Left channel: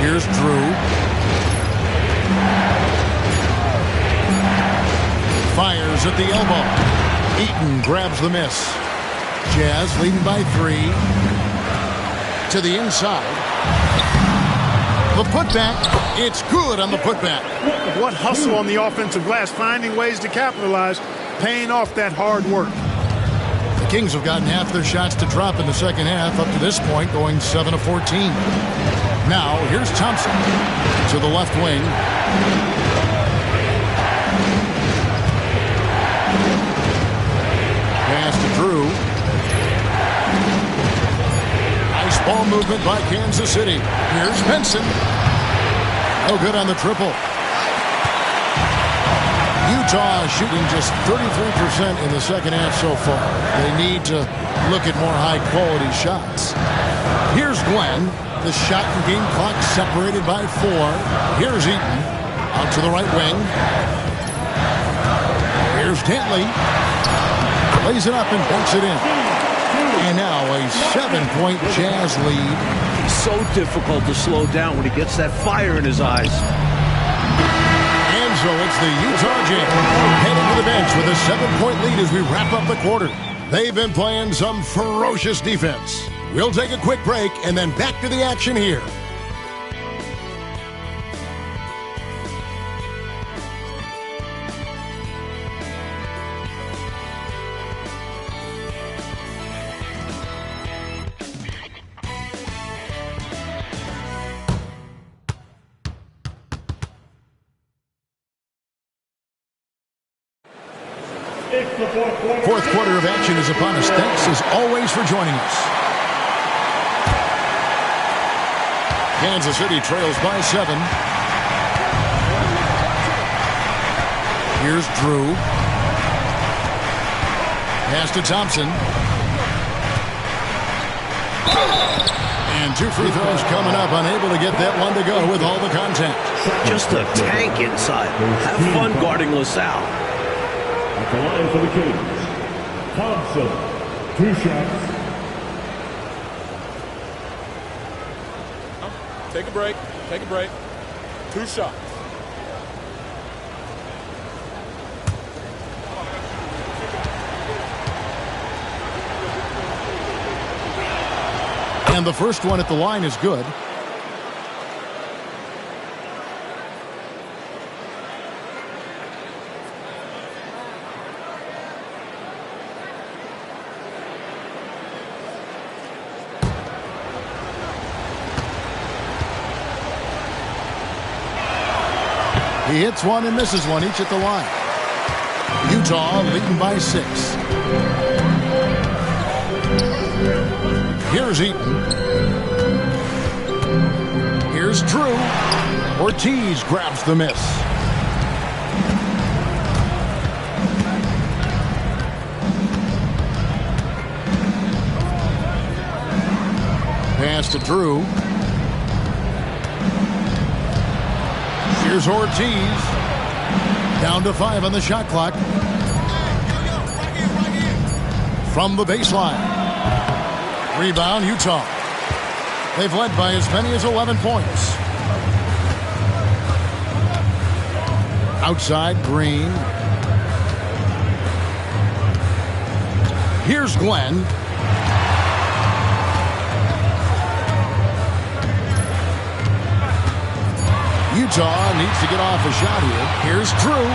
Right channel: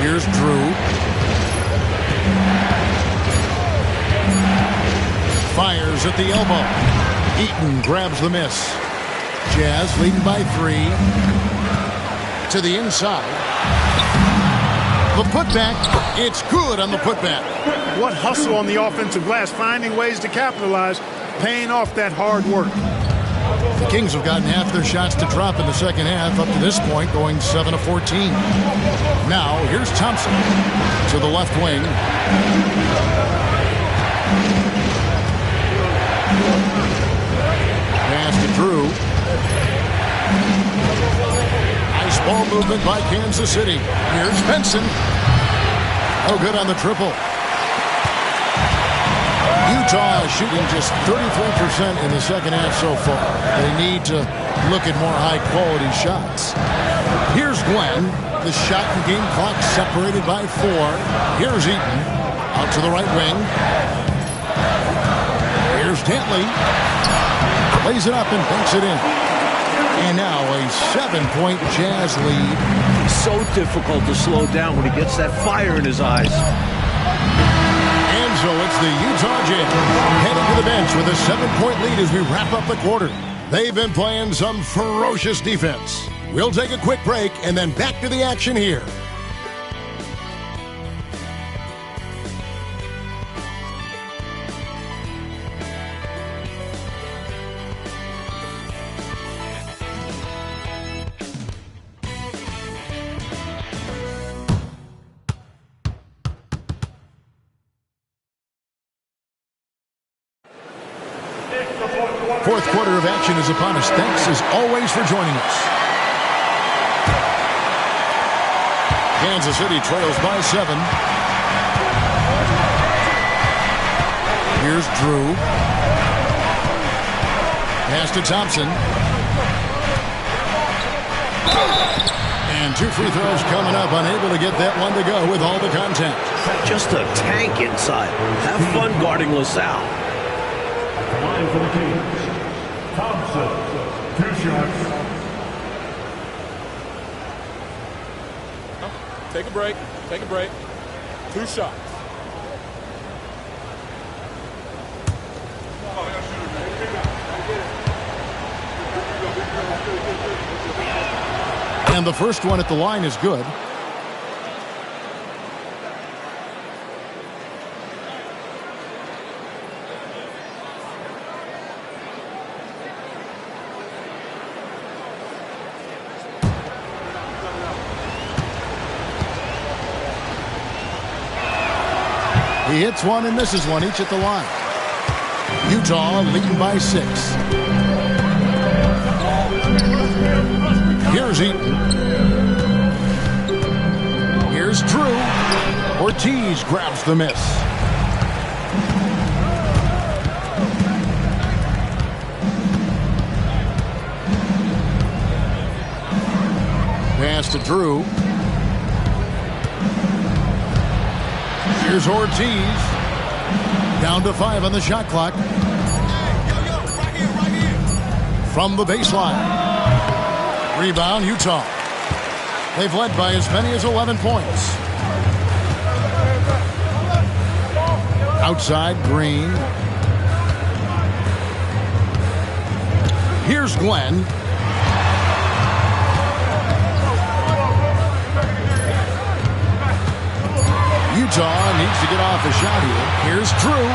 Here's Drew. Fires at the elbow. Eaton grabs the miss. Jazz leading by 3. To the inside. The putback. It's good on the putback. What hustle on the offensive glass, finding ways to capitalize, paying off that hard work. The Kings have gotten half their shots to drop in the second half up to this point, going 7 of 14. Now, here's Thompson to the left wing. Pass to Drew. Nice ball movement by Kansas City. Here's Benson. No good on the triple. Utah is shooting just 33% in the second half so far. They need to look at more high-quality shots. Here's Glenn. The shot and game clock separated by 4. Here's Eaton. Out to the right wing. Here's Dantley. Plays it up and banks it in. And now a 7-point Jazz lead. He's so difficult to slow down when he gets that fire in his eyes. And so it's the Utah Jazz heading to the bench with a 7-point lead as we wrap up the quarter. They've been playing some ferocious defense. We'll take a quick break and then back to the action here. Fourth quarter of action is upon us. Thanks as always for joining us. Kansas City trails by 7. Here's Drew. Pass to Thompson. And 2 free throws coming up. Unable to get that one to go with all the contact. Just a tank inside. Have fun guarding LaSalle. At the line for the Kings, Thompson, 2 shots. Take a break. Take a break. 2 shots. And the first one at the line is good. He hits one and misses one, each at the line. Utah leading by 6. Here's Eaton. Here's Drew. Ortiz grabs the miss. Pass to Drew. Here's Ortiz. Down to 5 on the shot clock. From the baseline. Rebound, Utah. They've led by as many as 11 points. Outside, Green. Here's Glenn. Utah needs to get off a shot here. Here's Drew.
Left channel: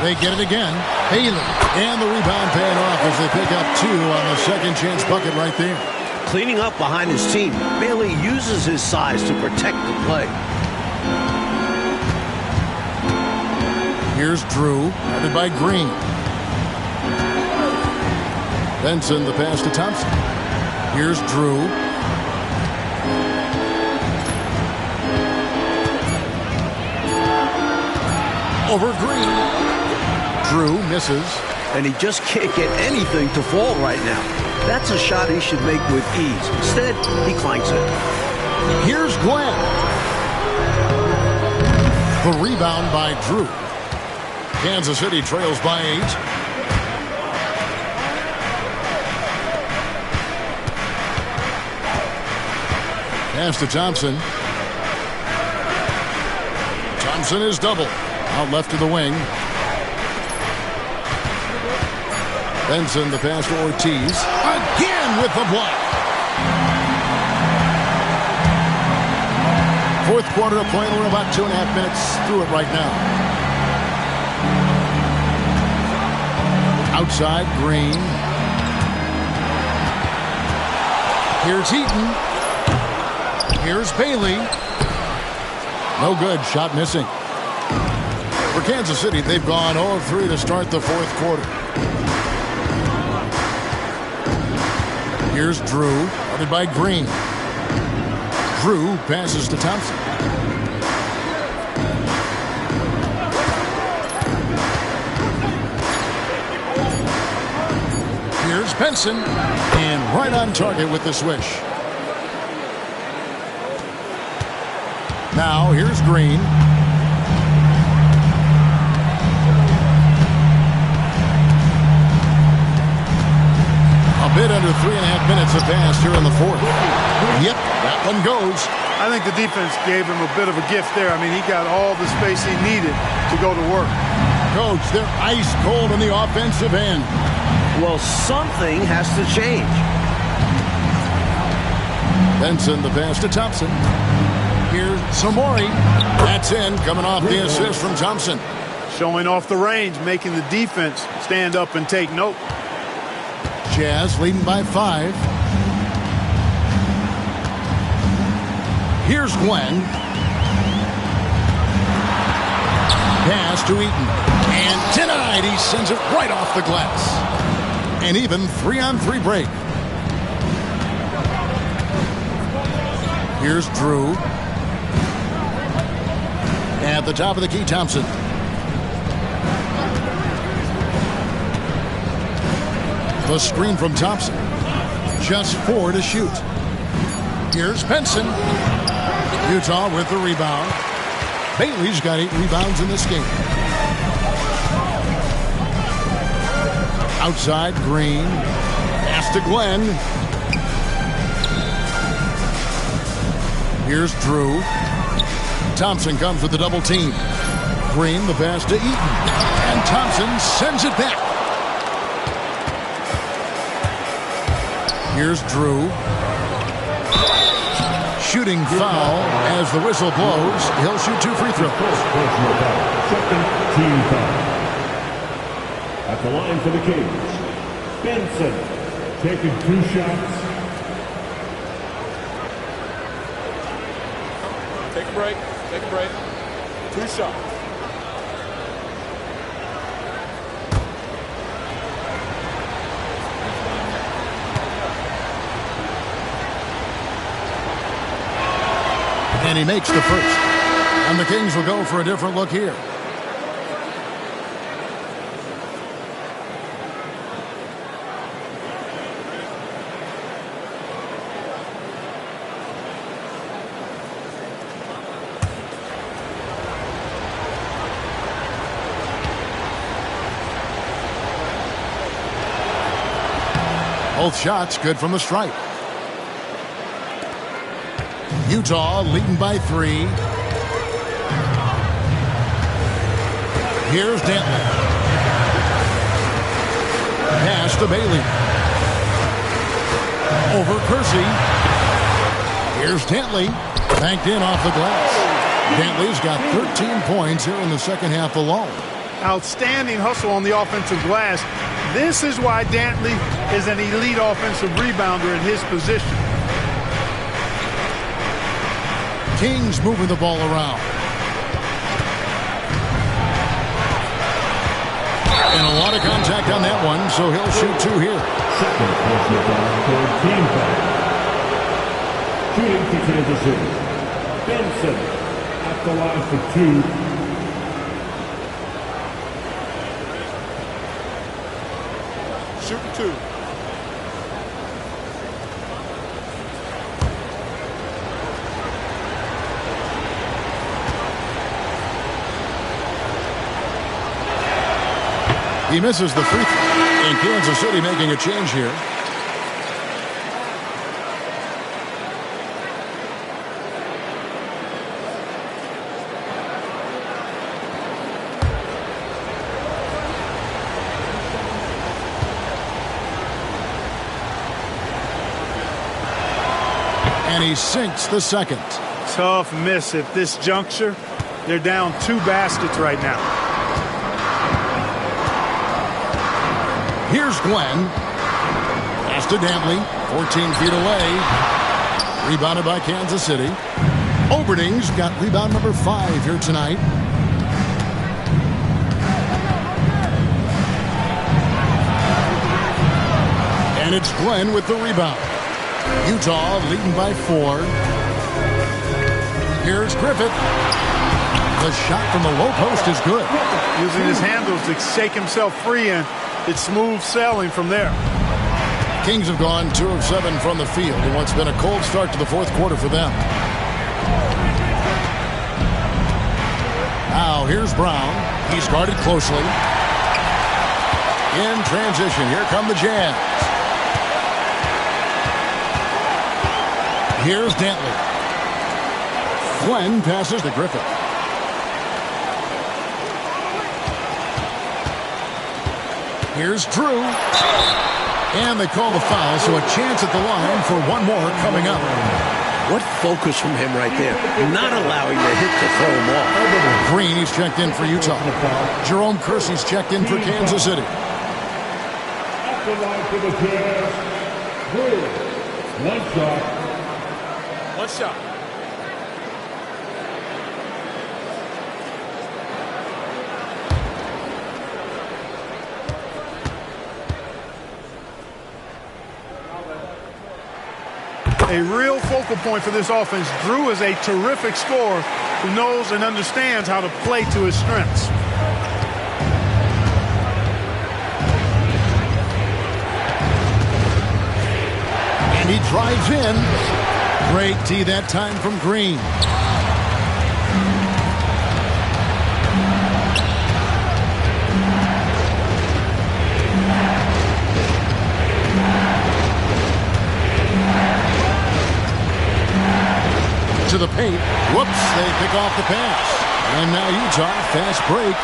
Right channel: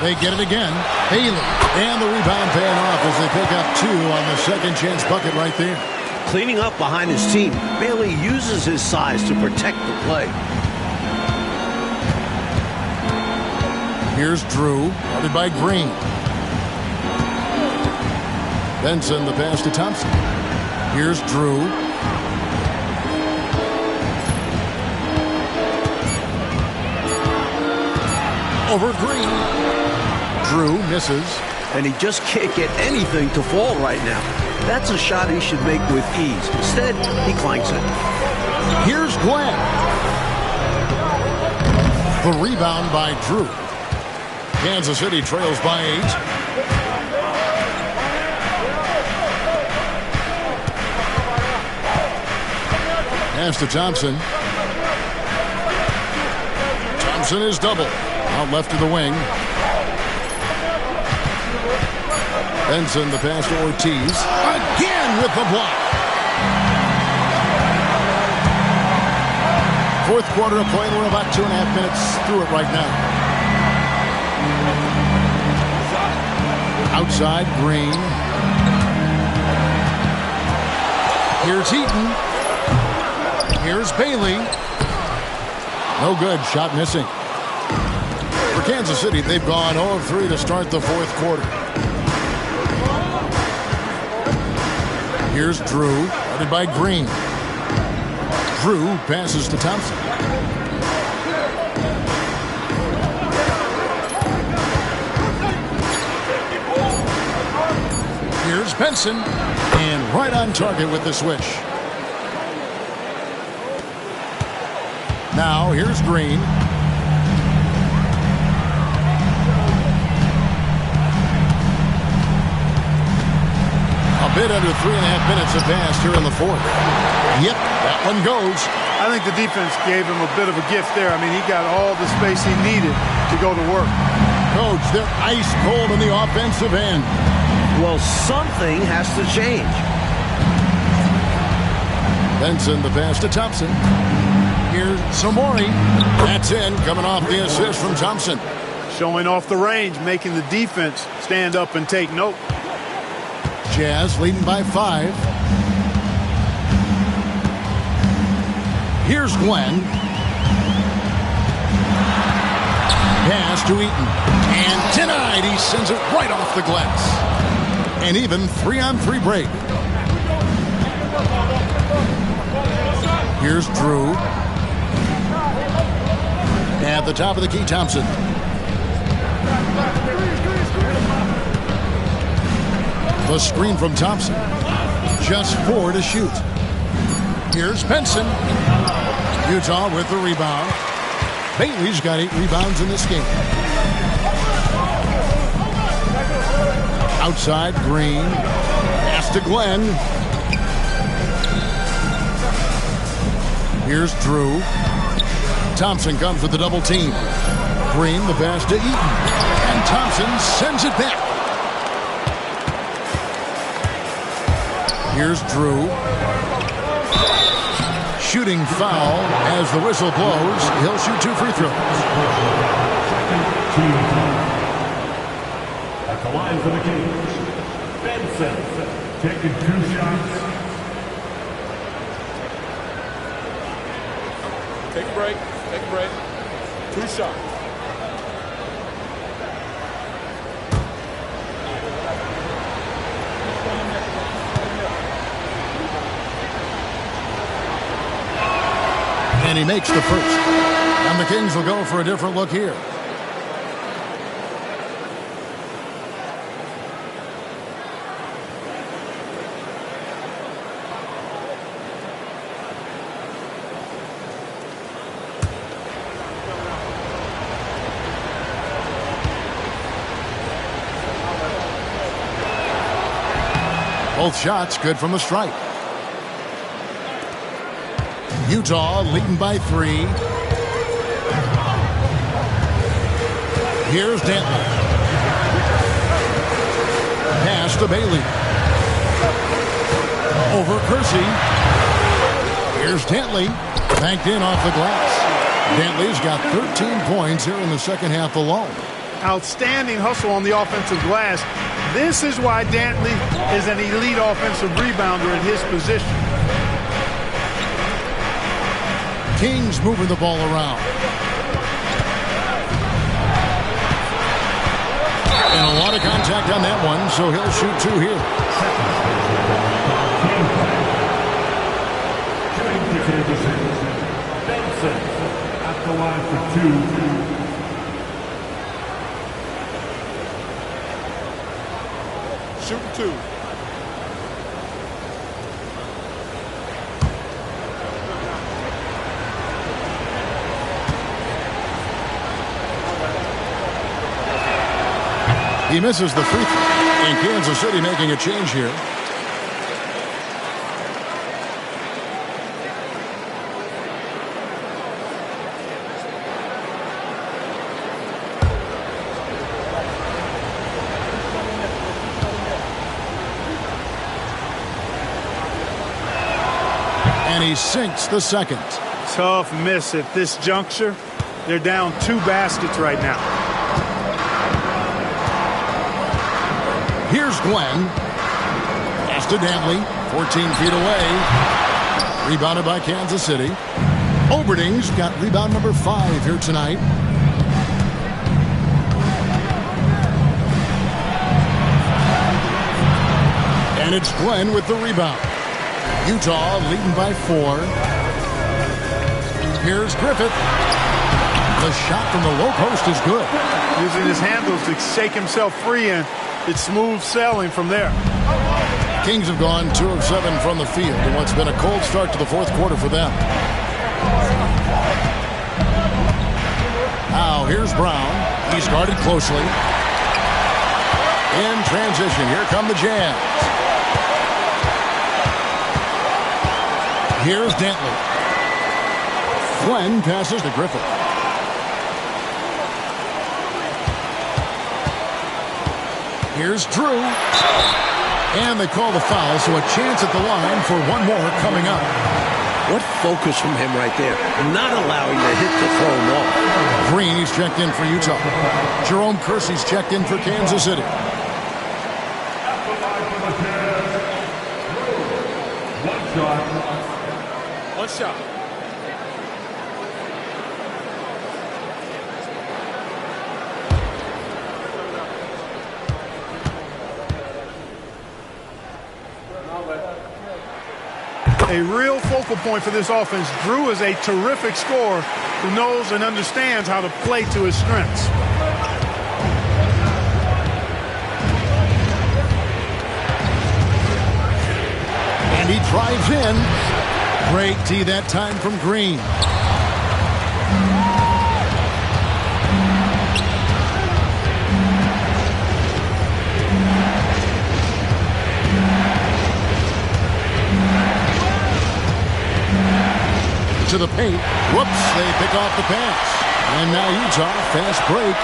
They get it again. Haley. And the rebound paying off as they pick up 2 on the second chance bucket right there. Cleaning up behind his team. Bailey uses his size to protect the play. Here's Drew. Guarded by Green. Benson, the pass to Thompson. Here's Drew. Over Green. Drew misses. And he just can't get anything to fall right now. That's a shot he should make with ease. Instead, he clanks it. Here's Glenn. The rebound by Drew. Kansas City trails by 8. Pass to Thompson. Thompson is double. Out left to the wing. Benson, the pass to Ortiz. Again with the block. Fourth quarter of play. We're about 2.5 minutes through it right now. Outside, Green. Here's Eaton. Here's Bailey. No good. Shot missing. For Kansas City, they've gone 0 of 3 to start the fourth quarter. Here's Drew, guarded by Green. Drew passes to Thompson. Here's Benson, and right on target with the swish. Now here's Green. A bit under 3.5 minutes have passed here in the fourth. Yep, that one goes. I think the defense gave him a bit of a gift there. I mean, he got all the space he needed to go to work. Coach, they're ice cold on the offensive end. Well, something has to change. Benson, the pass to Thompson. Here's Samori. That's in, coming off the assist from Thompson. Showing off the range, making the defense stand up and take note. Jazz leading by 5. Here's Glenn. Pass to Eaton. And denied. He sends it right off the glass. An even 3-on-3 break. Here's Drew. At the top of the key, Thompson. The screen from Thompson. Just 4 to shoot. Here's Benson. Utah with the rebound. Bailey's got 8 rebounds in this game. Outside, Green. Pass to Glenn. Here's Drew. Thompson comes with the double team. Green, the pass to Eaton. And Thompson sends it back. Here's Drew. Shooting foul as the whistle blows. He'll shoot 2 free throws. Second team foul. At the line for the Kings, Benson taking 2 shots. Take a break. Take a break. 2 shots. And he makes the first. And the Kings will go for a different look here. Both shots good from the stripe. Utah leading by 3. Here's Dantley. Pass to Bailey. Over Kersey. Here's Dantley. Banked in off the glass. Dantley's got 13 points here in the second half alone. Outstanding hustle on the offensive glass. This is why Dantley is an elite offensive rebounder in his position. Kings moving the ball around. And a lot of contact on that one, so he'll shoot 2 here. Second personal foul for team foul. Shooting picking of the city. Benson at the line for 2. Shooting 2. He misses the free throw. And Kansas City making a change here. And he sinks the second. Tough miss at this juncture. They're down 2 baskets right now. Here's Glenn. Pass to Dantley. 14 feet away. Rebounded by Kansas City. Oberding's got rebound number 5 here tonight. And it's Glenn with the rebound. Utah leading by 4. Here's Griffith. The shot from the low post is good. Using his handles to shake himself free, and it's smooth sailing from there. Kings have gone 2 of 7 from the field in what's been a cold start to the fourth quarter for them. Now here's Brown. He's guarded closely. In transition, here come the Jazz. Here's Dantley. Glenn passes to Griffith. Here's Drew. And they call the foul, so a chance at the line for one more coming up. What focus from him right there. Not allowing the hit to throw him off. Green, he's checked in for Utah. Jerome Kersey's checked in for Kansas City. At the line for the Jazz, Drew. One shot. One shot. A real focal point for this offense. Drew is a terrific scorer who knows and understands how to play to his strengths. And he drives in. Great D that time from Green. To the paint. Whoops, they pick off the pass. And now Utah, fast break.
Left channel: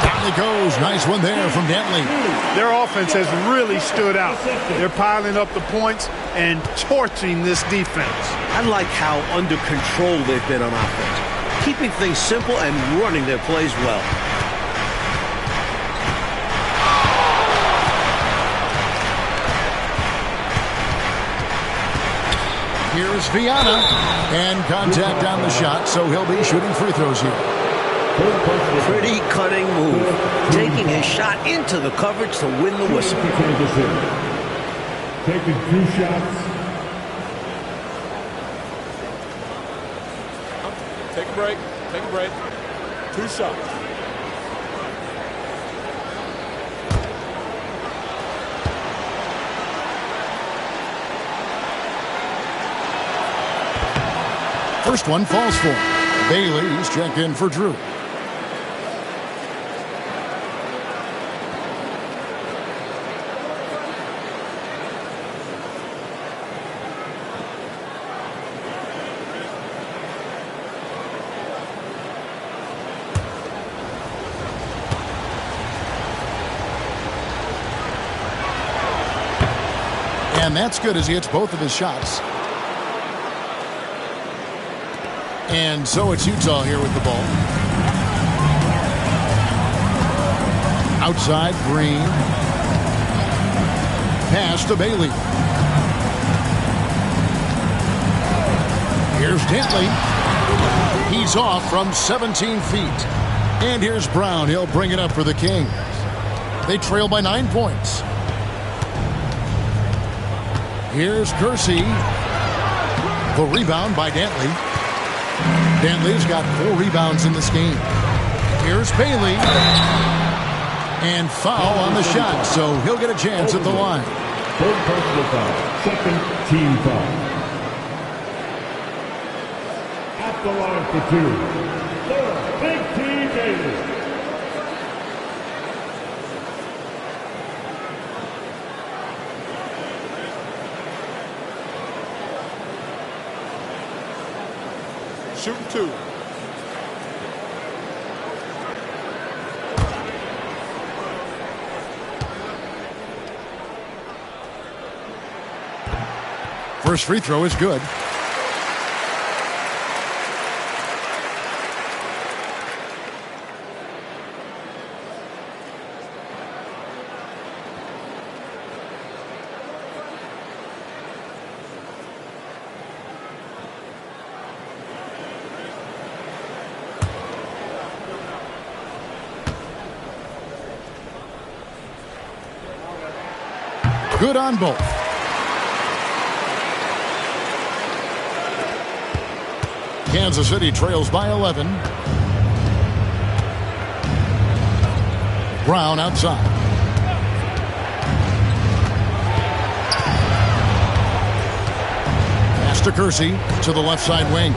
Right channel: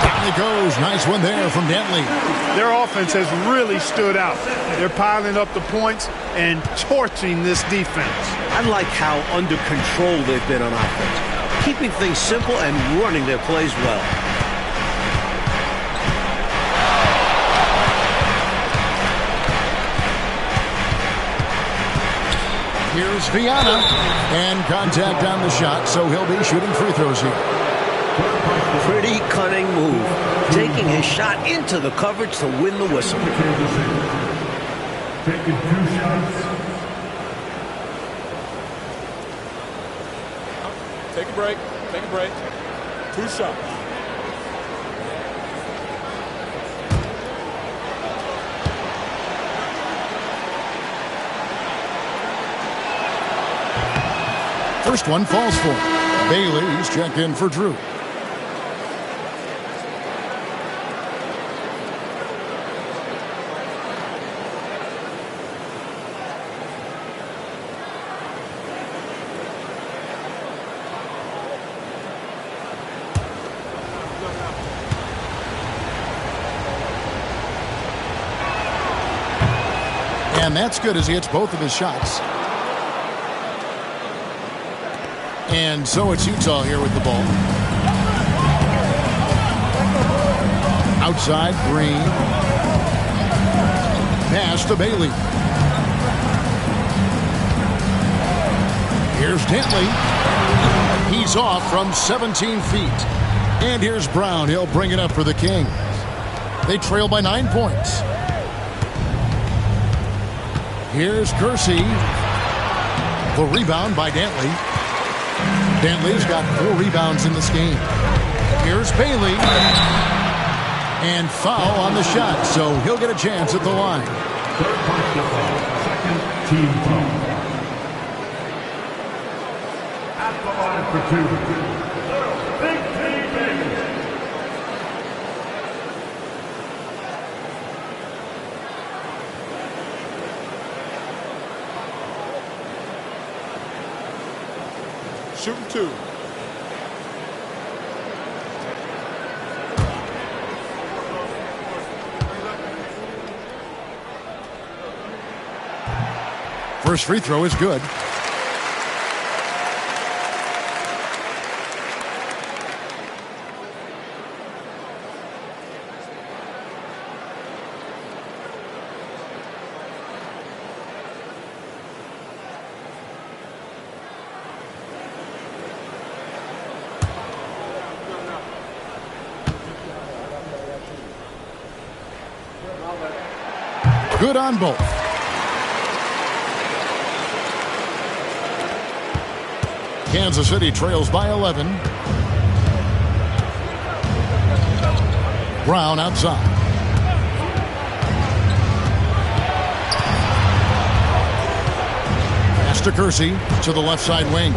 Down it goes. Nice one there from Dantley. Their offense has really stood out. They're piling up the points and torching this defense. I like how under control they've been on offense. Keeping things simple and running their plays well. Here's Viana, and contact on the shot, so he'll be shooting free throws here. Pretty cunning move. Taking his shot into the coverage to win the whistle. Taking 2 shots. Take a break. Take a break. 2 shots. First one falls for him. Bailey, he's checked in for Drew. And that's good as he hits both of his shots. And so it's Utah here with the ball. Outside, Green. Pass to Bailey. Here's Dantley. He's off from 17 feet. And here's Brown. He'll bring it up for the Kings. They trail by 9 points. Here's Kersey. The rebound by Dantley. Dantley's got 4 rebounds in this game. Here's Bailey. And foul on the shot, so he'll get a chance at the line. Third personal foul. Second team foul. At the line for 2. Big Team Bailey. Shooting 2. First free throw is good. Good on both. Kansas City trails by 11. Brown outside. Pass to Kersey to the left side wing.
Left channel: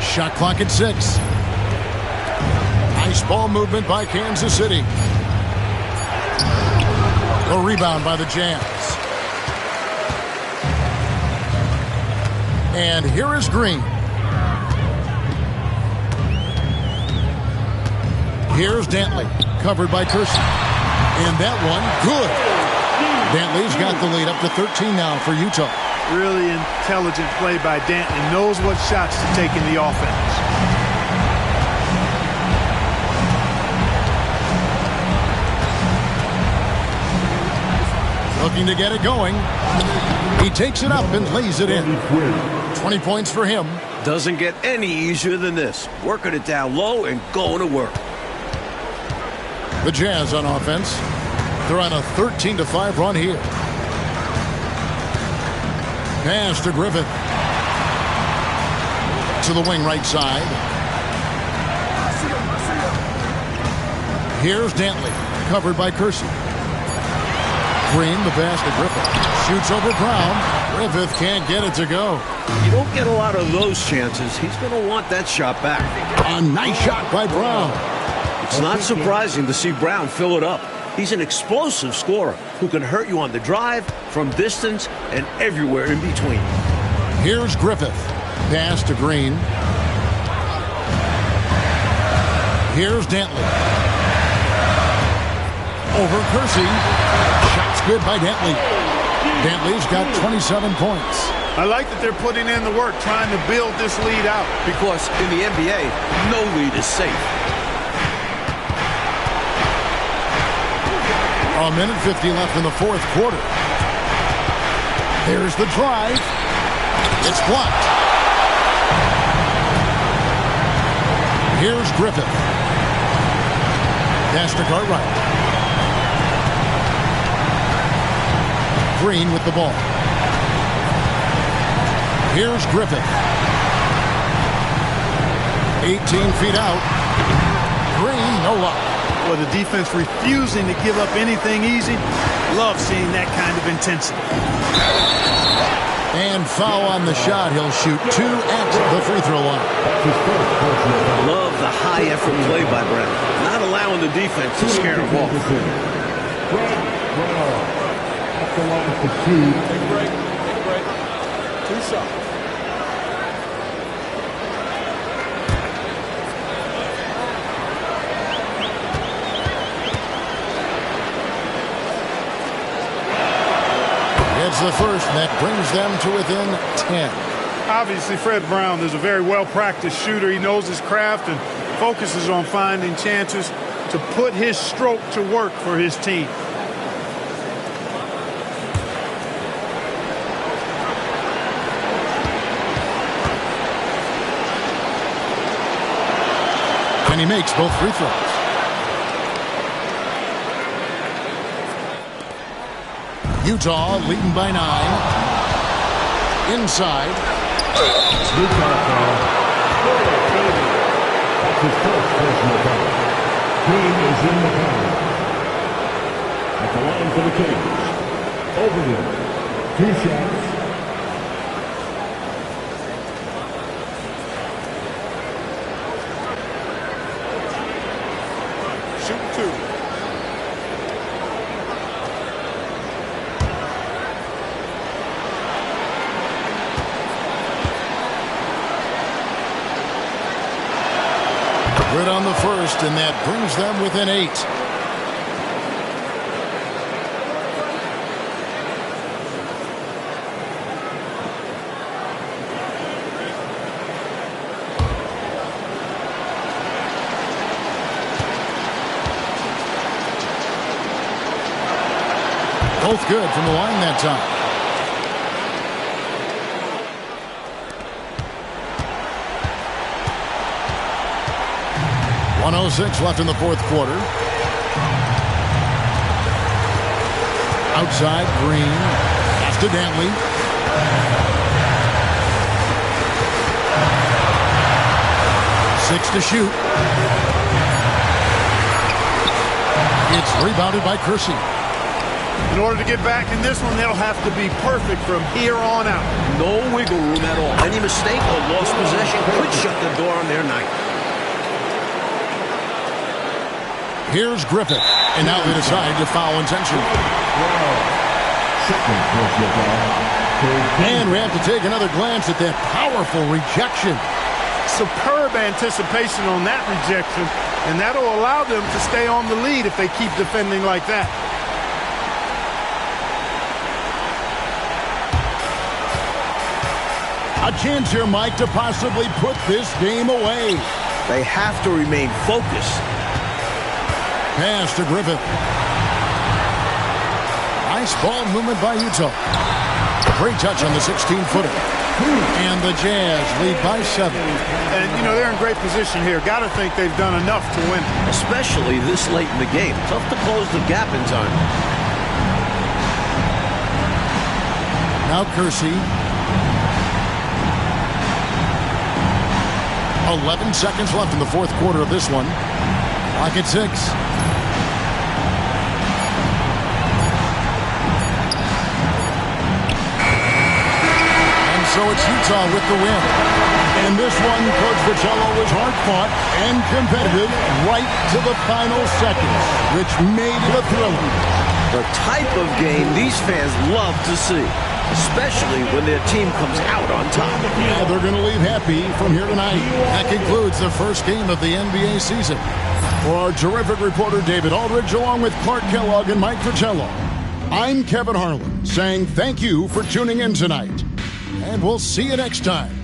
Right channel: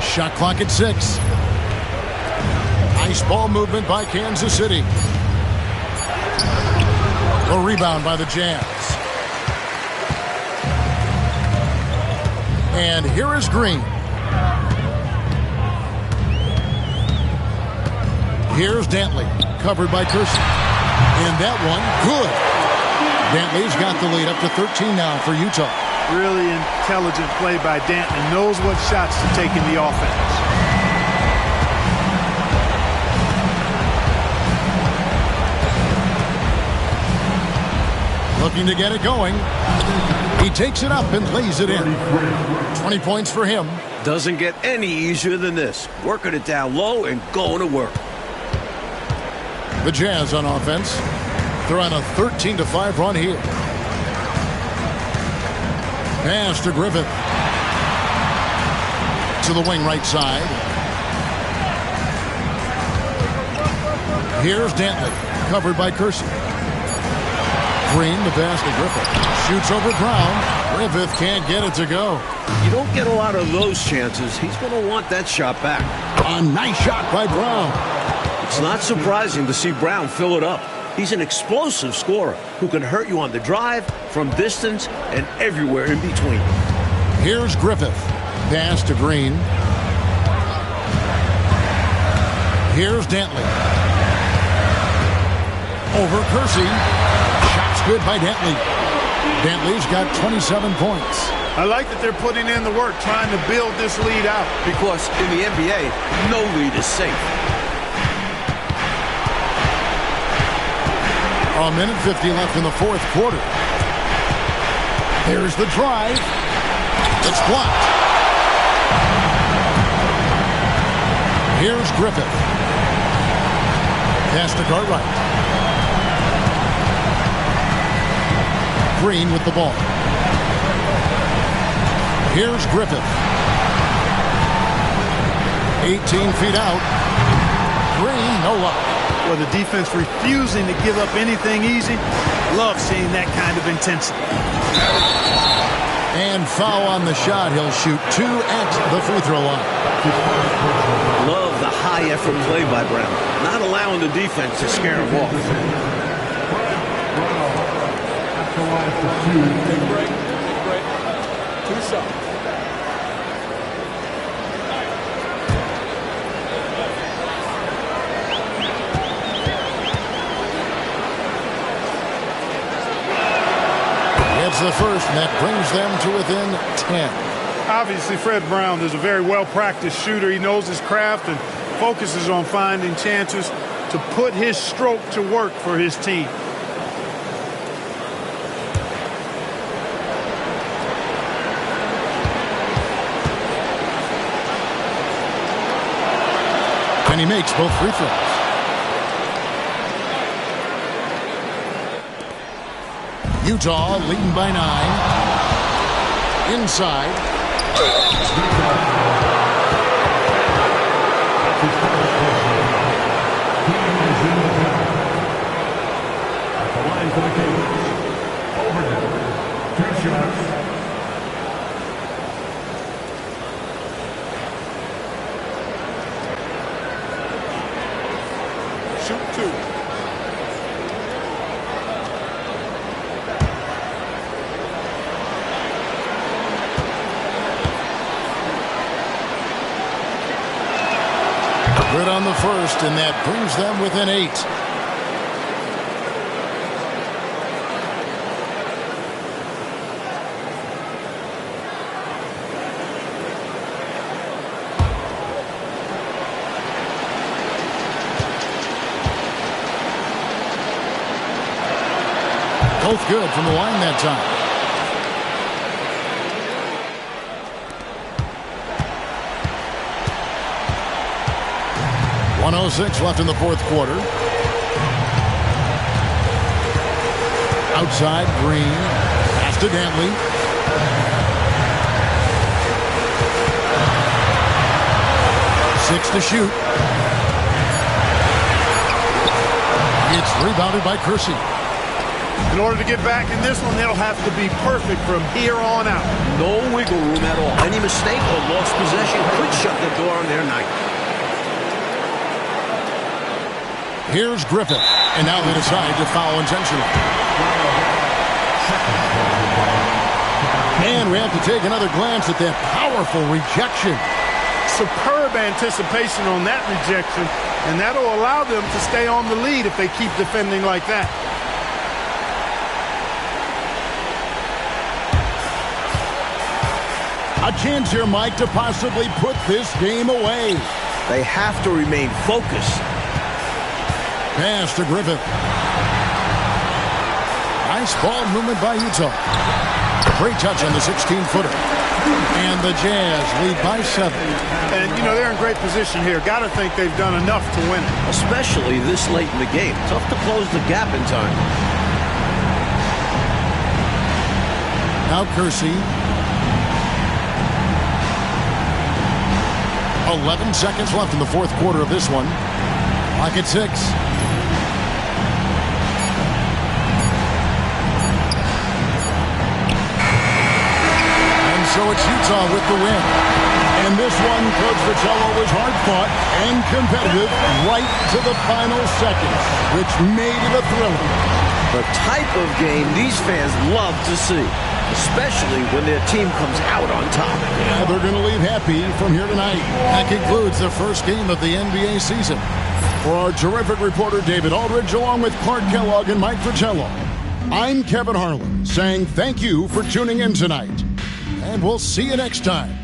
Shot clock at 6. Nice ball movement by Kansas City. A rebound by the Jazz. And here is Green. Here's Dantley, covered by Kersey. And that one, good. Dantley's got the lead up to 13 now for Utah. Really intelligent play by Dantley. Knows what shots to take in the offense. Looking to get it going. He takes it up and lays it in. 20 points for him. Doesn't get any easier than this. Working it down low and going to work. The Jazz on offense. They're on a 13-5 run here. Pass to Griffith. To the wing right side. Here's Dantley, covered by Kersey. Green, the pass to Griffith. Shoots over Brown. Griffith can't get it to go. You don't get a lot of those chances. He's going to want that shot back. A nice shot by Brown. It's not surprising to see Brown fill it up. He's an explosive scorer who can hurt you on the drive, from distance, and everywhere in between. Here's Griffith. Pass to Green. Here's Dantley. Over Kersey. Shot's good by Dantley. Dantley's got 27 points. I like that they're putting in the work, trying to build this lead out. Because in the NBA, no lead is safe. A minute 50 left in the fourth quarter. There's the drive. It's blocked. Here's Griffith. Pass to Cartwright. Green with the ball. Here's Griffith. 18 feet out. Green, no luck. Well, the defense refusing to give up anything easy. Love seeing that kind of intensity. And foul on the shot. He'll shoot 2 at the free throw line. Love the high effort play by Brown. Not allowing the defense to scare him off. Take a break. Take a break. 2 shots. It's the first, and that brings them to within 10. Obviously, Fred Brown is a very well-practiced shooter. He knows his craft and focuses on finding chances to put his stroke to work for his team. And he makes both free throws. Utah leading by 9. Inside. At the line for the Kings, Overton, 2 shots. Shoot 2. Good on the first, and that brings them within 8. Both good from the line that time. .106 left in the fourth quarter. Outside, Green. Pass to Dantley. Six to shoot. It's rebounded by Kersey. In order to get back in this one, they'll have to be perfect from here on out. No wiggle room at all. Any mistake or lost possession could shut the door on their night. Here's Griffith. And now they decide to foul intentionally. And we have to take another glance at that powerful rejection. Superb anticipation on that rejection, and that'll allow them to stay on the lead if they keep defending like that. A chance here, Mike, to possibly put this game away. They have to remain focused. Pass to Griffith. Nice ball movement by Utah. Great touch on the 16-footer. And the Jazz lead by 7. And, you know, they're in great position here. Got to think they've done enough to win it. Especially this late in the game. Tough to close the gap in time. Now Kersey. 11 seconds left in the fourth quarter of this one. Clock at 6. So it's Utah with the win. And this one, Coach Vitello, was hard-fought and competitive right to the final seconds, which made it a thriller. The type of game these fans love to see, especially when their team comes out on top. Yeah, they're going to leave happy from here tonight. That concludes the first game of the NBA season. For our terrific reporter, David Aldridge, along with Clark Kellogg and Mike Vitello, I'm Kevin Harlan, saying thank you for tuning in tonight. And we'll see you next time.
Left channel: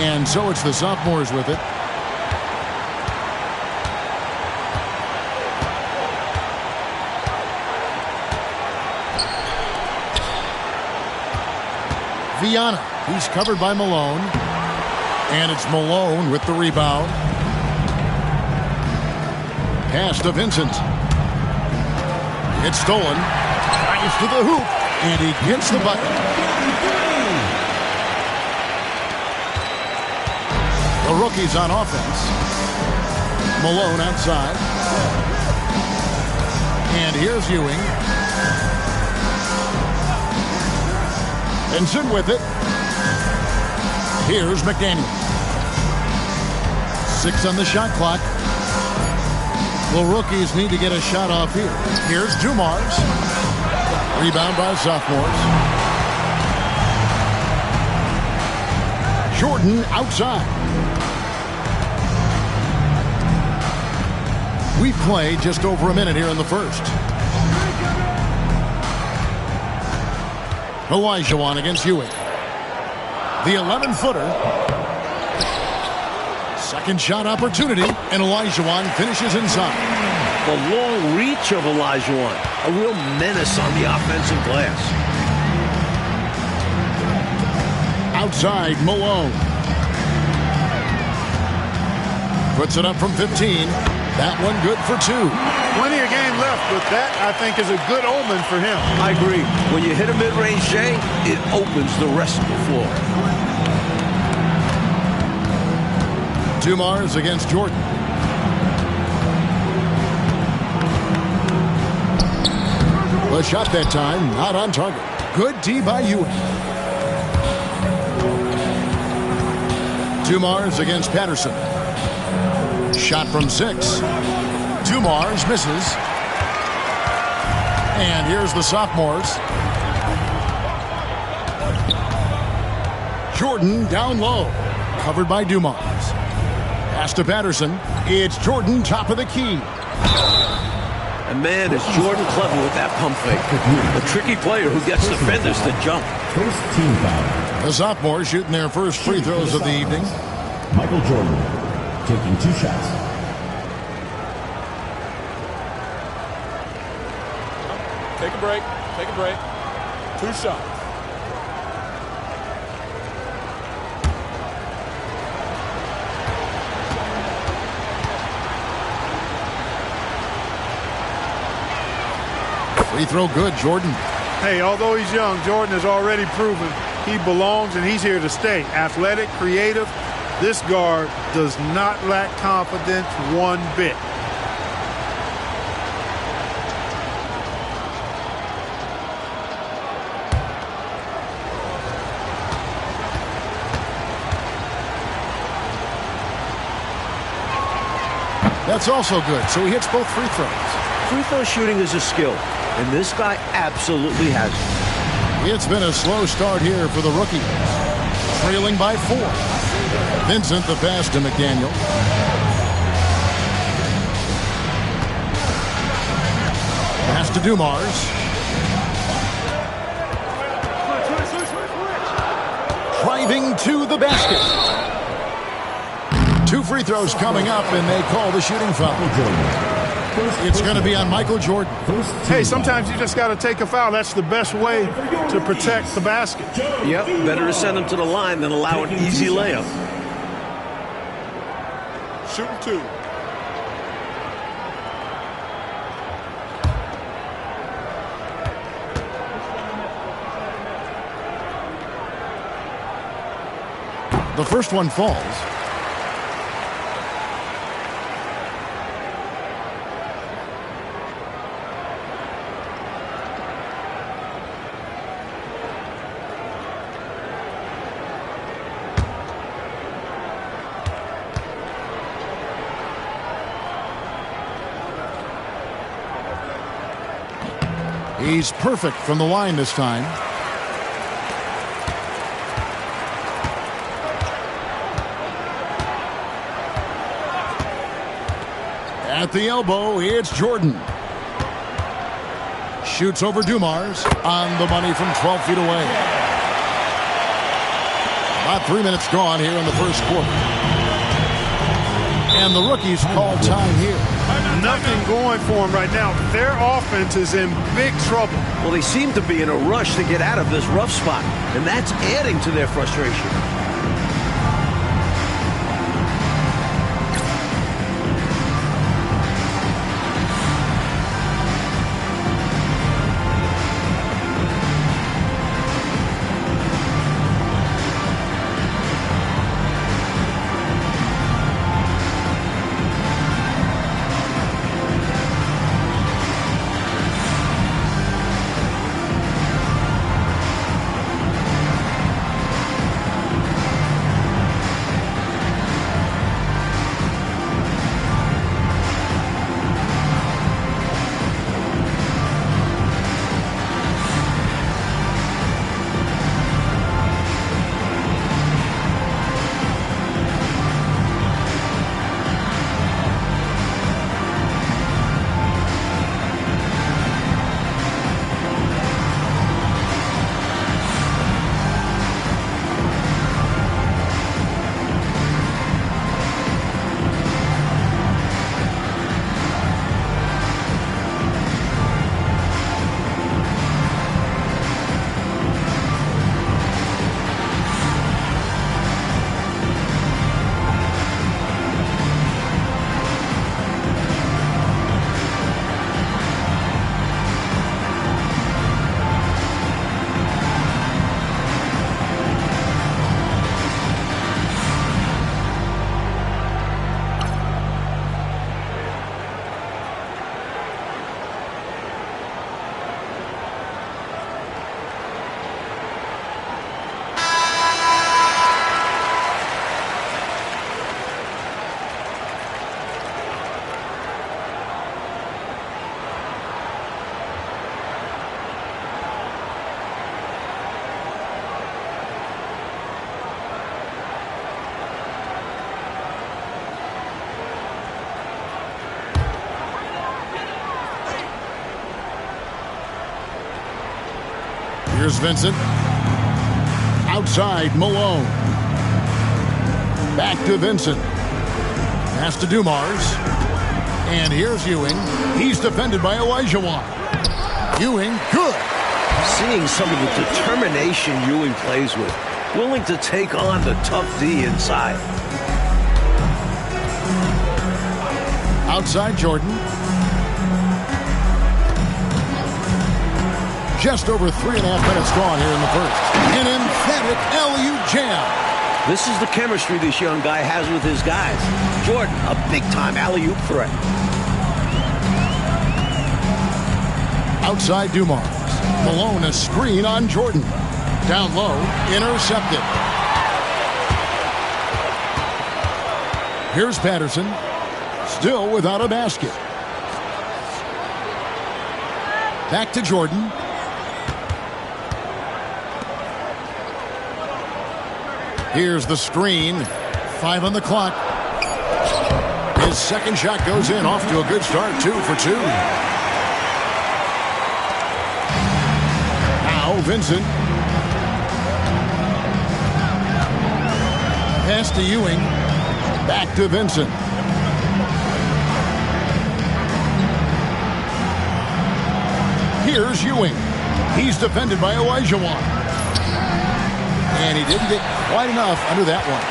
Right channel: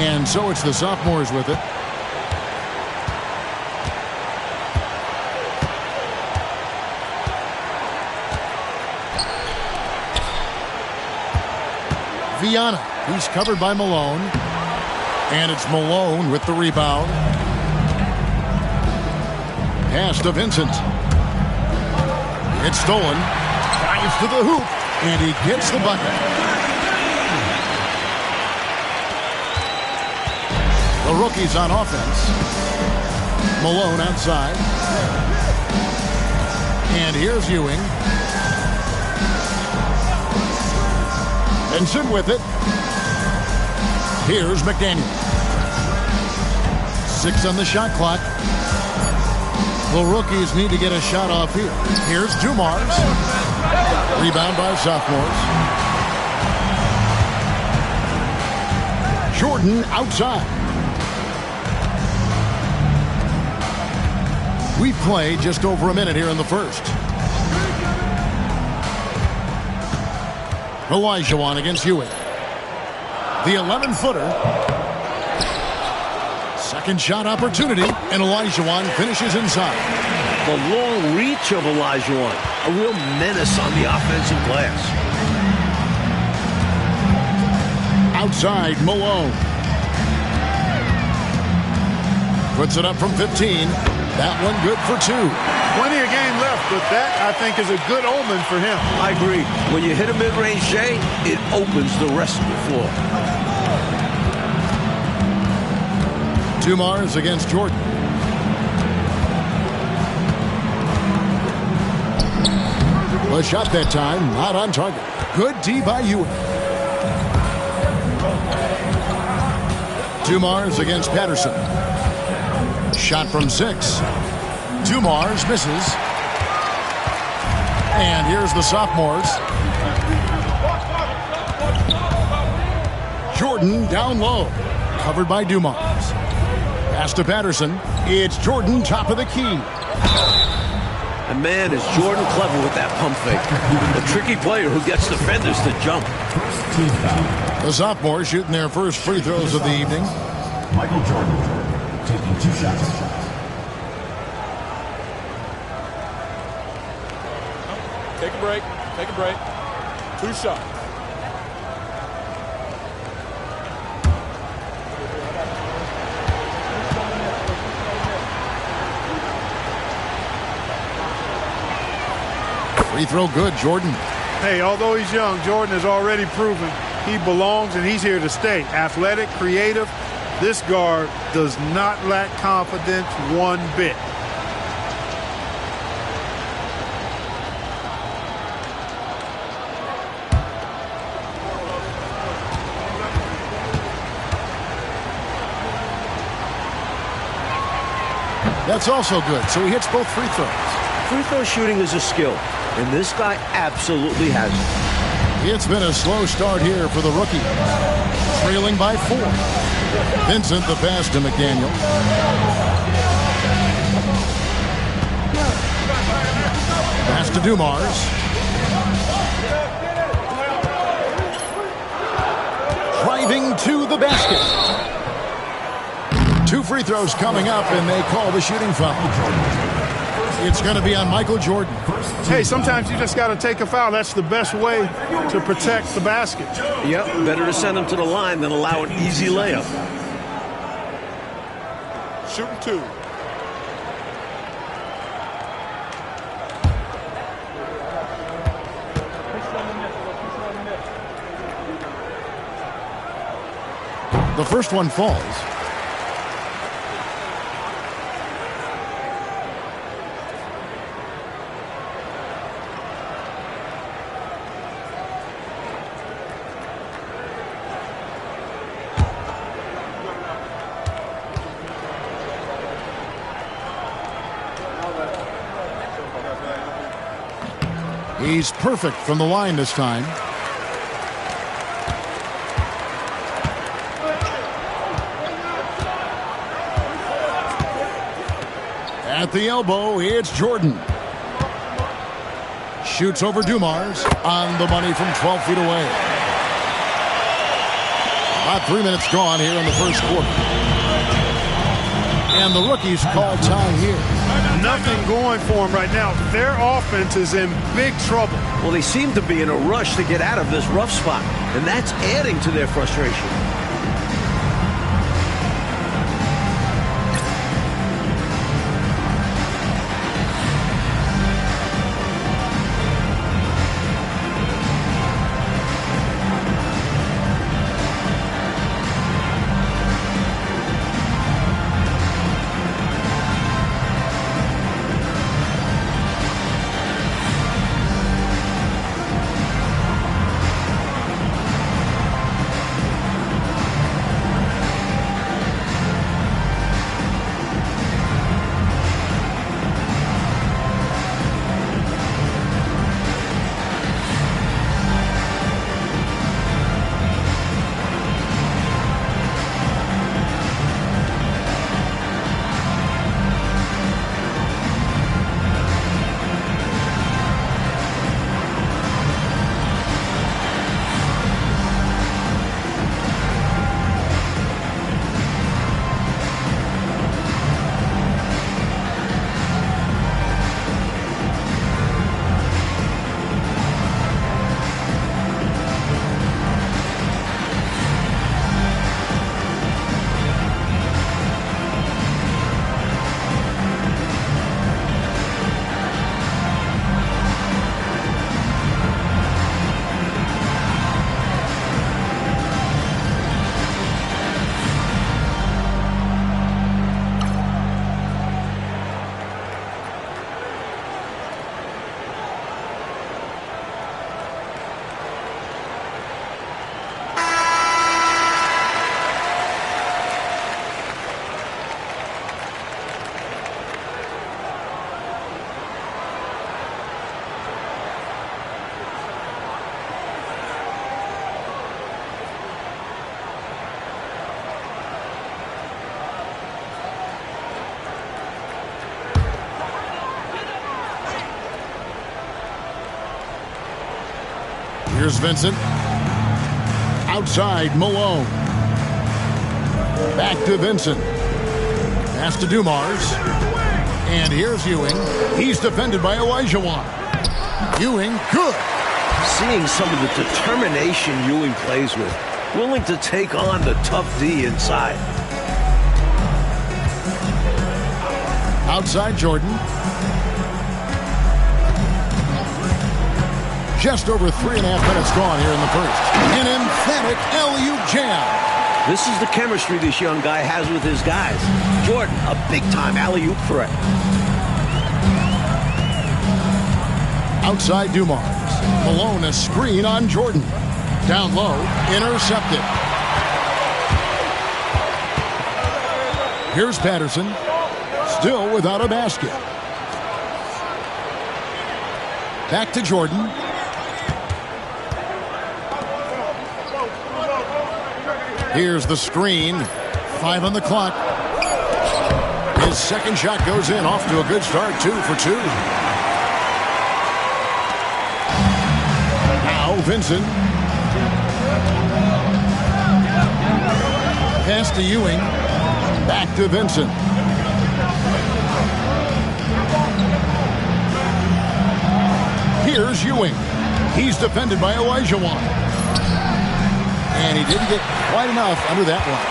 And so it's the sophomores with it. Viana. He's covered by Malone. And it's Malone with the rebound. Pass to Vincent. It's stolen. Drives to the hoop. And he gets the bucket. The rookies on offense. Malone outside. And here's Ewing. Vincent with it. Here's McDaniel. 6 on the shot clock. The rookies need to get a shot off here. Here's Dumars. Rebound by sophomores. Jordan outside. We've played just over a minute here in the first. Olajuwon against Ewing. The 11-footer. Second shot opportunity, and Olajuwon finishes inside. The long reach of Olajuwon, a real menace on the offensive glass. Outside, Malone. Puts it up from 15. That one good for 2. Plenty of game left, but that, I think, is a good omen for him. I agree. When you hit a mid-range J, it opens the rest of the floor. Dumars against Jordan. The shot that time, not on target. Good D by Ewing. Dumars against Patterson. Shot from 6. Dumars misses. And here's the sophomores. Jordan down low. Covered by Dumars. Pass to Patterson. It's Jordan, top of the key. And man, is Jordan clever with that pump fake. A tricky player who gets defenders to jump. First team foul. The sophomores shooting their first free throws of the evening. Michael Jordan taking 2 shots. Take a break. Take a break. 2 shots. Free throw good, Jordan. Hey, although he's young, Jordan has already proven he belongs and he's here to stay. Athletic, creative. This guard does not lack confidence one bit. That's also good, so he hits both free throws. Free throw shooting is a skill, and this guy absolutely has it. It's been a slow start here for the rookies. Trailing by 4. Vincent the pass to McDaniel. Pass to Dumars. Driving to the basket. 2 free throws coming up, and they call the shooting foul. It's going to be on Michael Jordan. Hey, sometimes you just got to take a foul. That's the best way to protect the basket. Yep, better to send him to the line than allow an easy layup. Shooting 2. The first one falls. He's perfect from the line this time. At the elbow, it's Jordan. Shoots over Dumars. On the money from 12 feet away. About 3 minutes gone here in the first quarter. And the rookies call time here. Nothing going for them right now. Their offense is in big trouble. Well, they seem to be in a rush to get out of this rough spot, and that's adding to their frustration. Here's Vincent. Outside, Malone. Back to Vincent. Pass to Dumars. And here's Ewing. He's defended by Olajuwon. Ewing, good. Seeing some of the determination Ewing plays with, willing to take on the tough D inside. Outside, Jordan. Just over 3.5 minutes gone here in the first. An emphatic alley-oop jam. This is the chemistry this young guy has with his guys. Jordan, a big-time alley-oop threat. Outside Dumars. Malone, a screen on Jordan. Down low, intercepted. Here's Patterson. Still without a basket. Back to Jordan. Here's the screen. 5 on the clock. His second shot goes in. Off to a good start. 2 for 2. Now Vincent. Pass to Ewing. Back to Vincent. Here's Ewing. He's defended by Olajuwon. And he didn't get quite enough under that one.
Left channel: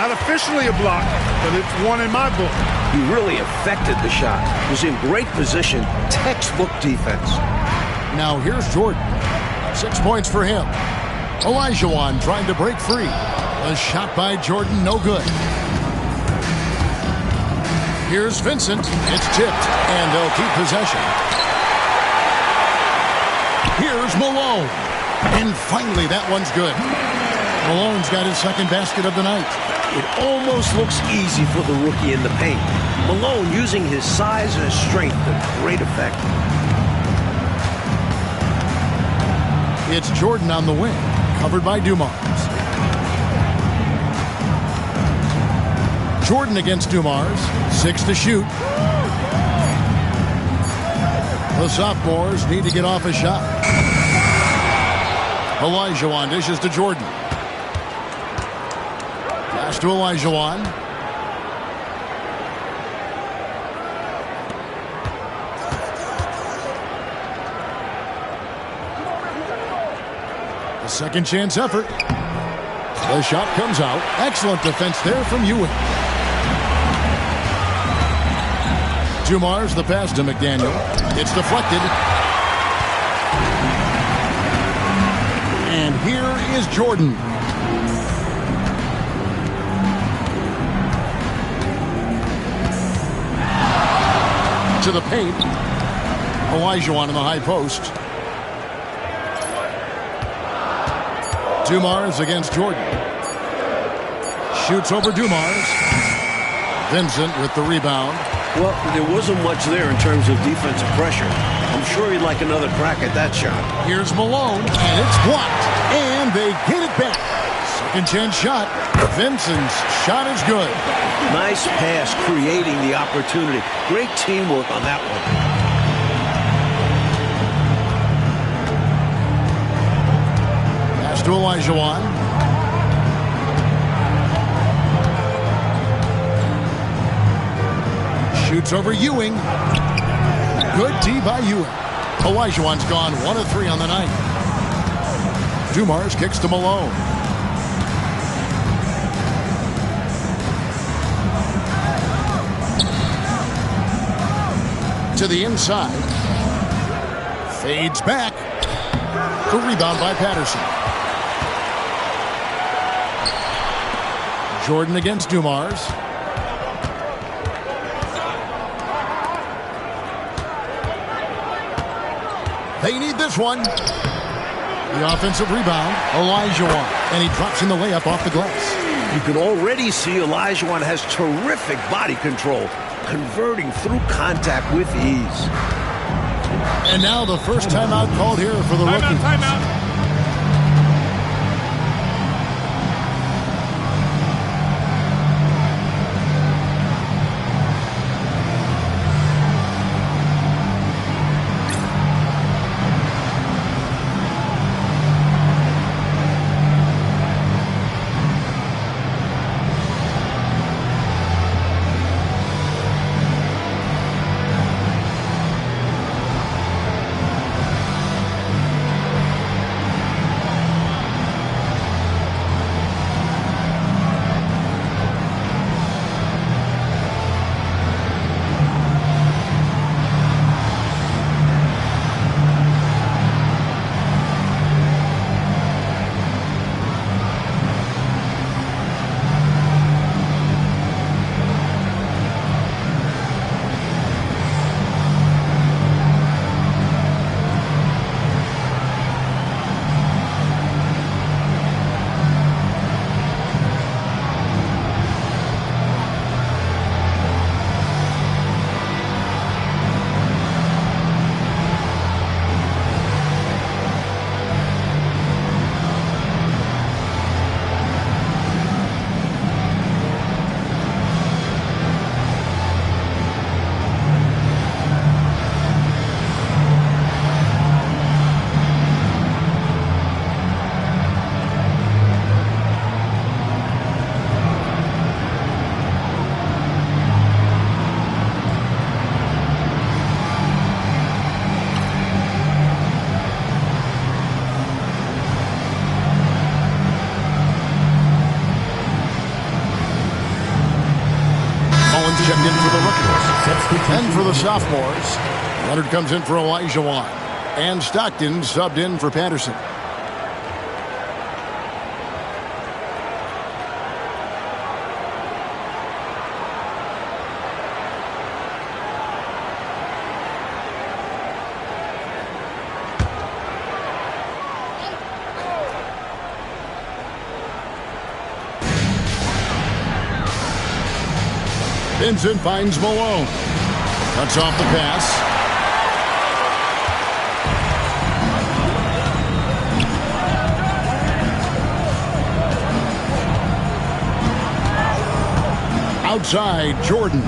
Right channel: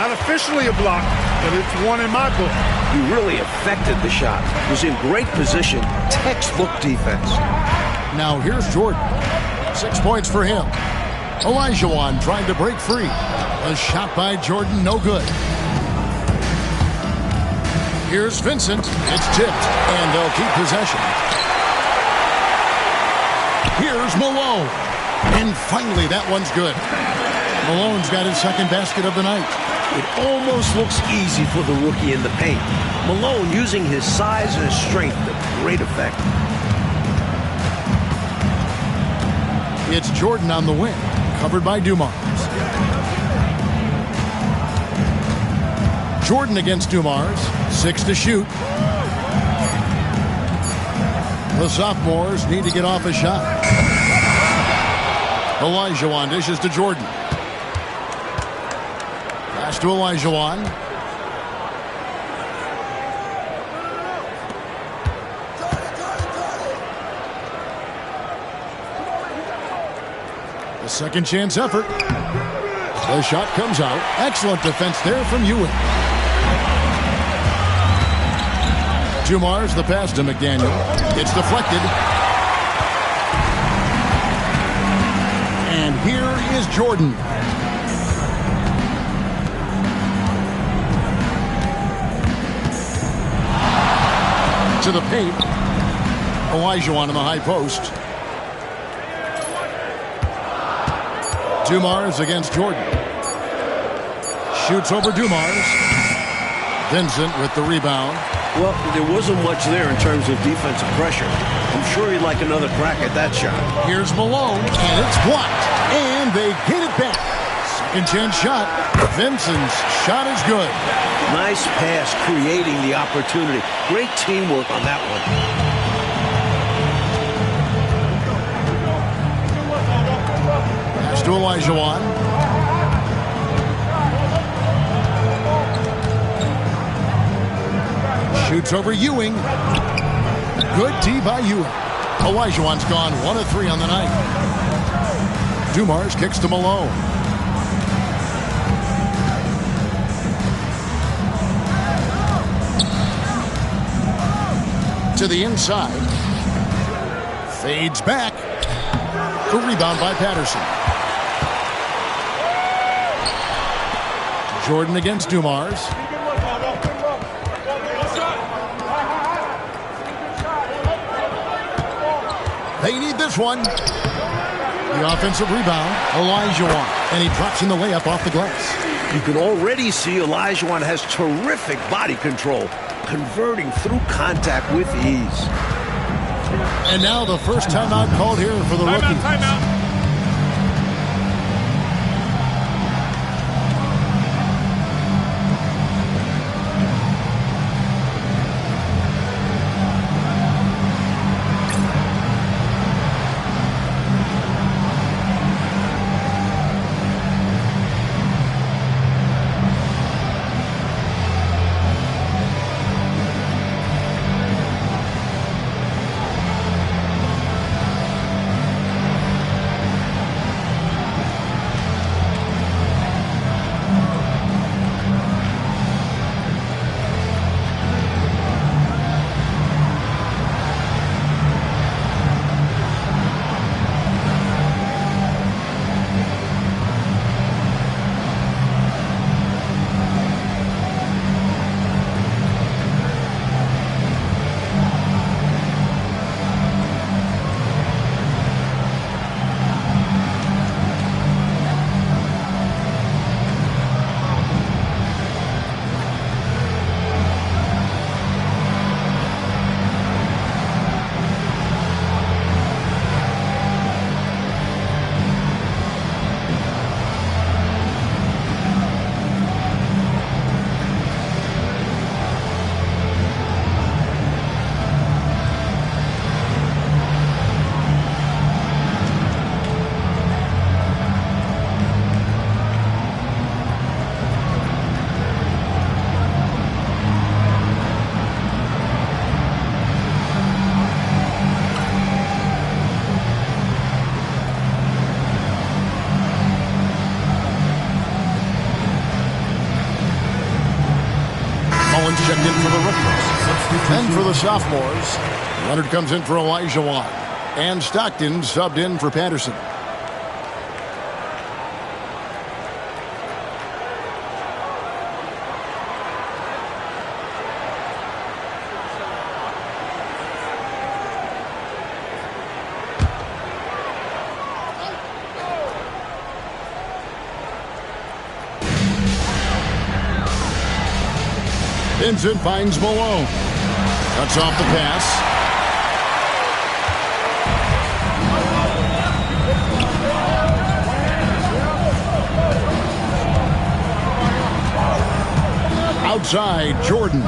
Not officially a block, but it's one in my book. He really affected the shot. Was in great position. Textbook defense. Now here's Jordan. 6 points for him. Olajuwon trying to break free. A shot by Jordan, no good. Here's Vincent. It's tipped, and they'll keep possession. Here's Malone. And finally, that one's good. Malone's got his second basket of the night. It almost looks easy for the rookie in the paint. Malone using his size and his strength to great effect. It's Jordan on the wing, covered by Dumars. Jordan against Dumars. 6 to shoot. The sophomores need to get off a shot. Olajuwon dishes to Jordan. Pass to Olajuwon. The second chance effort. The shot comes out. Excellent defense there from Ewing. Dumars the pass to McDaniel. It's deflected. And here is Jordan. To the paint. Olajuwon in the high post. Dumars against Jordan. Shoots over Dumars. Vincent with the rebound. Well, there wasn't much there in terms of defensive pressure. I'm sure he'd like another crack at that shot. Here's Malone, and it's blocked. And they get it back. Second chance shot. Vincent's shot is good. Nice pass, creating the opportunity. Great teamwork on that one. Pass to Olajuwon. Shoots over Ewing. Good D by Ewing. Olajuwon's gone 1 of 3 on the night. Dumars kicks to Malone. To the inside. Fades back. The rebound by Patterson. Jordan against Dumars. They need this one. The offensive rebound, Olajuwon. And he drops in the layup off the glass. You can already see Olajuwon has terrific body control, converting through contact with ease. And now the first timeout called here for the rookies. Timeout. Mullins checked in for the rookies. And for the sophomores, Leonard comes in for Olajuwon. And Stockton subbed in for Patterson. Vincent finds Malone. Cuts off the pass. Outside, Jordan.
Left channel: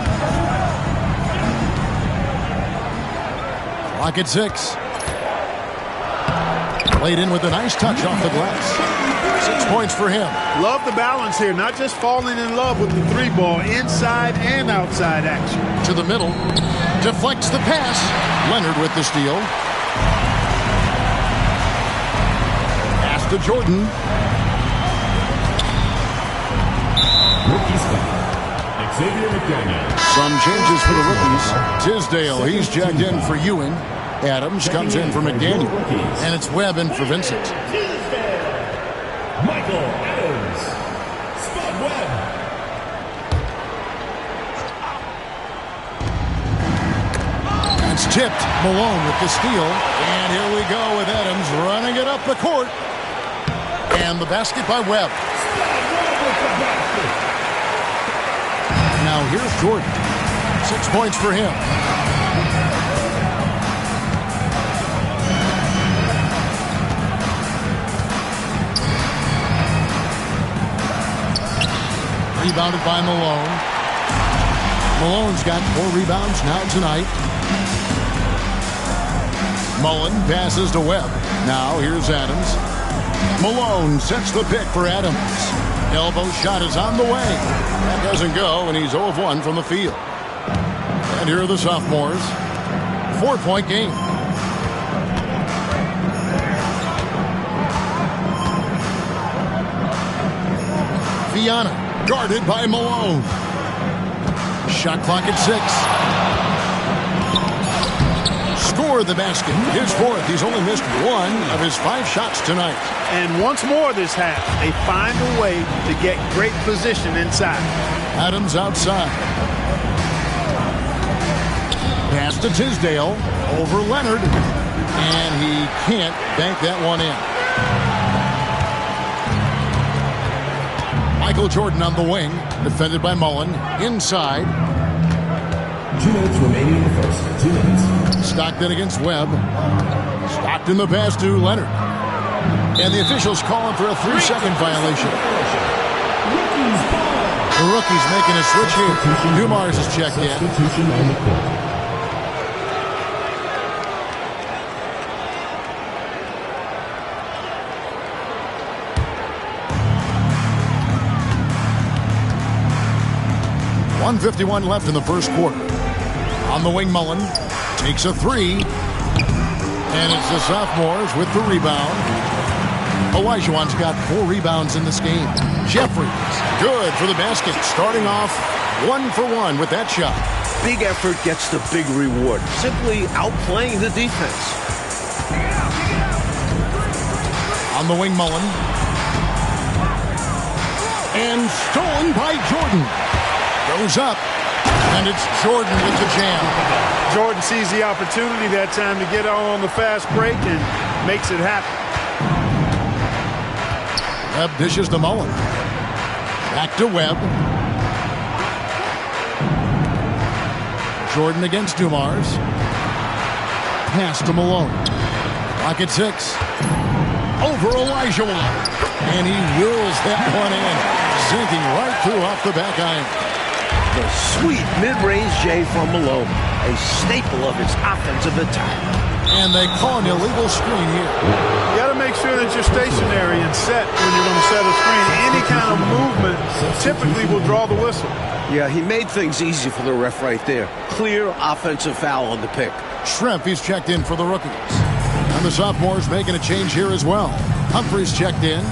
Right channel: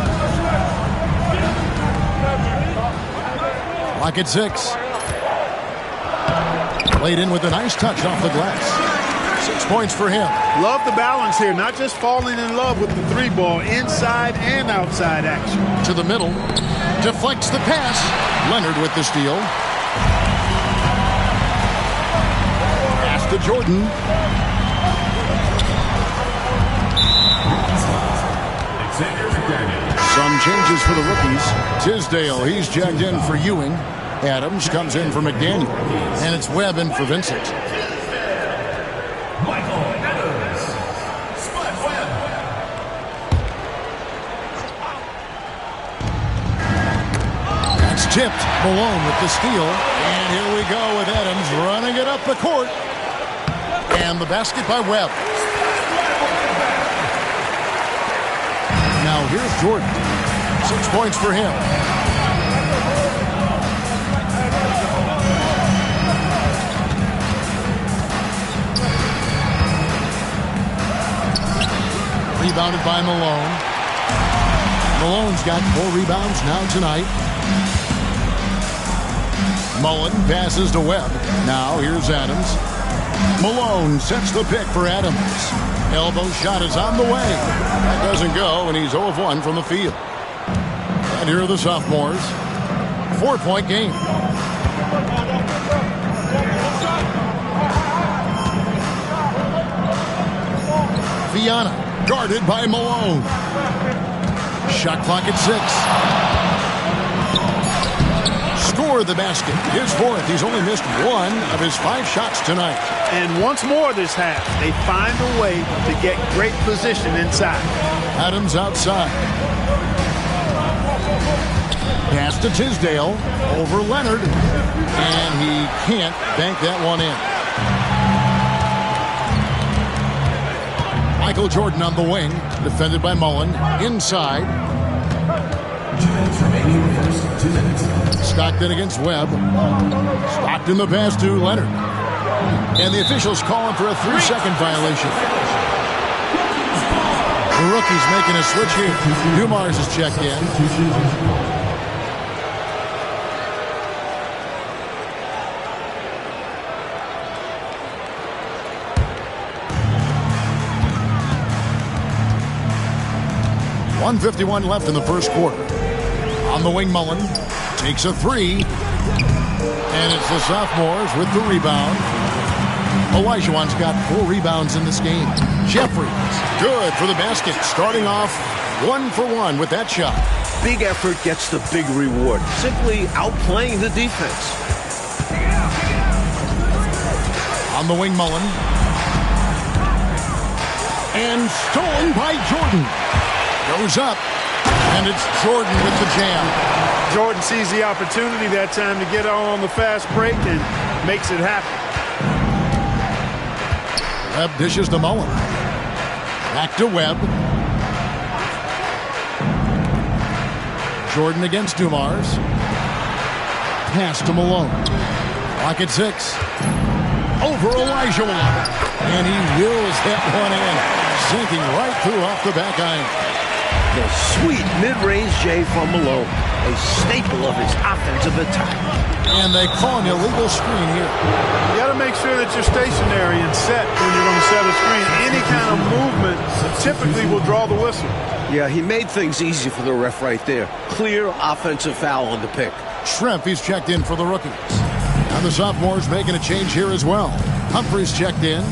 Clock at 6. Played in with a nice touch off the glass. 6 points for him. Love the balance here, not just falling in love with the 3-ball, inside and outside action. To the middle, deflects the pass. Leonard with the steal. Pass to Jordan. Rookie spot. Xavier McDaniel. Some changes for the rookies. Tisdale, he's checked in for Ewing. Adams comes in for McDaniel. And it's Webb in for Vincent. Michael Adams. Spud Webb. That's tipped. Malone with the steal. And here we go with Adams running it up the court. And the basket by Webb. Now here's Jordan. 6 points for him. Rebounded by Malone. Malone's got 4 rebounds now tonight. Mullen passes to Webb. Now here's Adams. Malone sets the pick for Adams. Elbow shot is on the way. That doesn't go, and he's 0 of 1 from the field. And here are the sophomores. 4-point game. Viana. Guarded by Malone. Shot clock at 6. Score the basket. His 4th. He's only missed 1 of his 5 shots tonight. And once more this half, they find a way to get great position inside. Adams outside. Pass to Tisdale. Over Leonard. And he can't bank that one in. Michael Jordan on the wing, defended by Mullen. Inside. 2 minutes remaining in the first. 2 minutes. Stockton against Webb. Stockton the pass to Leonard. And the officials calling for a 3-second violation. The rookie's making a switch here. Dumars is checked in. Substitution on the court. .151 left in the first quarter. On the wing, Mullen takes a 3. And it's the sophomores with the rebound. Olajuwon's got 4 rebounds in this game. Jeffries, good for the basket. Starting off 1 for 1 with that shot. Big effort gets the big reward. Simply outplaying the defense. On the wing, Mullen. And stolen by Jordan. Goes up, and it's Jordan with the jam. Jordan sees the opportunity that time to get on the fast break and makes it happen. Webb dishes to Mullen. Back to Webb. Jordan against Dumars. Pass to Malone. Clock at 6. Over Olajuwon. And he wills that one in. Sinking right through off the back iron. The sweet mid-range J from Malone, a staple of his offensive attack. And they call an illegal screen here. You got to make sure that you're stationary and set when you're going to set a screen. Any kind of movement typically will draw the whistle. Yeah, he made things easy for the ref right there. Clear offensive foul on the pick. Schrempf, he's checked in for the rookies. And the sophomores making a change here as well. Humphries checked in.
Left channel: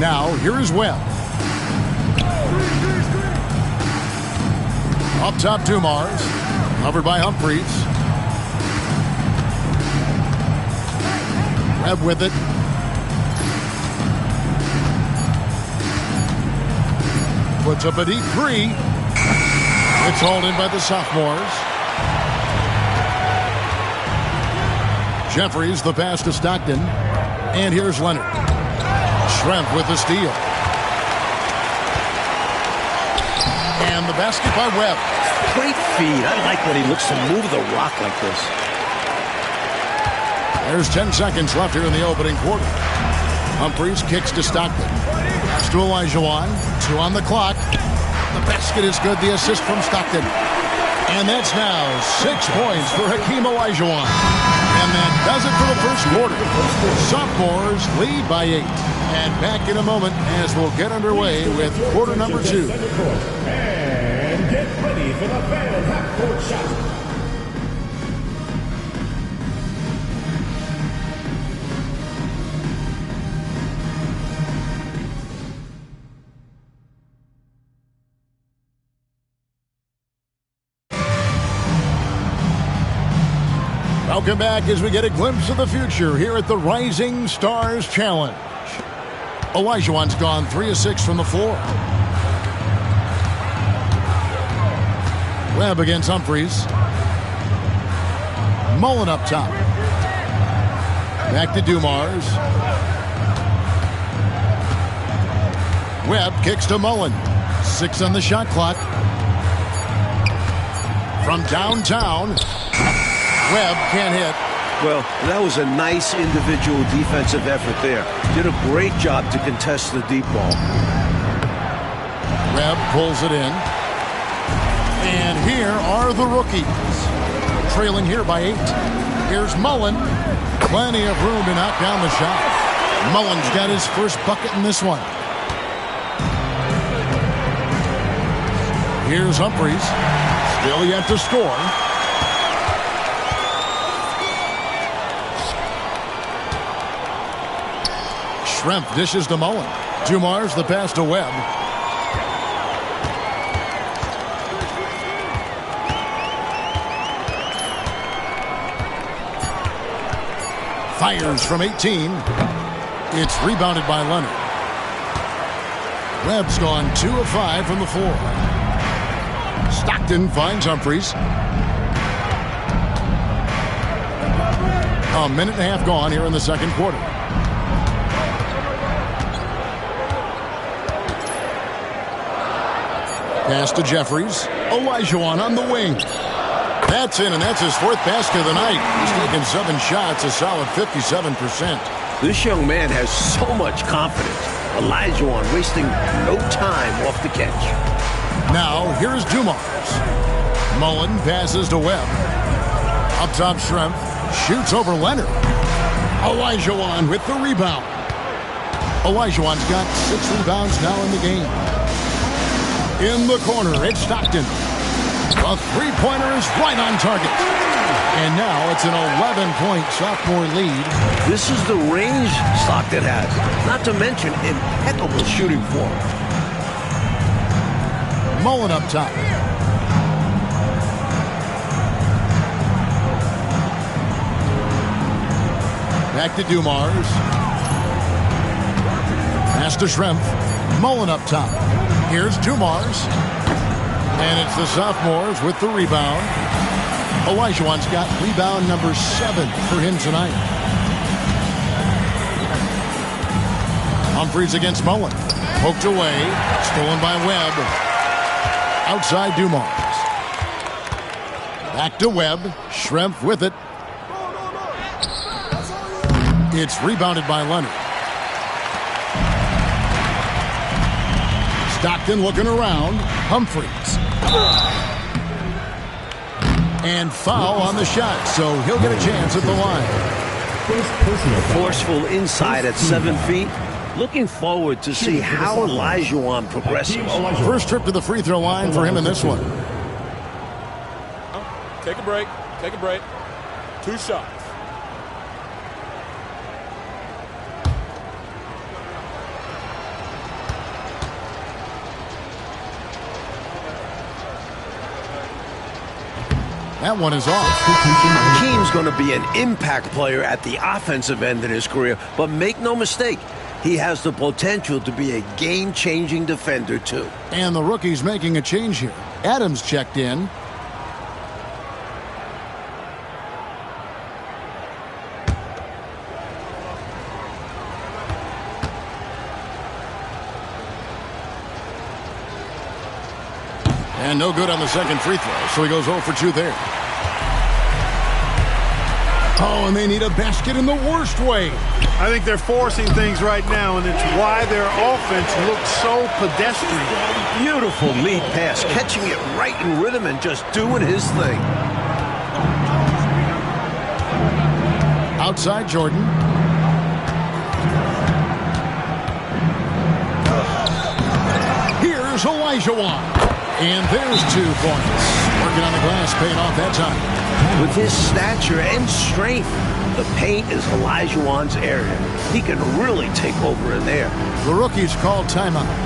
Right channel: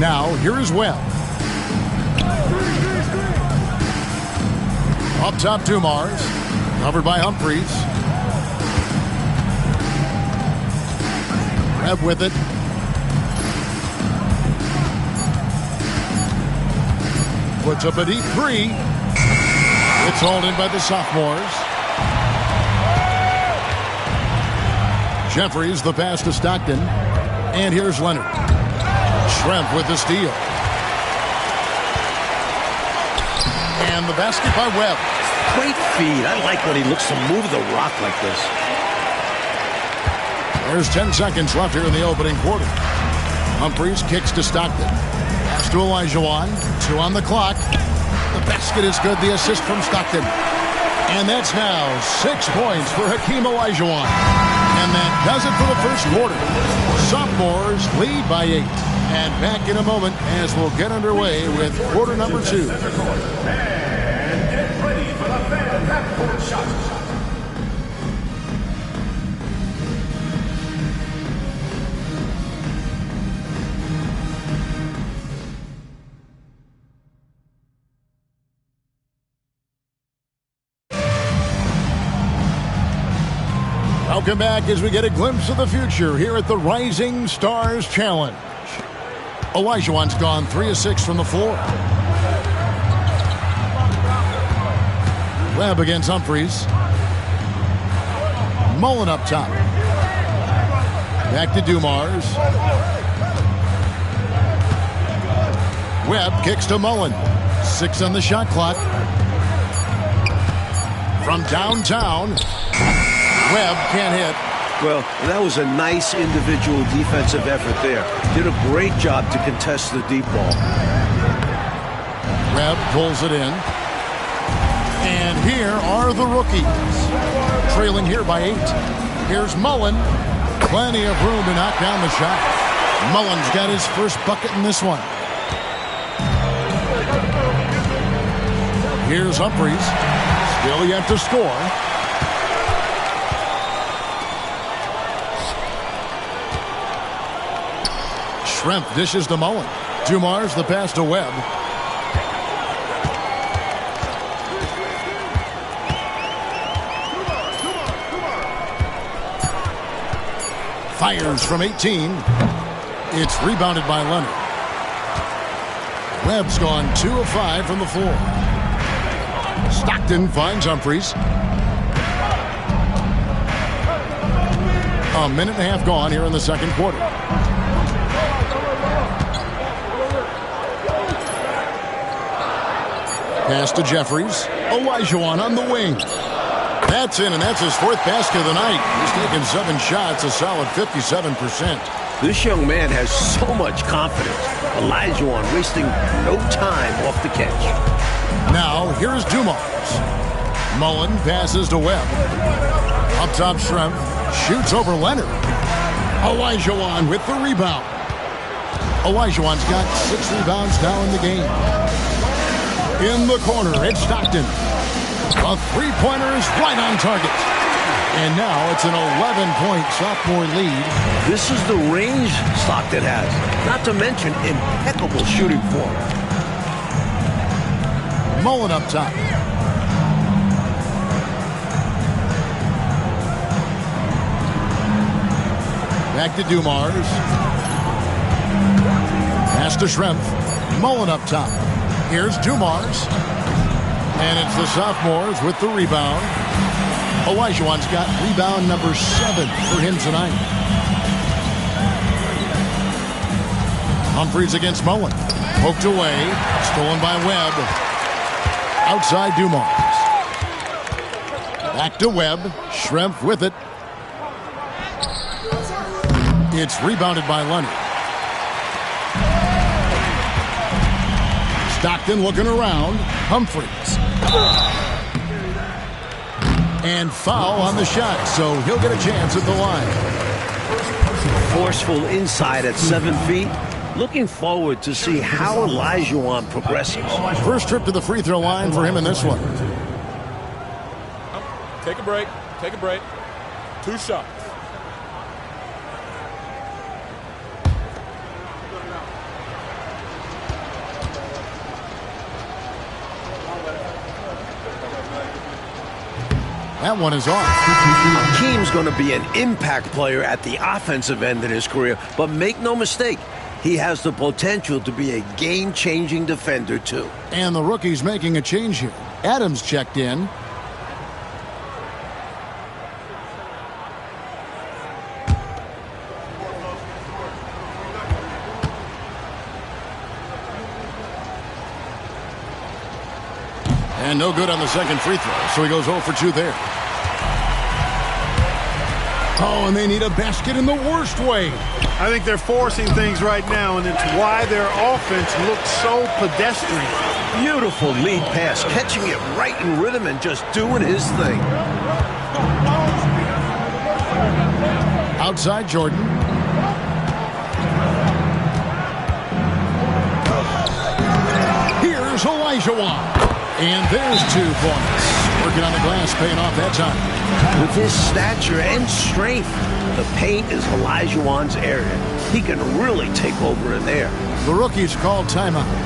Now, here is Webb. Up top, Dumars. Covered by Humphries. Webb with it. Puts up a deep 3. It's hauled in by the sophomores. Jeffries, the pass to Stockton. And here's Leonard. Schrempf with the steal. And the basket by Webb. Great feed. I like when he looks to move the rock like this. There's 10 seconds left here in the opening quarter. Humphries kicks to Stockton. Pass to Olajuwon. 2 on the clock. The basket is good. The assist from Stockton. And that's now 6 points for Hakeem Olajuwon. And that does it for the first quarter. Sophomores lead by 8. And back in a moment as we'll get underway with quarter number 2. And get ready for the Phantom half-court shot. Welcome back as we get a glimpse of the future here at the Rising Stars Challenge. Olajuwon's gone 3 of 6 from the floor. Webb against Humphries. Mullen up top. Back to Dumars. Webb kicks to Mullen. 6 on the shot clock. From downtown, Webb can't hit. Well, that was a nice individual defensive effort there. Did a great job to contest the deep ball. Webb pulls it in. And here are the rookies. Trailing here by 8. Here's Mullen. Plenty of room to knock down the shot. Mullen's got his first bucket in this one. Here's Humphries. Still yet to score. Schrempf dishes to Mullen. Dumars the pass to Webb. Fires from 18. It's rebounded by Leonard. Webb's gone 2 of 5 from the floor. Stockton finds Humphries. A minute and a half gone here in the second quarter. Pass to Jeffries. Olajuwon on the wing. That's in, and that's his 4th basket of the night. He's taken 7 shots, a solid 57%. This young man has so much confidence. Olajuwon wasting no time off the catch. Now, here's Dumars. Mullen passes to Webb. Up top, Schrempf shoots over Leonard. Olajuwon with the rebound. Olajuwon's got 6 rebounds now in the game. In the corner, it's Stockton. A three-pointer is right on target. And now it's an 11-point sophomore lead. This is the range Stockton has. Not to mention impeccable shooting form. Mullen up top. Back to Dumars. Pass to Schrempf. Mullen up top. Here's Dumars. And it's the sophomores with the rebound. Olajuwon's got rebound number 7 for him tonight. Humphries against Mullen. Poked away. Stolen by Webb. Outside Dumars. Back to Webb. Schrempf with it. It's rebounded by Leonard. Stockton looking around. Humphries. And foul on the shot, so he'll get a chance at the line. Forceful inside at 7 feet. Looking forward to see how Olajuwon progresses. First trip to the free throw line for him in this one. Take a break. Take a break. 2 shots. That one is off. Hakeem's going to be an impact player at the offensive end of his career, but make no mistake, he has the potential to be a game-changing defender, too. And the rookie's making a change here. Adams checked in. And no good on the second free throw, so he goes 0 for 2 there. Oh, and they need a basket in the worst way. I think they're forcing things right now, and it's why their offense looks so pedestrian. Beautiful lead pass, catching it right in rhythm and just doing his thing. Outside Jordan. Olajuwon. And there's 2 points. Working on the glass, paying off that time. With his stature and strength, the paint is Olajuwon's area. He can really take over in there. The rookie's called timeout.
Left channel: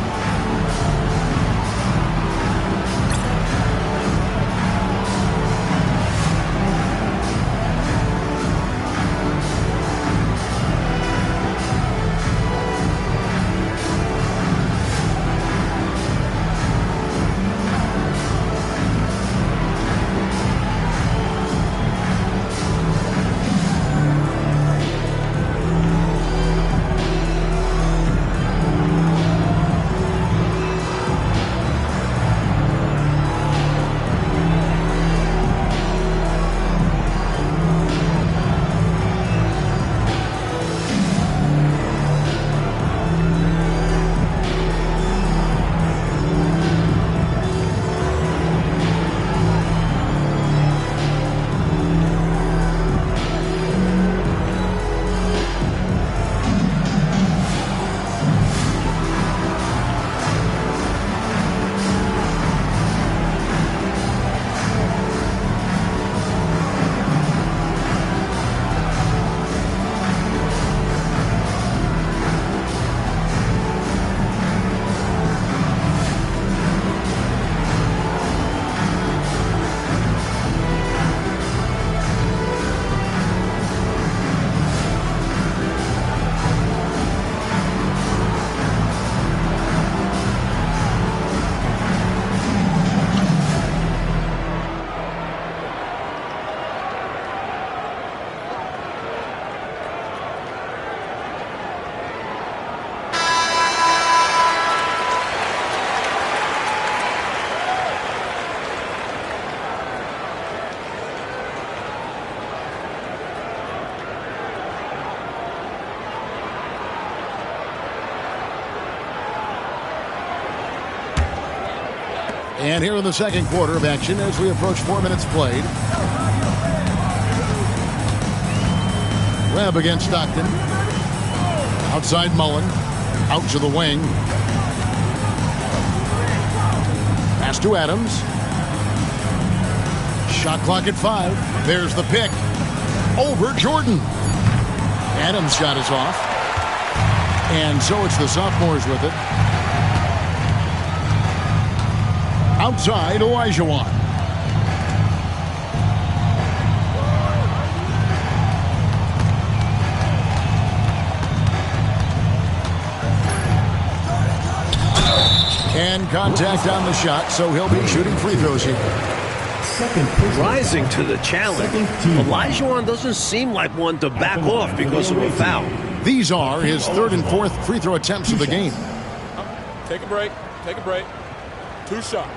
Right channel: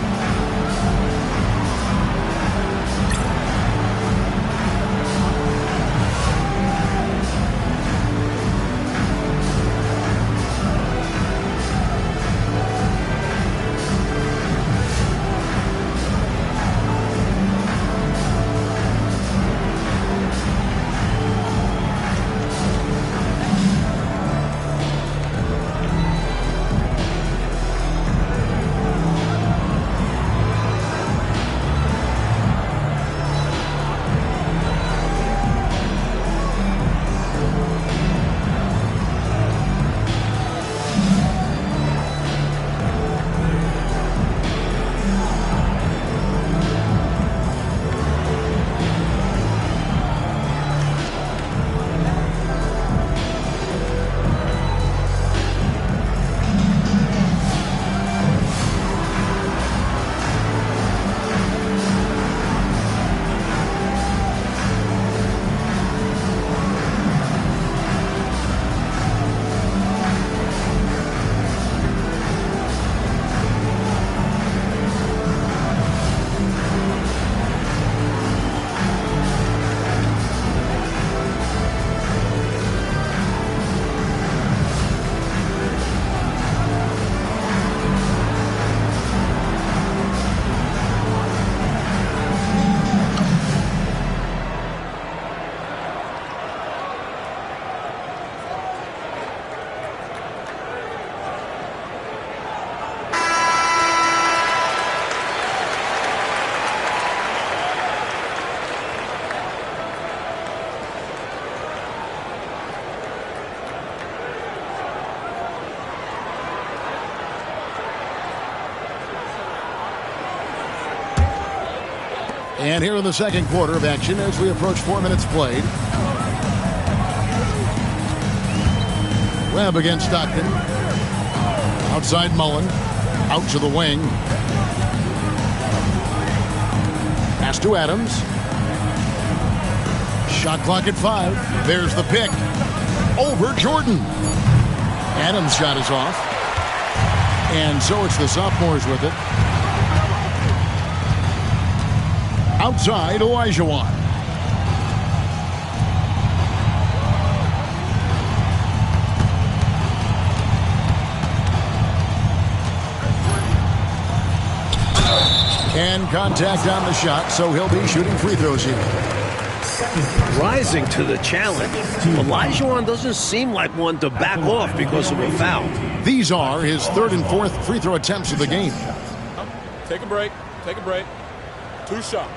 And here in the second quarter of action as we approach 4 minutes played. Webb against Stockton. Outside Mullen. Out to the wing. Pass to Adams. Shot clock at 5. There's the pick. Over Jordan. Adams' shot is off. And so it's the sophomores with it. Outside, Olajuwon. And contact on the shot, so he'll be shooting free throws here. Rising to the challenge, Olajuwon doesn't seem like one to back off because of a foul. These are his 3rd and 4th free throw attempts of the game. Take a break. Take a break. 2 shots.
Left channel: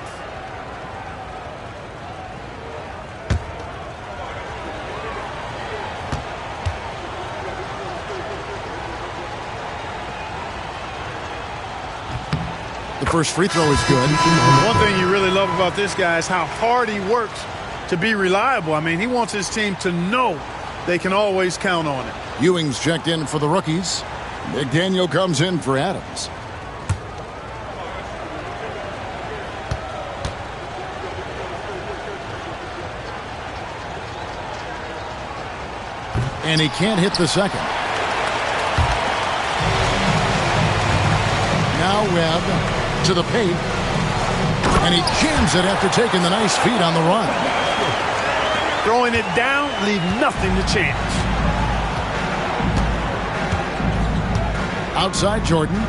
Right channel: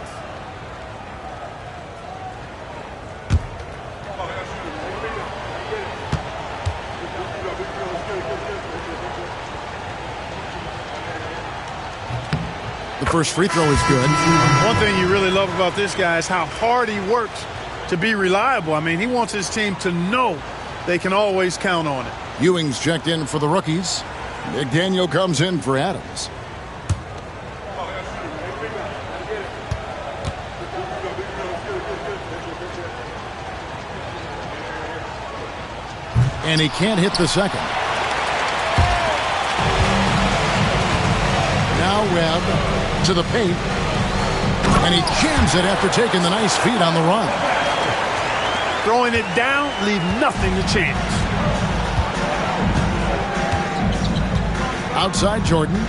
The first free throw is good. One thing you really love about this guy is how hard he works to be reliable. I mean, he wants his team to know they can always count on it. Ewing's checked in for the rookies. McDaniel comes in for Adams. And he can't hit the second. Now Webb to the paint. And he jams it after taking the nice feed on the run. Throwing it down, leave nothing to chance. Outside Jordan.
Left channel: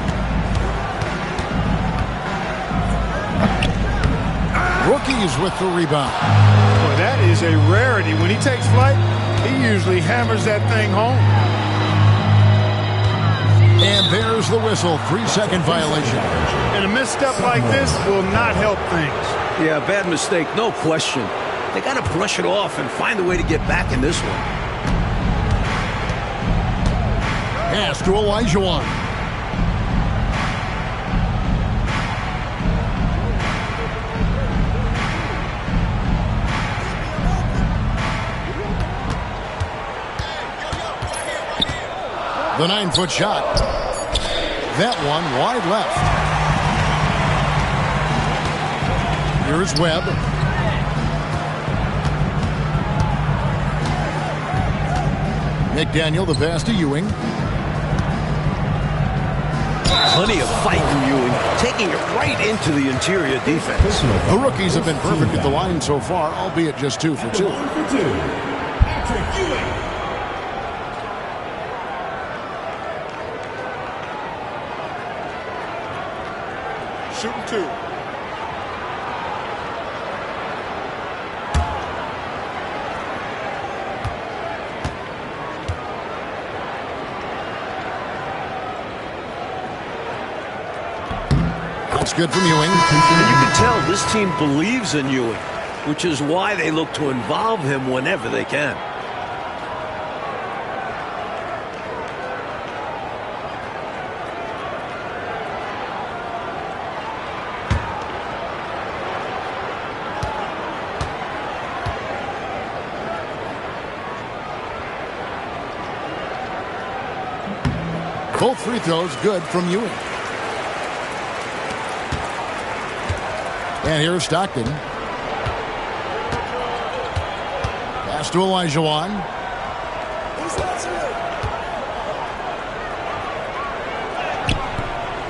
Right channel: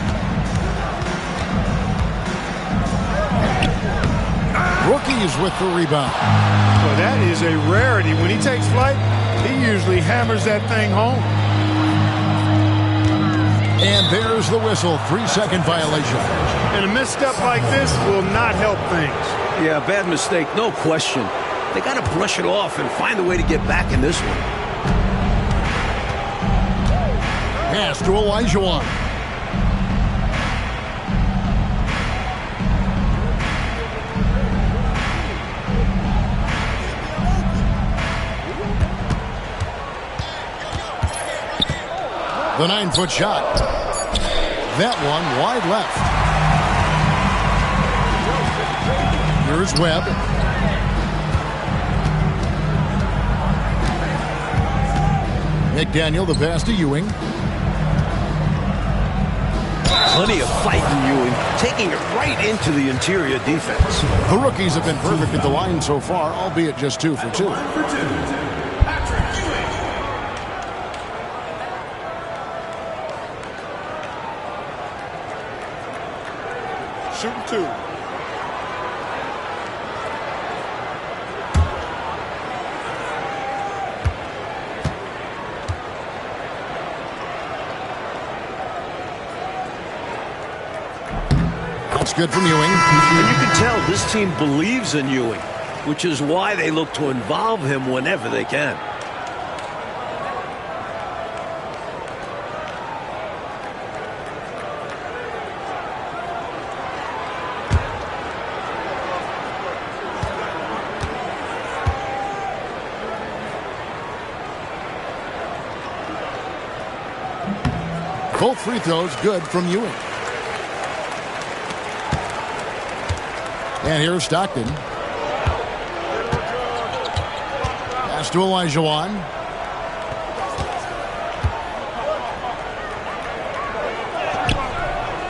Rookies with the rebound. Boy, that is a rarity. When he takes flight, he usually hammers that thing home. And there's the whistle. 3-second violation. And a misstep like this will not help things. Yeah, bad mistake, no question. They got to brush it off and find a way to get back in this one. Pass to Olajuwon. The 9-foot shot. That one wide left. Here's Webb. McDaniel, the pass to Ewing. Plenty of fight in Ewing, taking it right into the interior defense. The rookies have been perfect at the line so far, albeit just 2 for 2. Patrick Ewing. Shooting 2. That's good from Ewing. And you can tell this team believes in Ewing, which is why they look to involve him whenever they can. Both free throws good from Ewing. And here's Stockton. Pass to Olajuwon.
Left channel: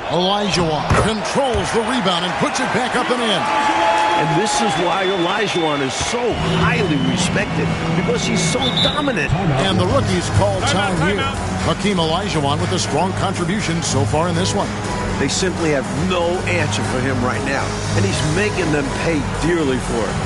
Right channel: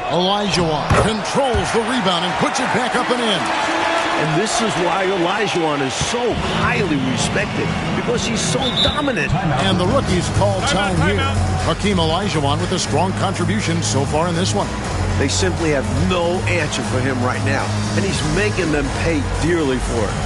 Olajuwon controls the rebound and puts it back up and in. And this is why Olajuwon is so highly respected, because he's so dominant. And the rookies call time here. Hakeem Olajuwon with a strong contribution so far in this one. They simply have no answer for him right now, and he's making them pay dearly for it.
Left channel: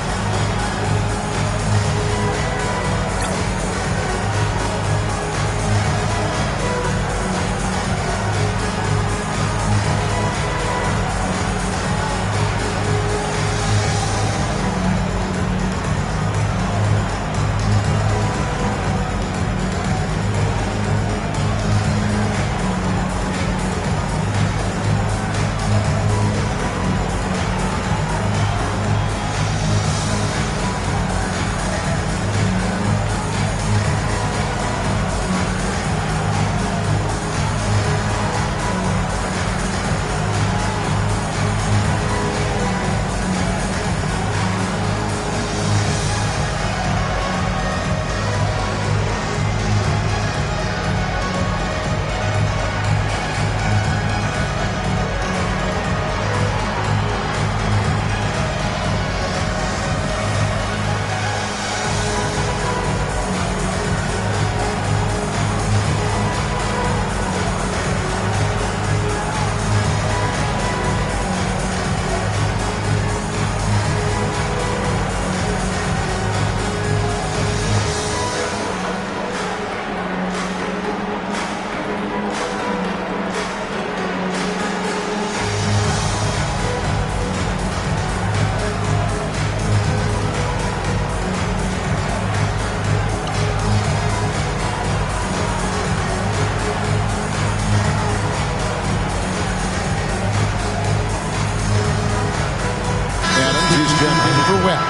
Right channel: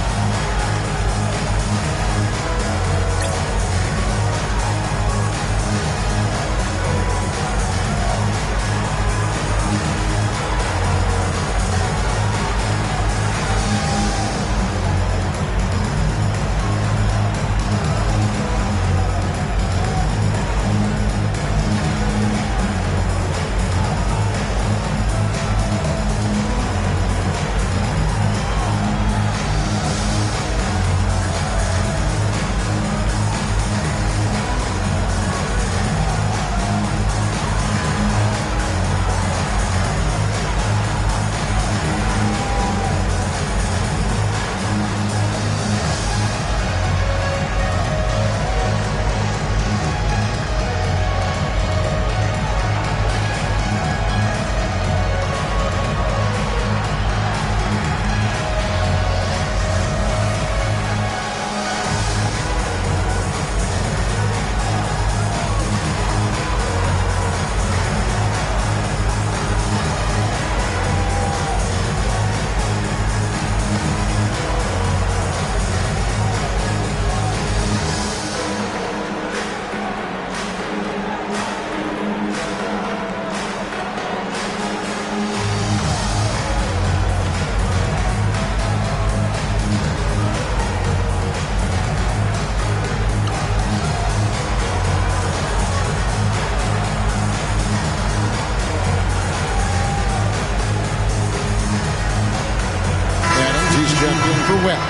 He's checked in for Webb.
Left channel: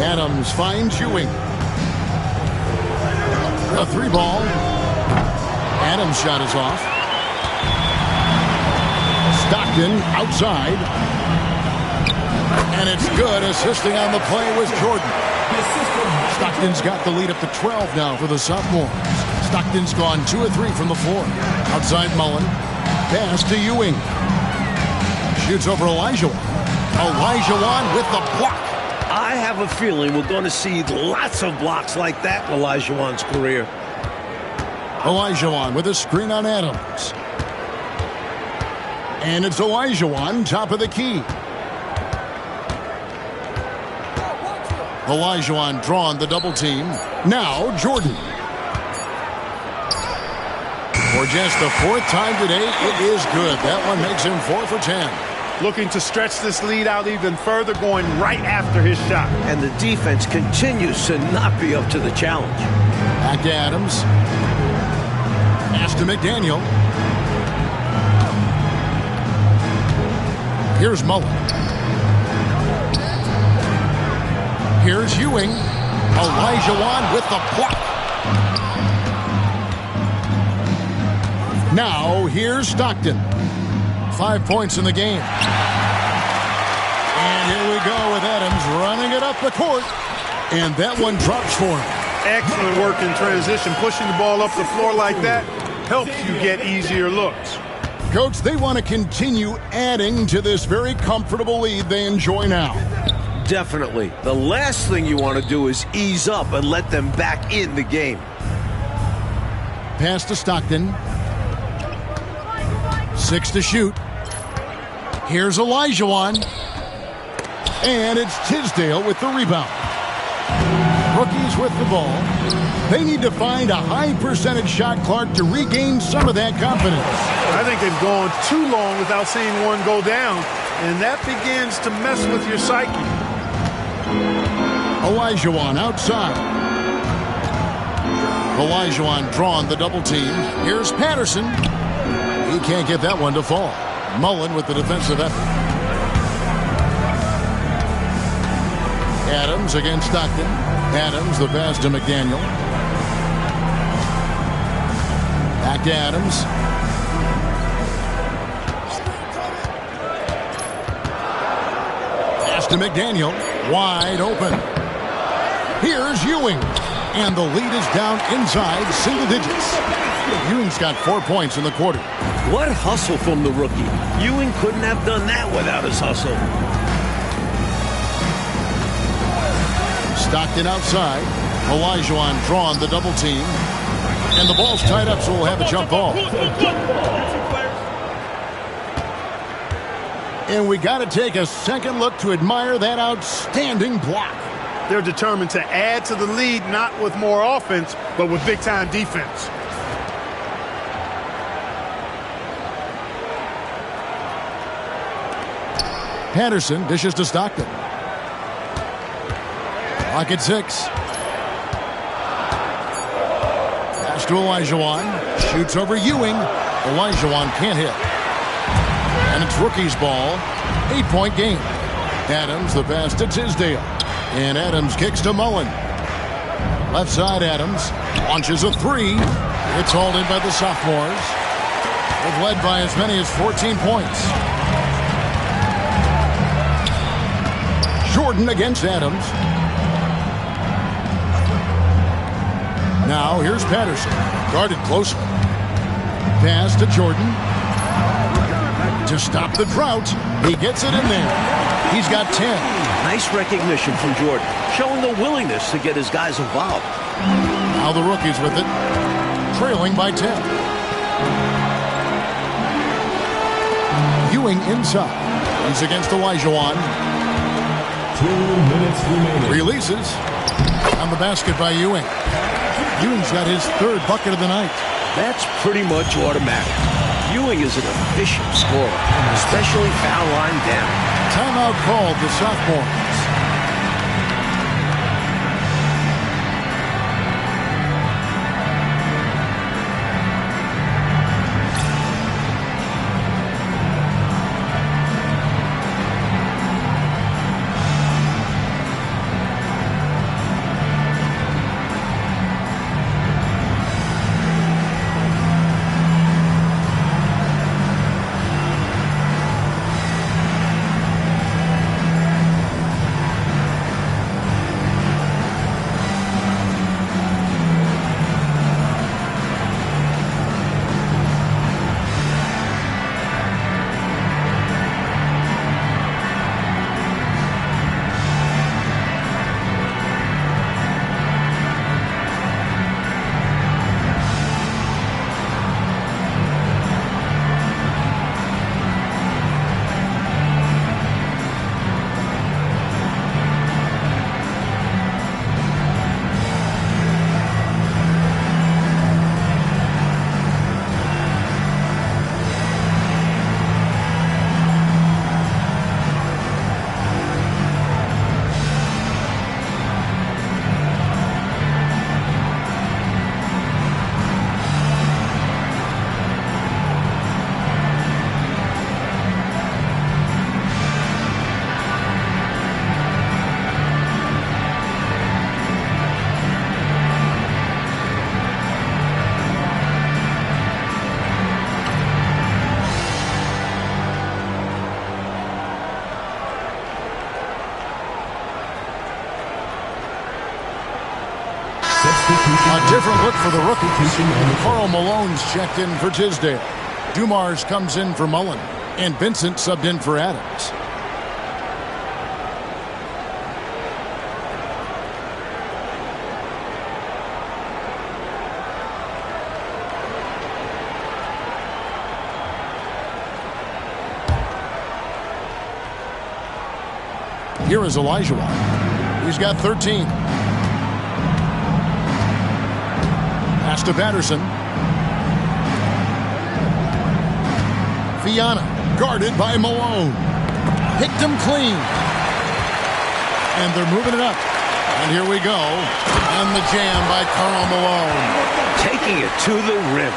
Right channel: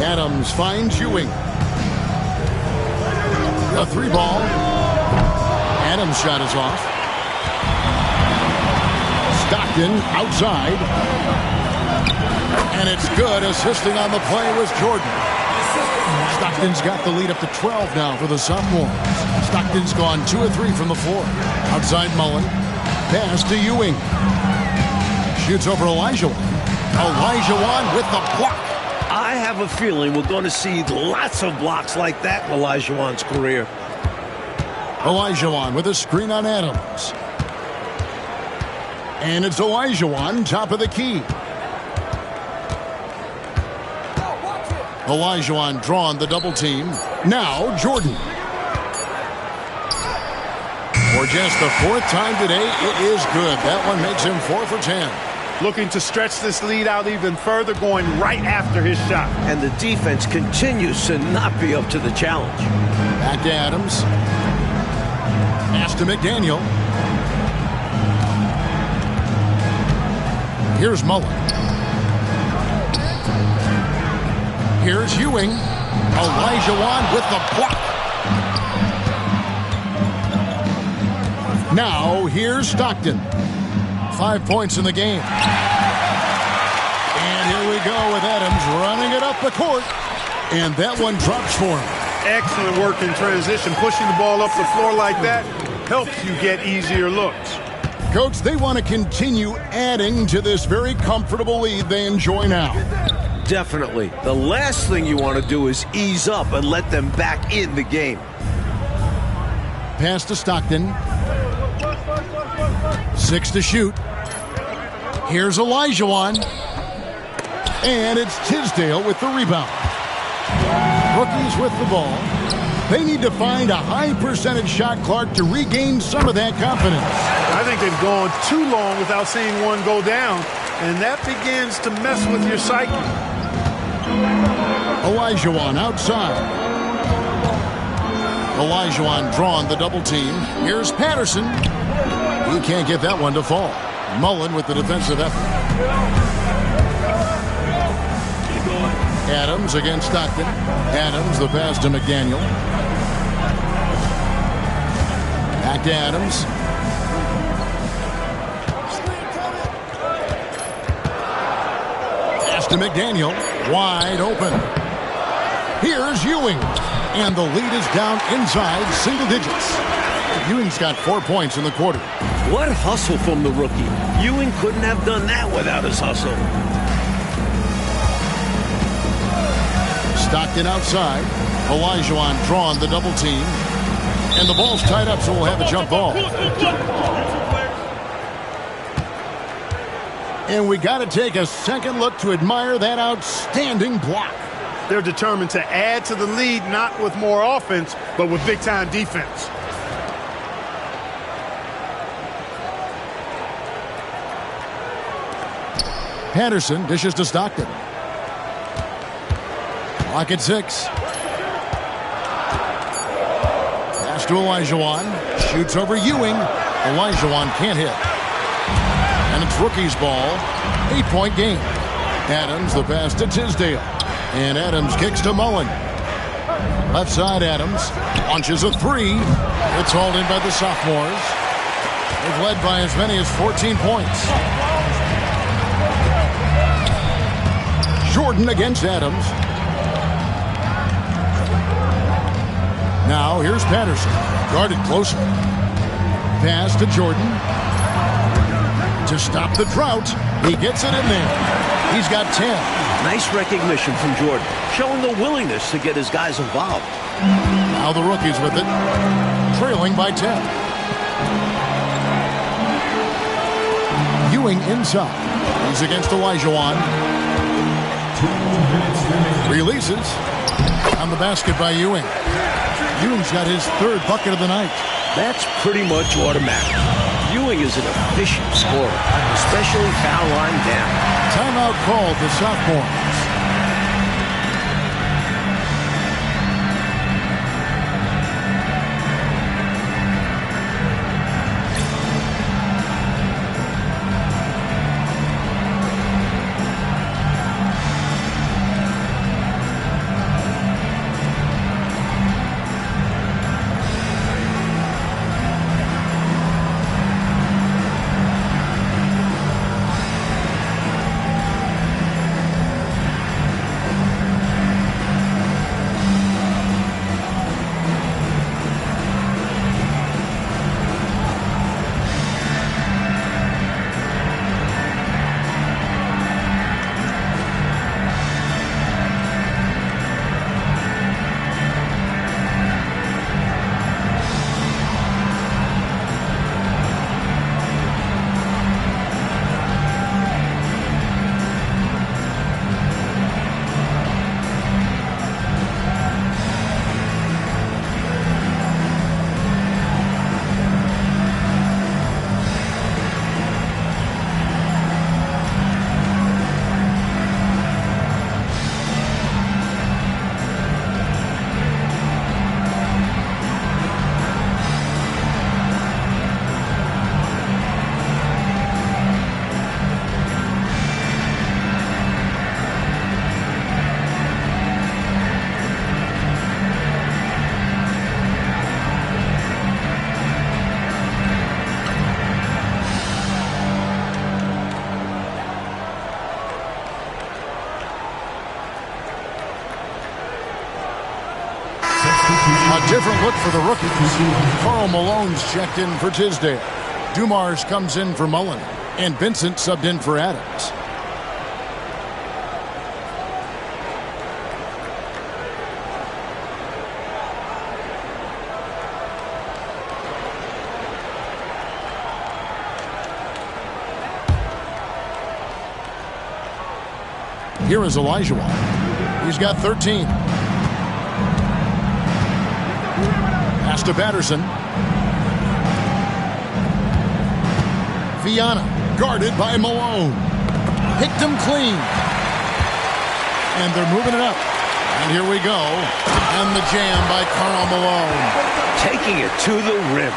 Adams finds Ewing. A 3-ball. Adams' shot is off. Stockton outside. And it's good. Assisting on the play was Jordan. Stockton's got the lead up to 12 now for the sophomores. Stockton's gone 2 of 3 from the floor. Outside Mullen. Pass to Ewing. Shoots over Olajuwon. Olajuwon with the block. I have a feeling we're going to see lots of blocks like that in Olajuwon's career. Olajuwon with a screen on Adams. And it's Olajuwon, top of the key. Olajuwon drawn the double team. Now Jordan. For just the 4th time today, it is good. That one makes him 4 for 10. looking to stretch this lead out even further, going right after his shot. And the defense continues to not be up to the challenge. Back to Adams. Pass to McDaniel. Here's Mullen. Here's Ewing. Olajuwon with the block. Now, here's Stockton. 5 points in the game. And here we go with Adams running it up the court. And that one drops for him. Excellent work in transition. Pushing the ball up the floor like that helps you get easier looks. Coach, they want to continue adding to this very comfortable lead they enjoy now. Definitely. The last thing you want to do is ease up and let them back in the game. Pass to Stockton. 6 to shoot. Here's Olajuwon. And it's Tisdale with the rebound. Rookies with the ball. They need to find a high percentage shot, Clark, to regain some of that confidence. I think they've gone too long without seeing one go down, and that begins to mess with your psyche. Olajuwon outside. Olajuwon drawn the double team. Here's Patterson. He can't get that one to fall. Mullen with the defensive effort. Adams against Stockton. Adams, the pass to McDaniel. Back to Adams. Pass to McDaniel. Wide open. Here's Ewing. And the lead is down inside single digits. Ewing's got 4 points in the quarter. What hustle from the rookie. Ewing couldn't have done that without his hustle. Stockton outside. Olajuwon drawn the double team. And the ball's tied up, so we'll have a jump ball. And we got to take a second look to admire that outstanding block. They're determined to add to the lead, not with more offense, but with big-time defense. Patterson dishes to Stockton. Clock at 6. Pass to Olajuwon. Shoots over Ewing. Olajuwon can't hit. And it's rookie's ball. 8-point game. Adams, the pass to Tisdale. And Adams kicks to Mullen. Left side, Adams. Launches a three. It's hauled in by the sophomores. They've led by as many as 14 points. Jordan against Adams. Now here's Patterson. Guarded closely. Pass to Jordan. To stop the drought. He gets it in there. He's got 10. Nice recognition from Jordan, showing the willingness to get his guys involved. Now the rookies with it. Trailing by 10. Ewing inside. He's against Olajuwon. 2 minutes remaining. Releases. On the basket by Ewing. Ewing's got his third bucket of the night. That's pretty much automatic. Ewing is an efficient scorer, especially foul line down. Timeout called the sophomores. A different look for the rookies. Karl Malone's checked in for Tisdale. Dumars comes in for Mullen. And Vincent subbed in for Adams. Here is Olajuwon. He's got 13. Pass to Patterson. Viana guarded by Malone. Picked him clean. And they're moving it up. And here we go. And the jam by Karl Malone. Taking it to the rim.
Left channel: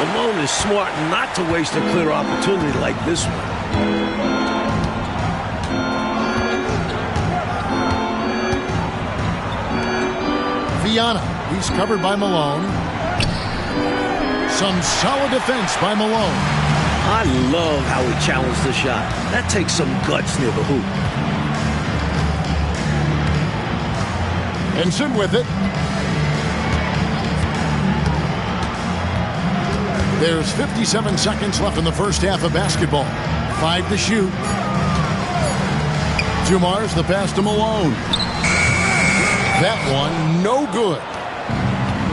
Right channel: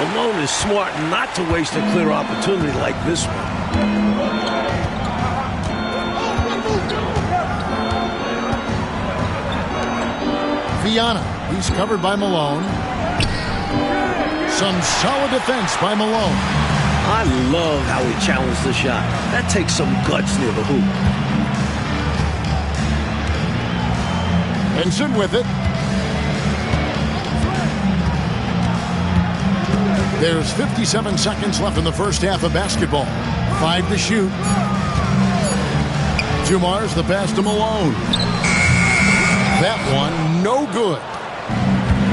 Malone is smart not to waste a clear opportunity like this one. Viana. He's covered by Malone. Some solid defense by Malone. I love how he challenged the shot. That takes some guts near the hoop. Vincent with it. There's 57 seconds left in the first half of basketball. 5 to shoot. Dumars the pass to Malone. That one, no good.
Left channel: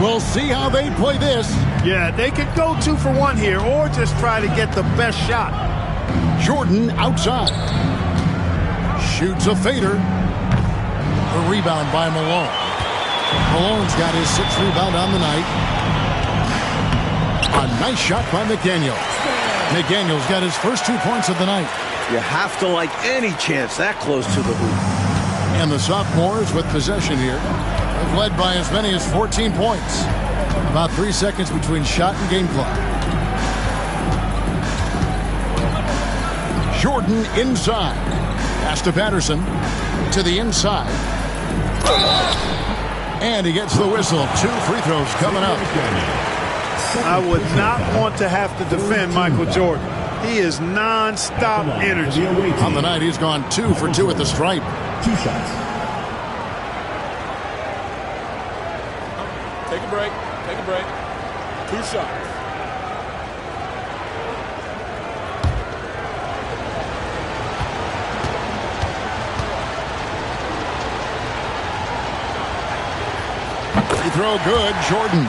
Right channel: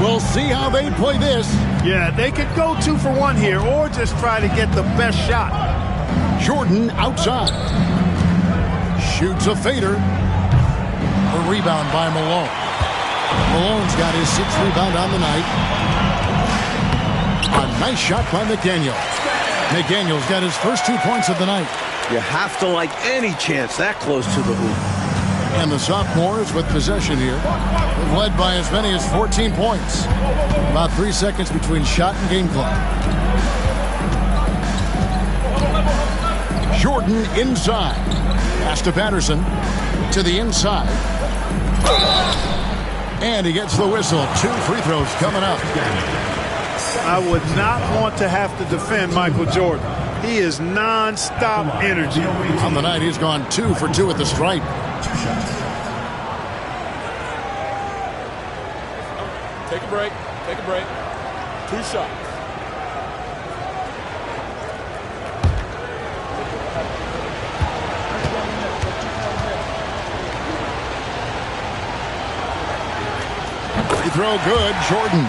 We'll see how they play this. Yeah, they could go 2 for 1 here or just try to get the best shot. Jordan outside. Shoots a fader. A rebound by Malone. Malone's got his 6th rebound on the night. A nice shot by McDaniel. McDaniel's got his first 2 points of the night. You have to like any chance that close to the hoop. And the sophomores with possession here. They've led by as many as 14 points. About 3 seconds between shot and game clock. Jordan inside. Pass to Patterson. To the inside. And he gets the whistle. 2 free throws coming up. I would not want to have to defend Michael Jordan. He is non-stop energy. On the night, he's gone 2 for 2 at the stripe. 2 shots. Take a break. Take a break. 2 shots. Free throw good, Jordan.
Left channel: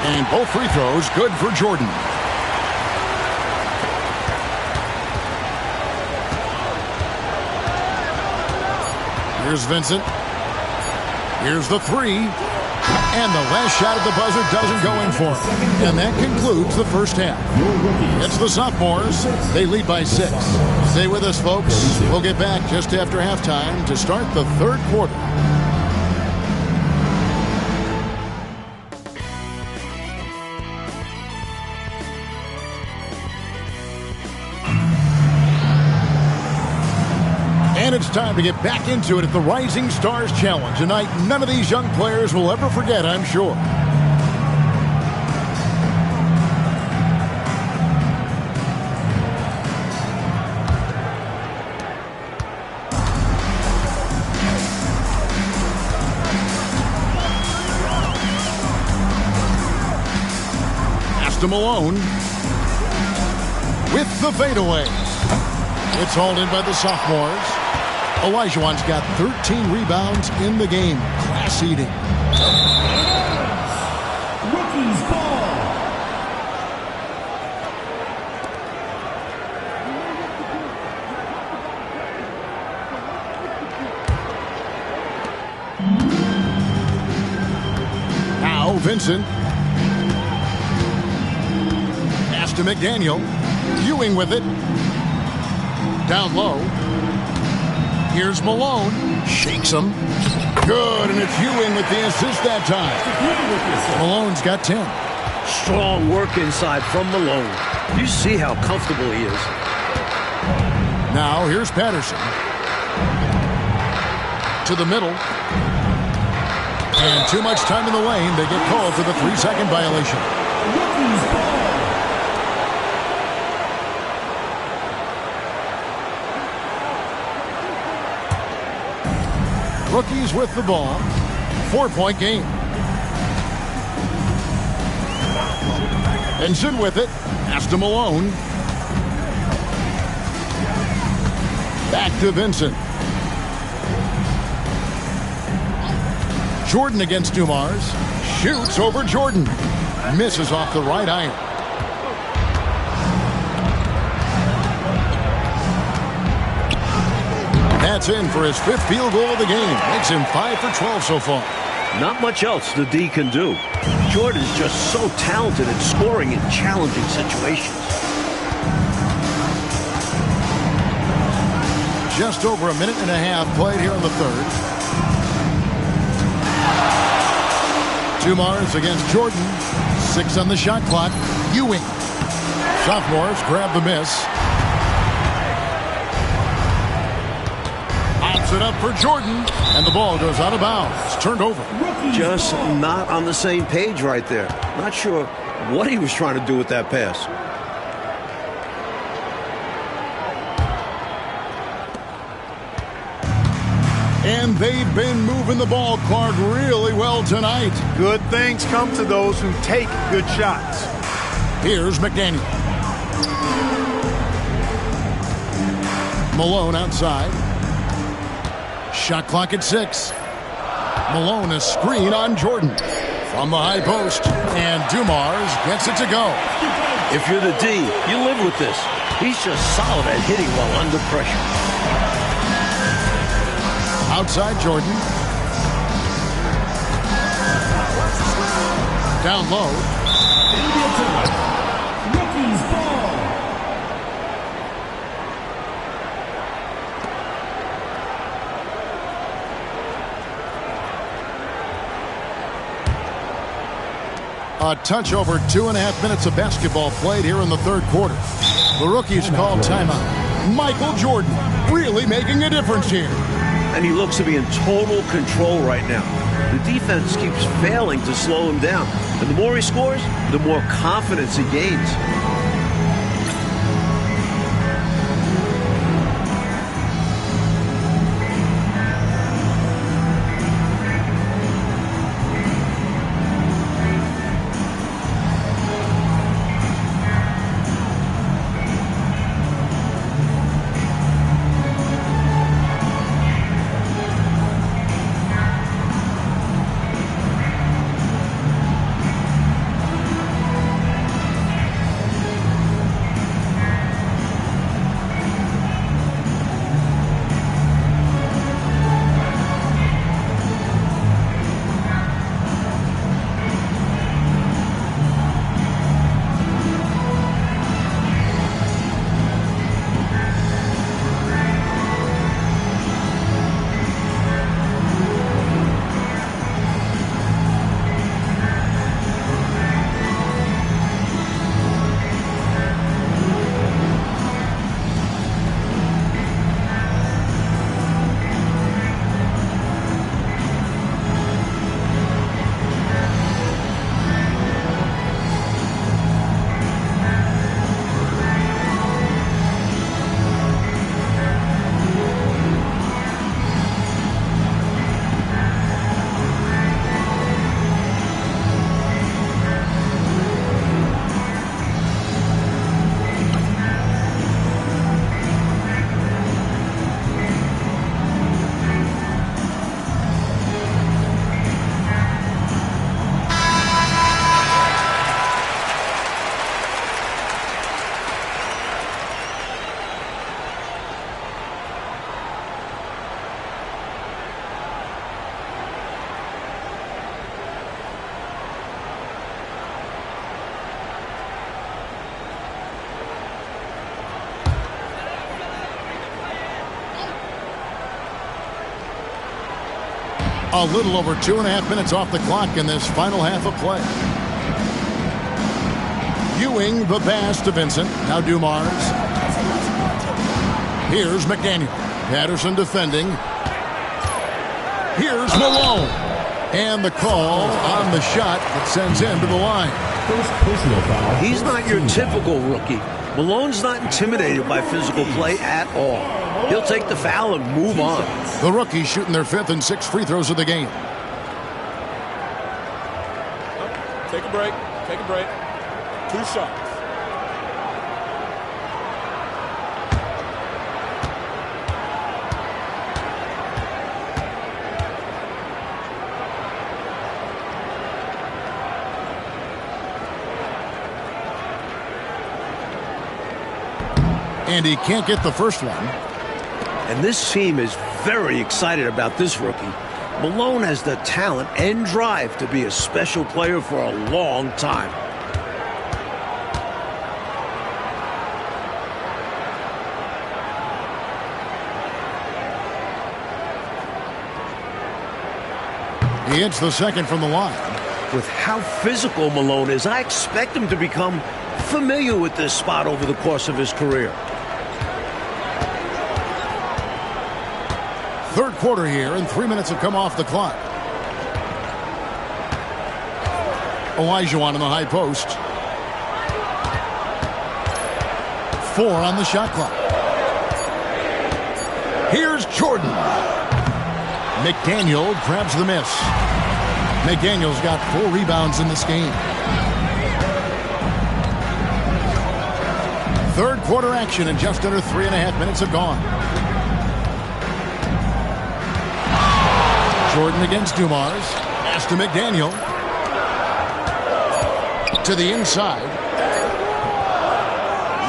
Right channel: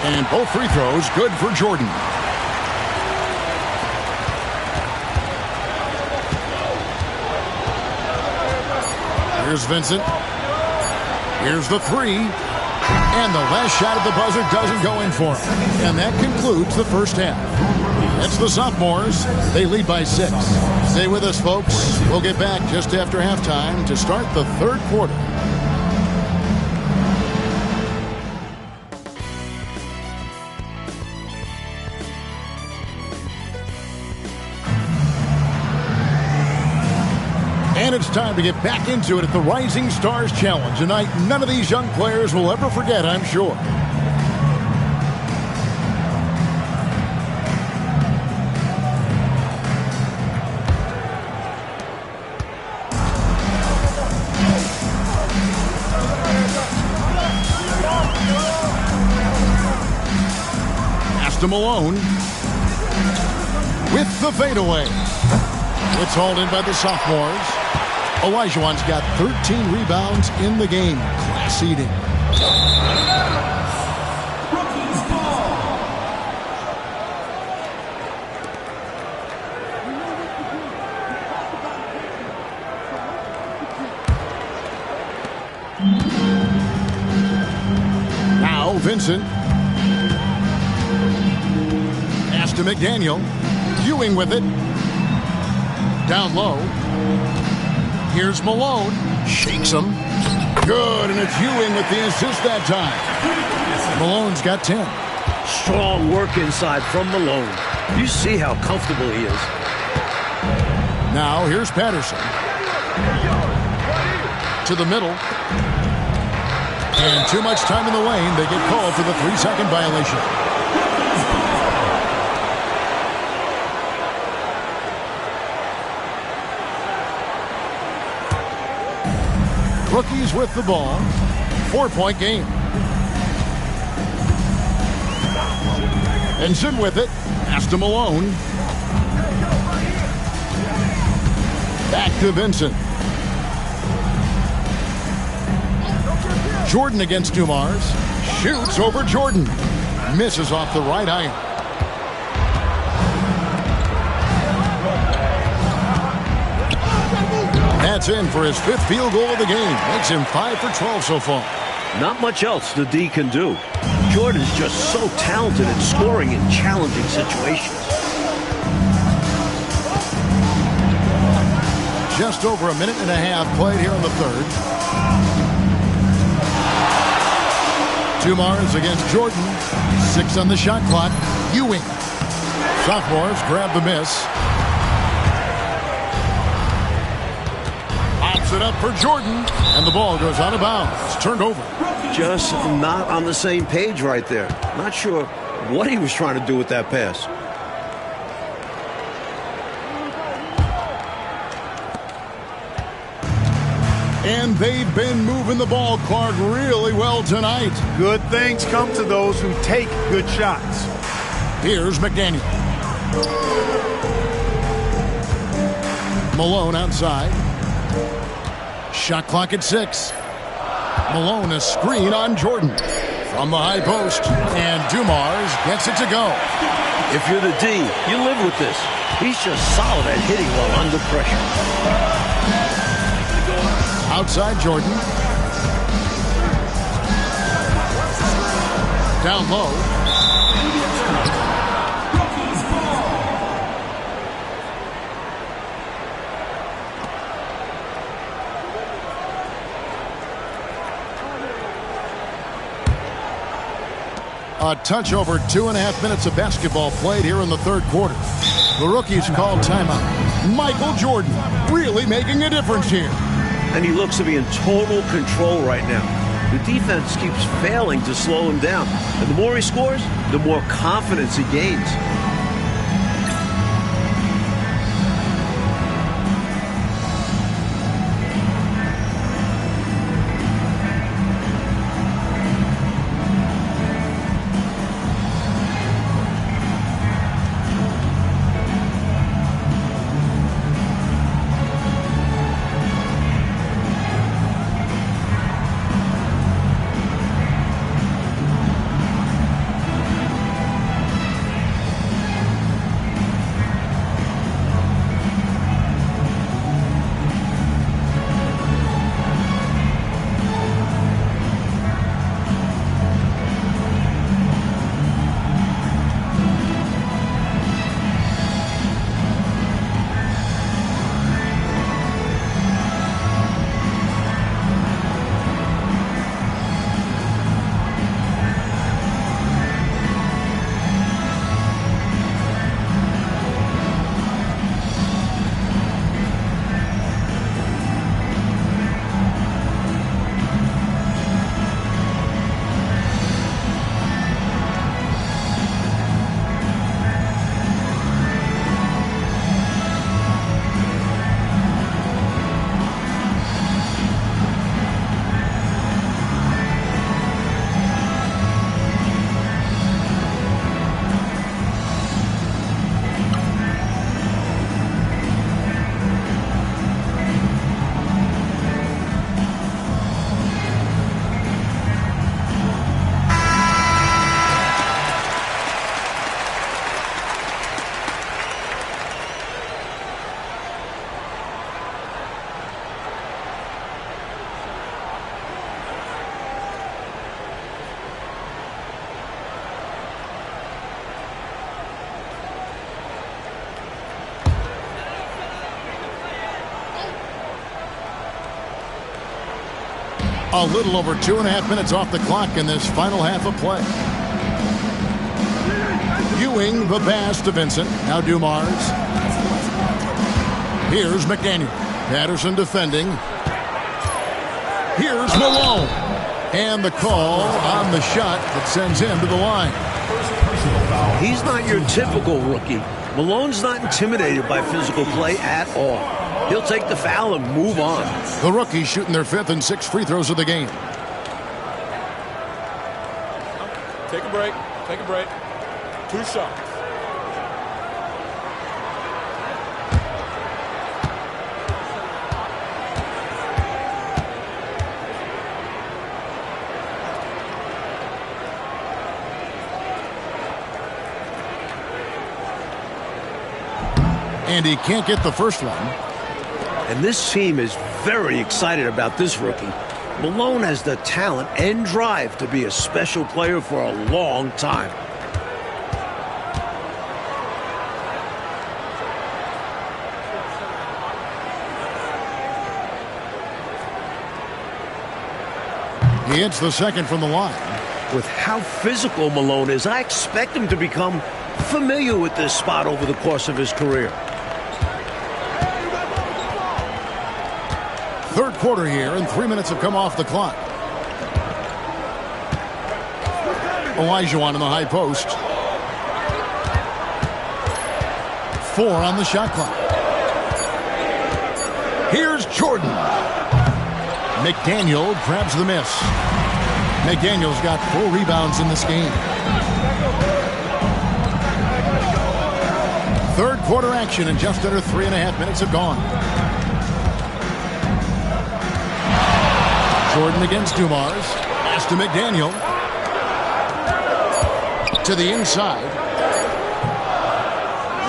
And both free throws good for Jordan. Here's Vincent. Here's the 3. And the last shot at the buzzer doesn't go in for him. And that concludes the first half. It's the sophomores. They lead by 6. Stay with us, folks. We'll get back just after halftime to start the third quarter. And it's time to get back into it at the Rising Stars Challenge. A night none of these young players will ever forget, I'm sure. Pass to Malone. With the fadeaway. It's hauled in by the sophomores. Olajuwon's got 13 rebounds in the game. Class eating. Rookies ball. Now Vincent. Pass to McDaniel. Ewing with it. Down low. Here's Malone. Shakes him. Good, and it's Ewing with the assist that time. Malone's got 10. Strong work inside from Malone. You see how comfortable he is. Now here's Patterson. To the middle. And too much time in the lane. They get called for the 3-second violation. Rookies with the ball. 4-point game. Ensign with it. Pass to Malone. Back to Vincent. Jordan against Dumars. Shoots over Jordan. Misses off the right iron. That's in for his 5th field goal of the game. Makes him 5 for 12 so far. Not much else the D can do. Jordan's just so talented at scoring in challenging situations. Just over a minute and a half played here in the third. Dumars against Jordan. 6 on the shot clock. Ewing. Sophomores grab the miss. Pops it up for Jordan. And the ball goes out of bounds. Turned over. Just not on the same page right there. Not sure what he was trying to do with that pass. And they've been moving the ball, Clark, really well tonight. Good things come to those who take good shots. Here's McDaniel. Malone outside. Shot clock at 6. Malone a screen on Jordan. From the high post. And Dumars gets it to go. If you're the D, you live with this. He's just solid at hitting while under pressure. Outside Jordan. Down low. Rookies ball. A touch over 2.5 minutes of basketball played here in the third quarter. The rookies called timeout. Michael Jordan really making a difference here. And he looks to be in total control right now. The defense keeps failing to slow him down. And the more he scores, the more confidence he gains. A little over 2.5 minutes off the clock in this final half of play. Ewing the pass to Vincent. Now Dumars. Here's McDaniel. Patterson defending. Here's Malone. And the call on the shot that sends him to the line. He's not your typical rookie. Malone's not intimidated by physical play at all. He'll take the foul and move on. The rookies shooting their 5th and 6th free throws of the game. Take a break. Take a break. 2 shots. And he can't get the first one. And this team is very excited about this rookie. Malone has the talent and drive to be a special player for a long time. He hits the second from the line. With how physical Malone is, I expect him to become familiar with this spot over the course of his career. Third quarter here, and 3 minutes have come off the clock. Olajuwon in the high post. 4 on the shot clock. Here's Jordan. McDaniel grabs the miss. McDaniel's got 4 rebounds in this game. Third quarter action, and just under 3.5 minutes have gone. Jordan against Dumars. Pass to McDaniel. To the inside.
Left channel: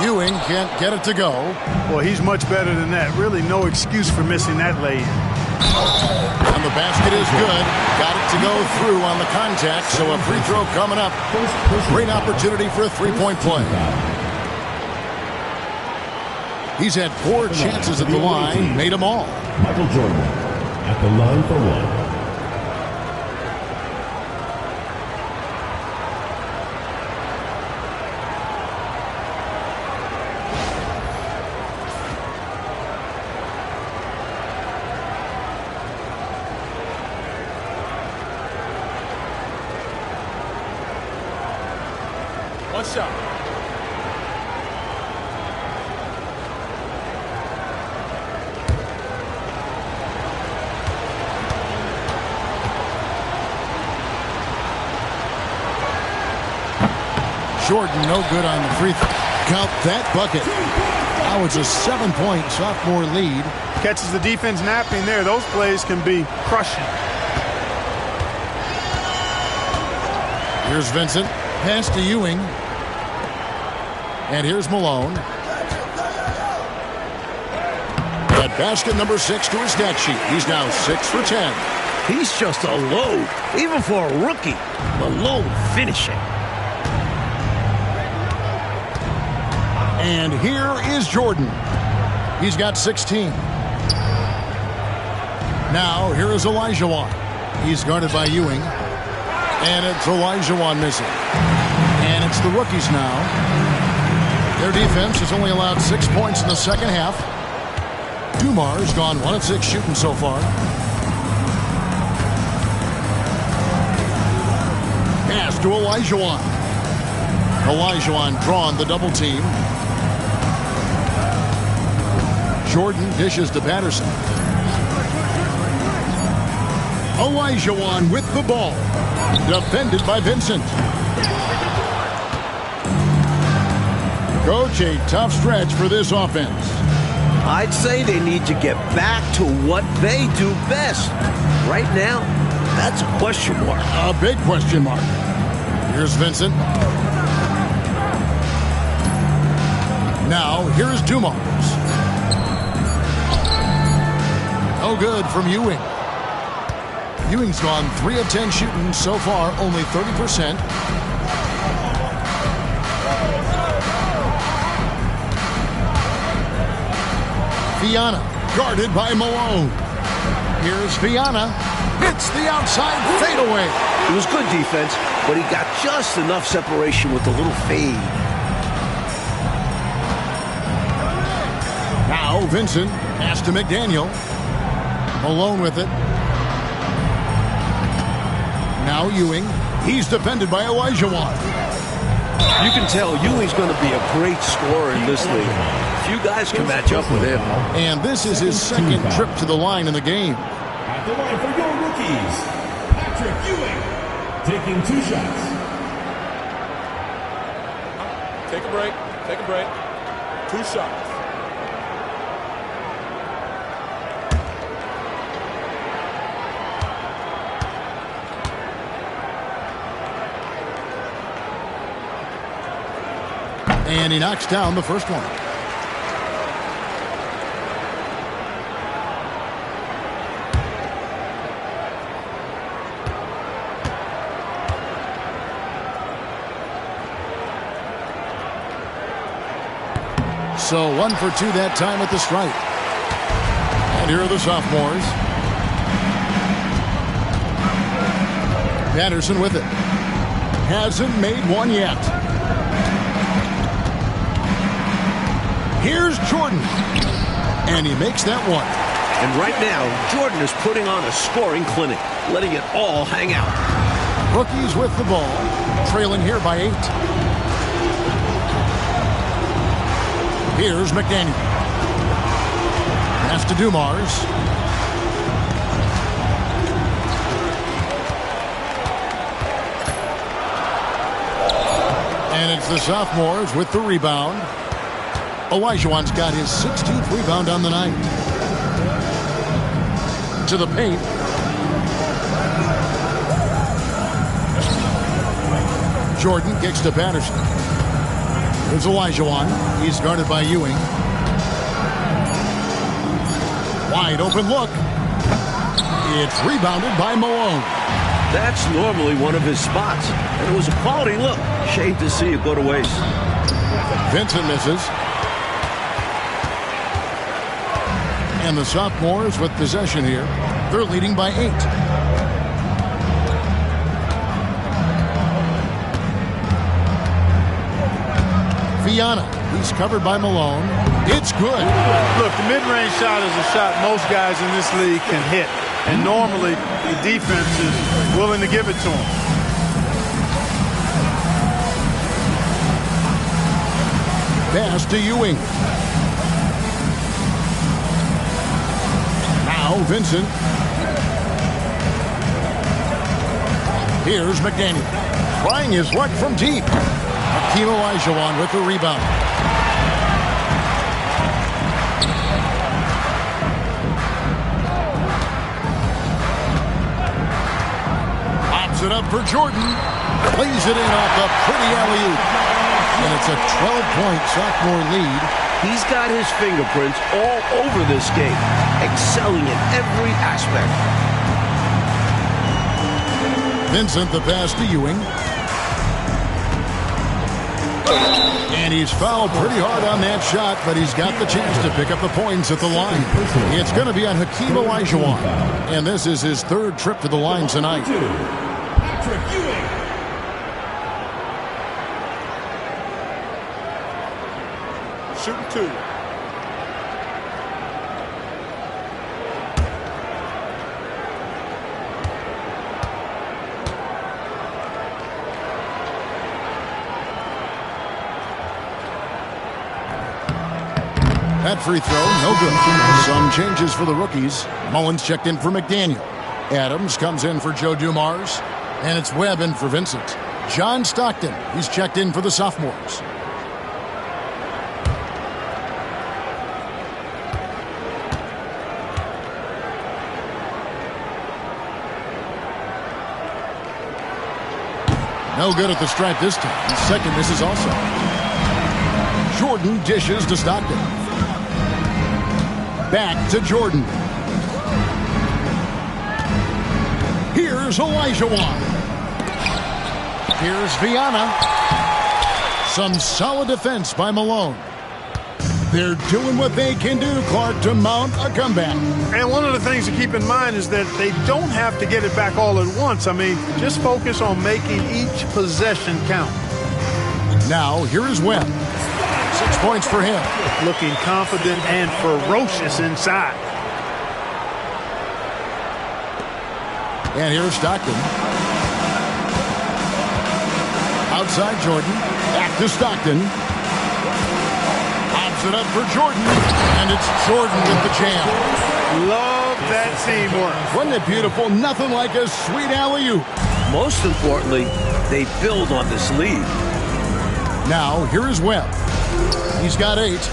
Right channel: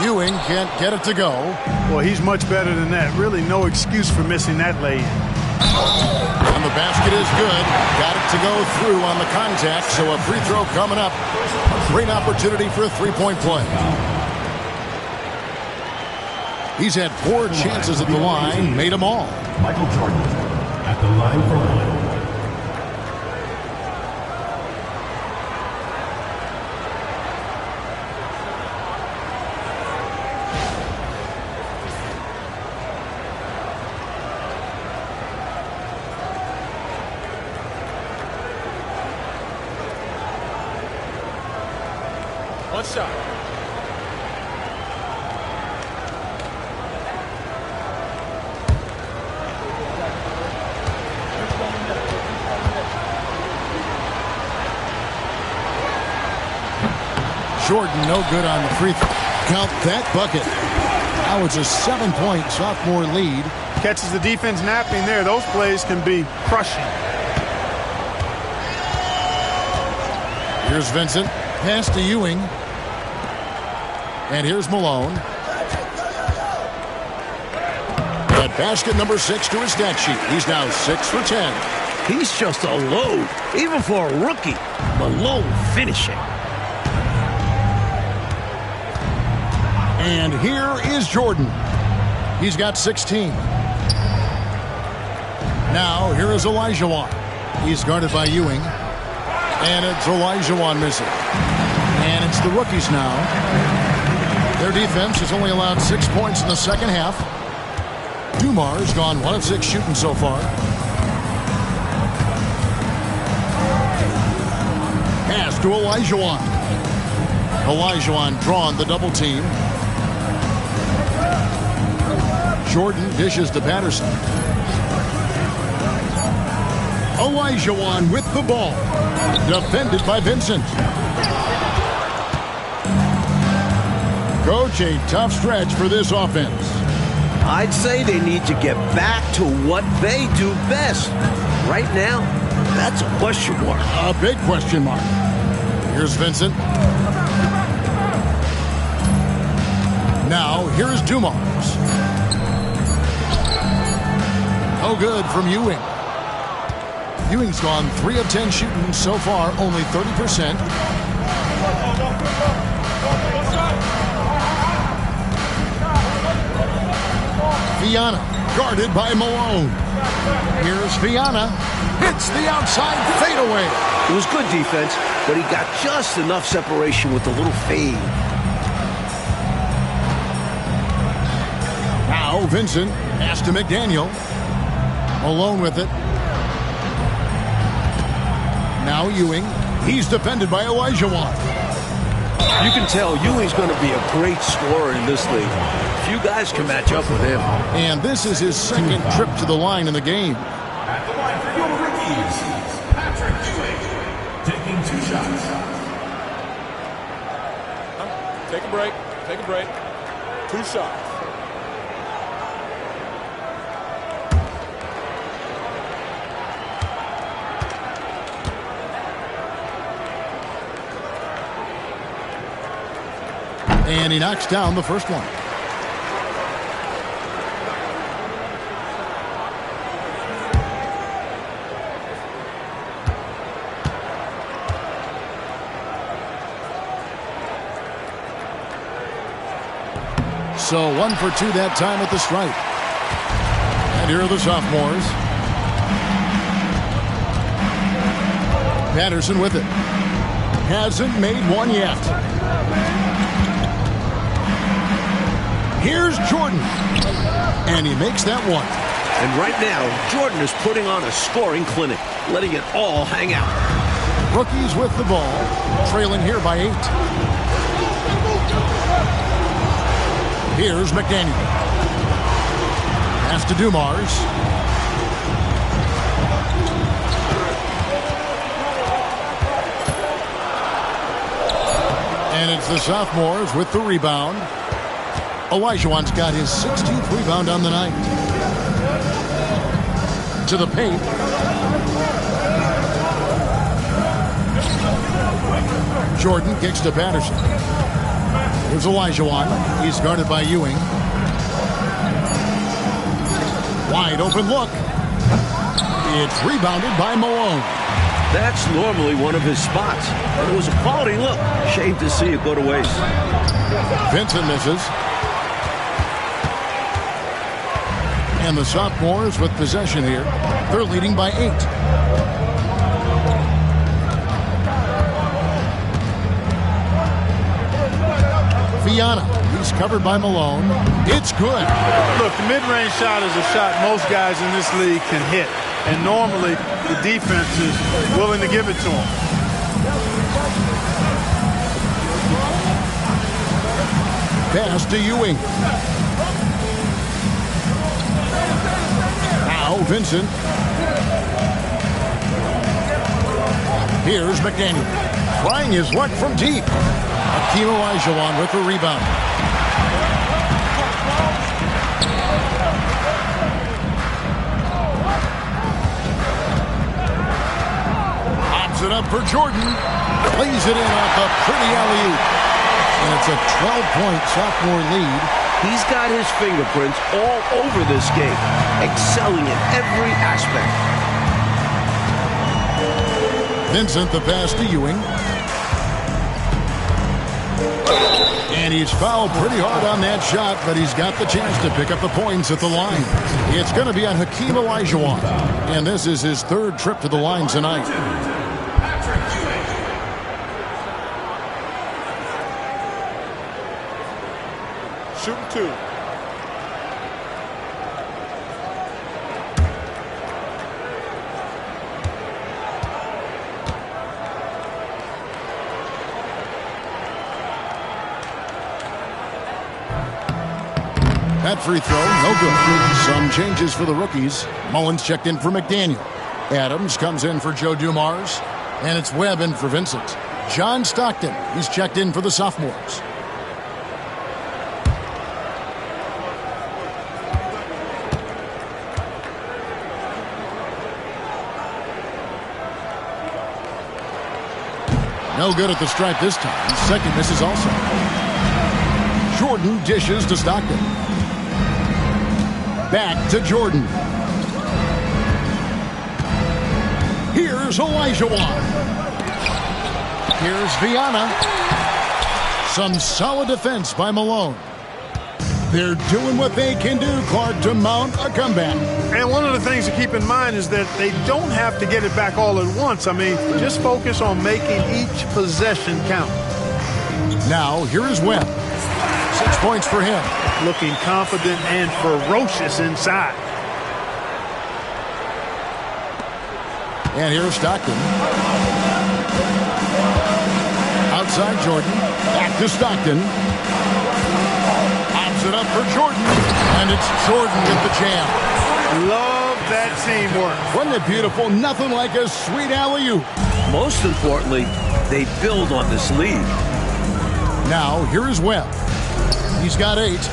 Ewing can't get it to go. Well, he's much better than that. Really no excuse for missing that lay-in. And the basket is good. Got it to go through on the contact, so a free throw coming up. Great opportunity for a three-point play. He's had 4 chances at the line, made them all. Michael Jordan at the line for one. One shot. Jordan no good on the free throw. Count that bucket. Now it's a 7-point sophomore lead. Catches the defense napping there. Those plays can be crushing. Here's Vincent. Pass to Ewing. And here's Malone. At basket number 6 to his stat sheet. He's now 6 for 10. He's just a load, even for a rookie. Malone finishing. And here is Jordan. He's got 16. Now, here is Olajuwon. He's guarded by Ewing. And it's Olajuwon missing. And it's the rookies now. Their defense has only allowed 6 points in the second half. Dumar's gone 1 of 6 shooting so far. Pass to Olajuwon. Olajuwon drawn the double team. Jordan dishes to Patterson. Olajuwon with the ball. Defended by Vincent. Coach, a tough stretch for this offense. I'd say they need to get back to what they do best. Right now, that's a question mark. A big question mark. Here's Vincent. Now, here's Dumars. No good from Ewing. Ewing's gone 3 of 10 shooting so far, only 30%. Fiana, guarded by Malone. Here's Fiana. Hits the outside fadeaway. It was good defense, but he got just enough separation with a little fade. Now Vincent pass to McDaniel. Malone with it. Now Ewing. He's defended by Olajuwon. You can tell Ewing's going to be a great scorer in this league. Few guys can match up with him. And this is his second trip to the line in the game. At the line for your rookies, Patrick Ewing, taking 2 shots. Take a break. Take a break. 2 shots. And he knocks down the first one. So 1 for 2 that time at the stripe. And here are the sophomores. Patterson with it. Hasn't made one yet. Here's Jordan. And he makes that one. And right now, Jordan is putting on a scoring clinic, letting it all hang out. Rookies with the ball, trailing here by 8. Here's McDaniel. Pass to Dumars. And it's the sophomores with the rebound. Olajuwon's got his 16th rebound on the night. To the paint. Jordan kicks to Patterson. Here's Olajuwon. He's guarded by Ewing. Wide open look. It's rebounded by Malone. That's normally one of his spots, and it was a quality look. Shame to see it go to waste. Vincent misses. And the sophomores with possession here. They're leading by 8. Viana. He's covered by Malone. It's good. Look, the mid-range shot is a shot most guys in this league can hit. And normally, the defense is willing to give it to him. Pass to Ewing. Now Vincent. Here's McDaniel. Trying his luck from deep. Hakeem Olajuwon with the rebound. Pops it up for Jordan. Plays it in off a pretty alley-oop. And it's a 12-point sophomore lead. He's got his fingerprints all over this game, excelling in every aspect. Vincent, the pass to Ewing. And he's fouled pretty hard on that shot, but he's got the chance to pick up the points at the line. It's going to be on Hakeem Olajuwon. And this is his 3rd trip to the line tonight. Patrick Ewing. Shooting 2. That free throw, no good. Some changes for the rookies. Mullins checked in for McDaniel. Adams comes in for Joe Dumars. And it's Webb in for Vincent. John Stockton, he's checked in for the sophomores. No good at the stripe this time. Second misses also. Jordan dishes to Stockton. Back to Jordan. Here's Olajuwon. Here's Viana. Some solid defense by Malone. They're doing what they can do, Clark, to mount a comeback. And one of the things to keep in mind is that they don't have to get it back all at once. I mean, just focus on making each possession count. Now, here is Webb. 6 points for him. Looking confident and ferocious inside. And here's Stockton. Outside Jordan. Back to Stockton. Pops it up for Jordan. And it's Jordan with the jam. Love that teamwork. Wasn't it beautiful? Nothing like a sweet alley-oop. Most importantly, they build on this lead. Now, here is Webb. He's got 8.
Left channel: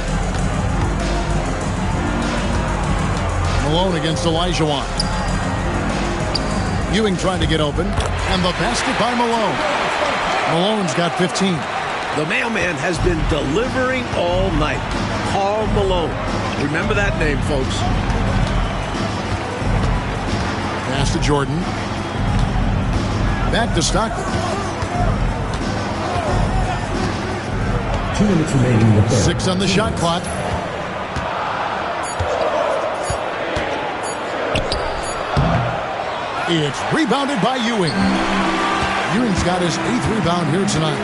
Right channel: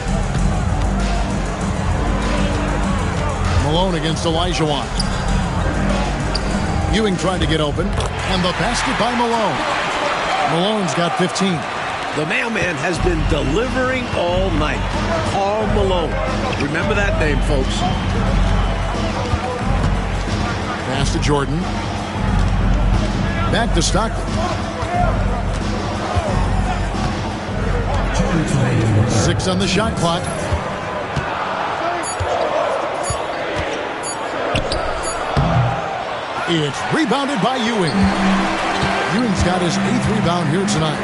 Malone against Olajuwon. Ewing trying to get open. And the basket by Malone. Malone's got 15. The mailman has been delivering all night. Karl Malone. Remember that name, folks. Pass to Jordan. Back to Stockton. 2 minutes remaining in the third. 6 on the shot clock. It's rebounded by Ewing. Ewing's got his 8th rebound here tonight.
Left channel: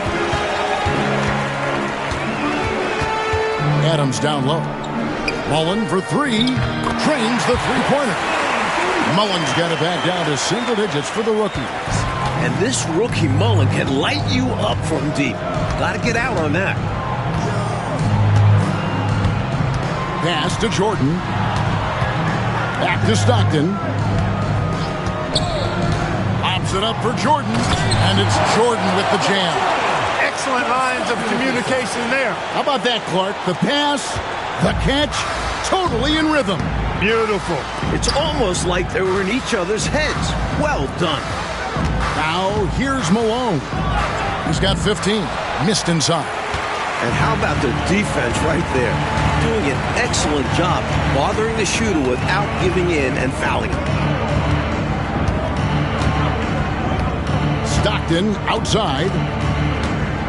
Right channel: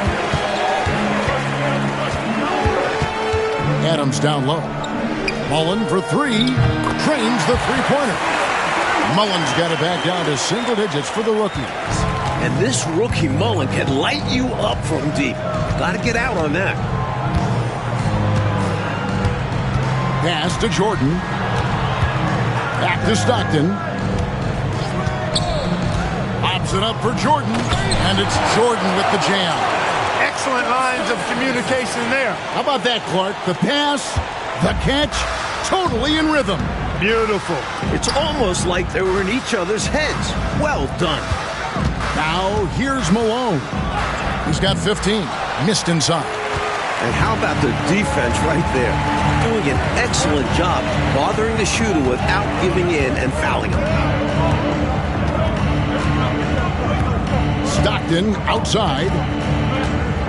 Adams down low. Mullen for 3. Drains the three-pointer. Mullen's got it back down to single digits for the rookies. And this rookie Mullen can light you up from deep. Got to get out on that. Pass to Jordan. Back to Stockton. Pops it up for Jordan. And it's Jordan with the jam. Excellent lines of communication there. How about that, Clark? The pass, the catch, totally in rhythm. Beautiful. It's almost like they were in each other's heads. Well done. Now, here's Malone. He's got 15. Missed inside. And how about the defense right there? Doing an excellent job bothering the shooter without giving in and fouling him. Stockton outside.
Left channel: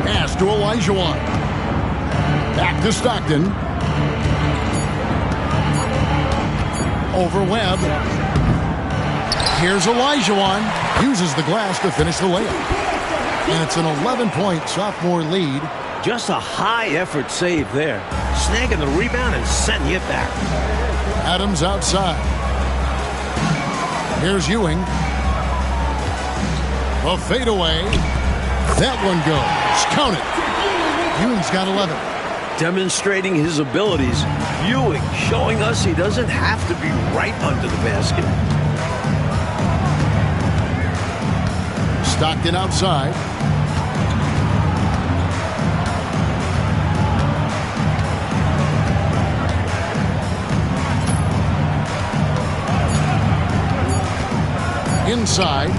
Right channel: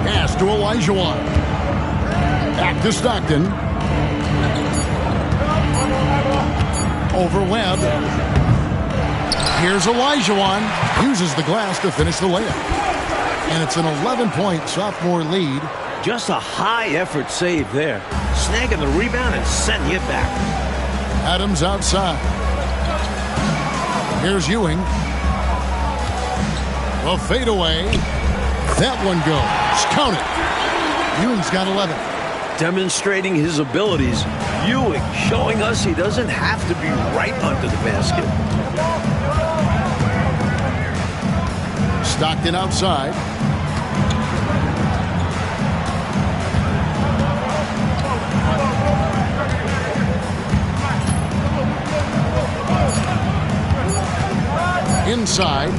Pass to Olajuwon. Back to Stockton. Over Webb. Here's Olajuwon. Uses the glass to finish the layup. And it's an 11-point sophomore lead. Just a high-effort save there. Snagging the rebound and sending it back. Adams outside. Here's Ewing. A fadeaway. That one goes. Count it. Ewing's got 11. Demonstrating his abilities, Ewing showing us he doesn't have to be right under the basket. Stockton outside. Inside.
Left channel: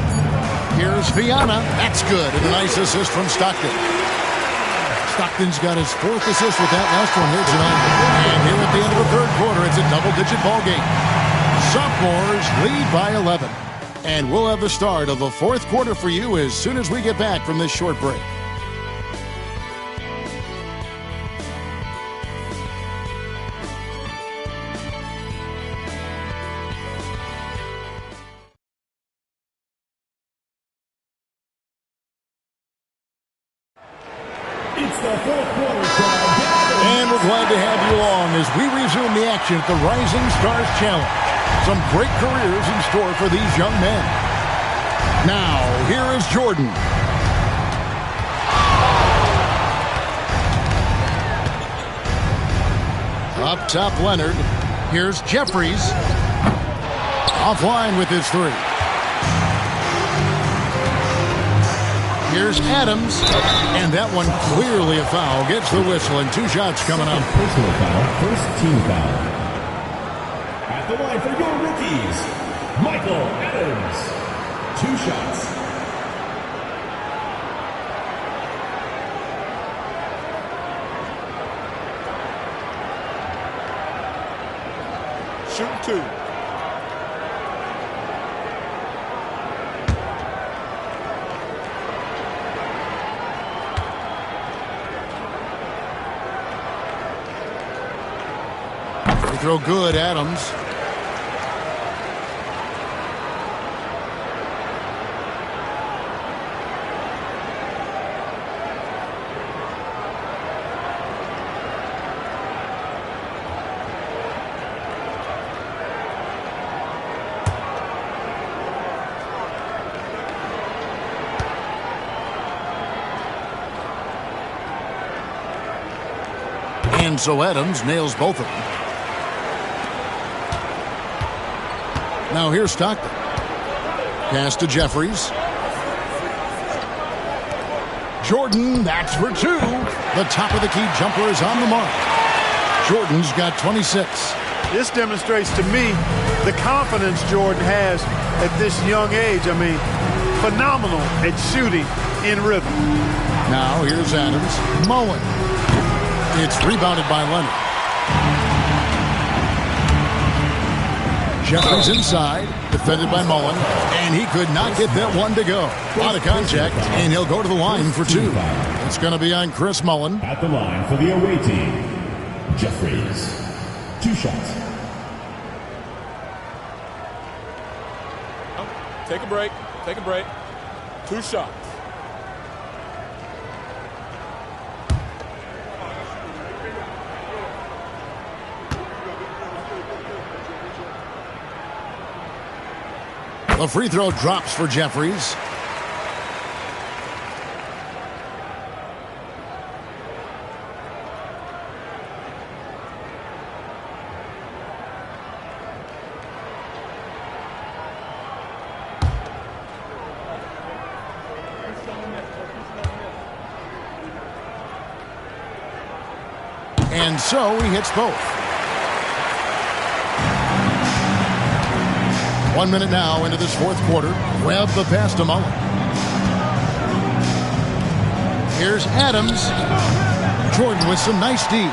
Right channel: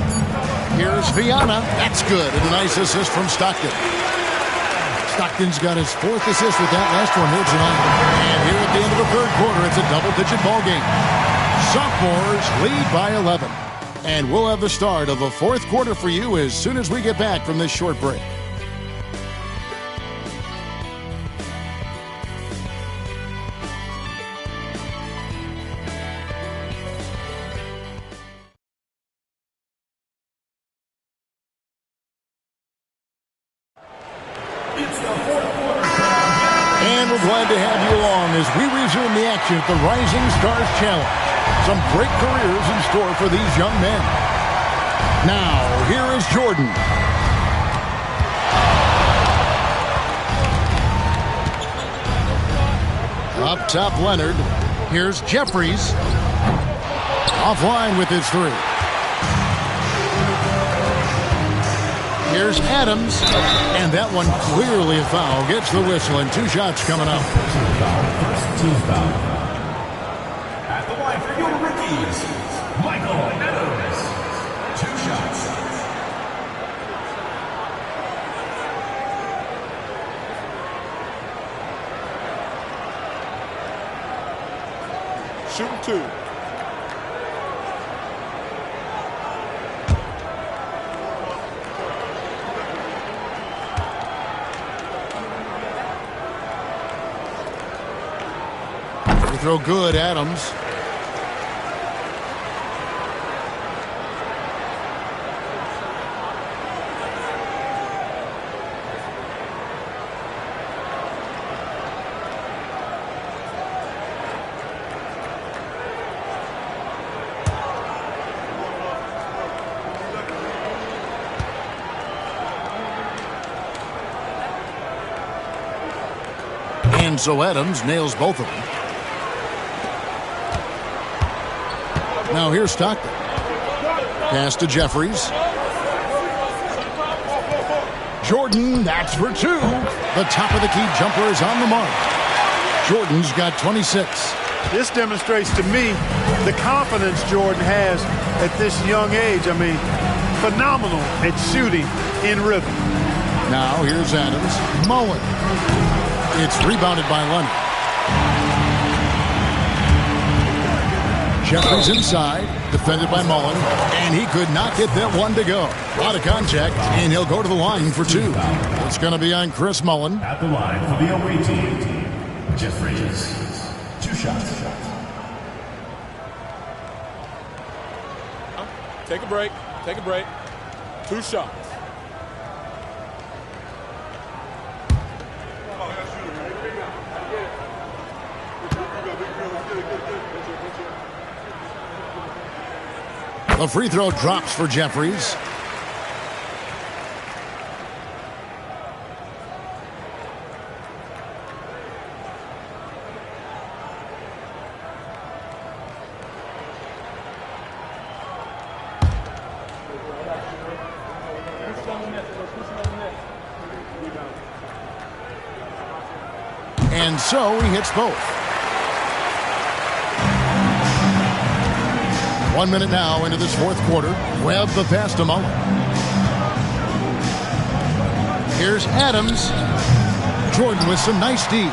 Here's Viana. That's good. And a nice assist from Stockton. Stockton's got his 4th assist with that last one here tonight. And here at the end of the 3rd quarter, it's a double-digit ball game. Sophomores lead by 11. And we'll have the start of the 4th quarter for you as soon as we get back from this short break. It's the 4th quarter. And we're glad to have you along as we resume the action at the Rising Stars Challenge. Some great careers in store for these young men. Now, here is Jordan. Up top, Leonard. Here's Jeffries. Offline with his 3. Here's Adams. And that one clearly a foul. Gets the whistle and 2 shots coming up. Personal foul, first team foul. At the line for your rookies, Michael Adams. 2 shots. Shooting 2. throw good, Adams. And so Adams nails both of them. Now here's Stockton. Pass to Jeffries. Jordan, that's for two. The top of the key jumper is on the mark. Jordan's got 26. This demonstrates to me the confidence Jordan has at this young age. I mean, phenomenal at shooting in rhythm. Now here's Adams. Mullen. It's rebounded by Leonard. Jeffries inside, defended by Mullen, and he could not get that one to go. A lot of contact, and he'll go to the line for two. It's going to be on Chris Mullen. At the line for the away team, Jeffries. 2 shots. Take a break. Take a break. 2 shots. The free throw drops for Jeffries. And so he hits both. 1 minute now into this fourth quarter. Webb the pass to Mullen. Here's Adams. Jordan with some nice D.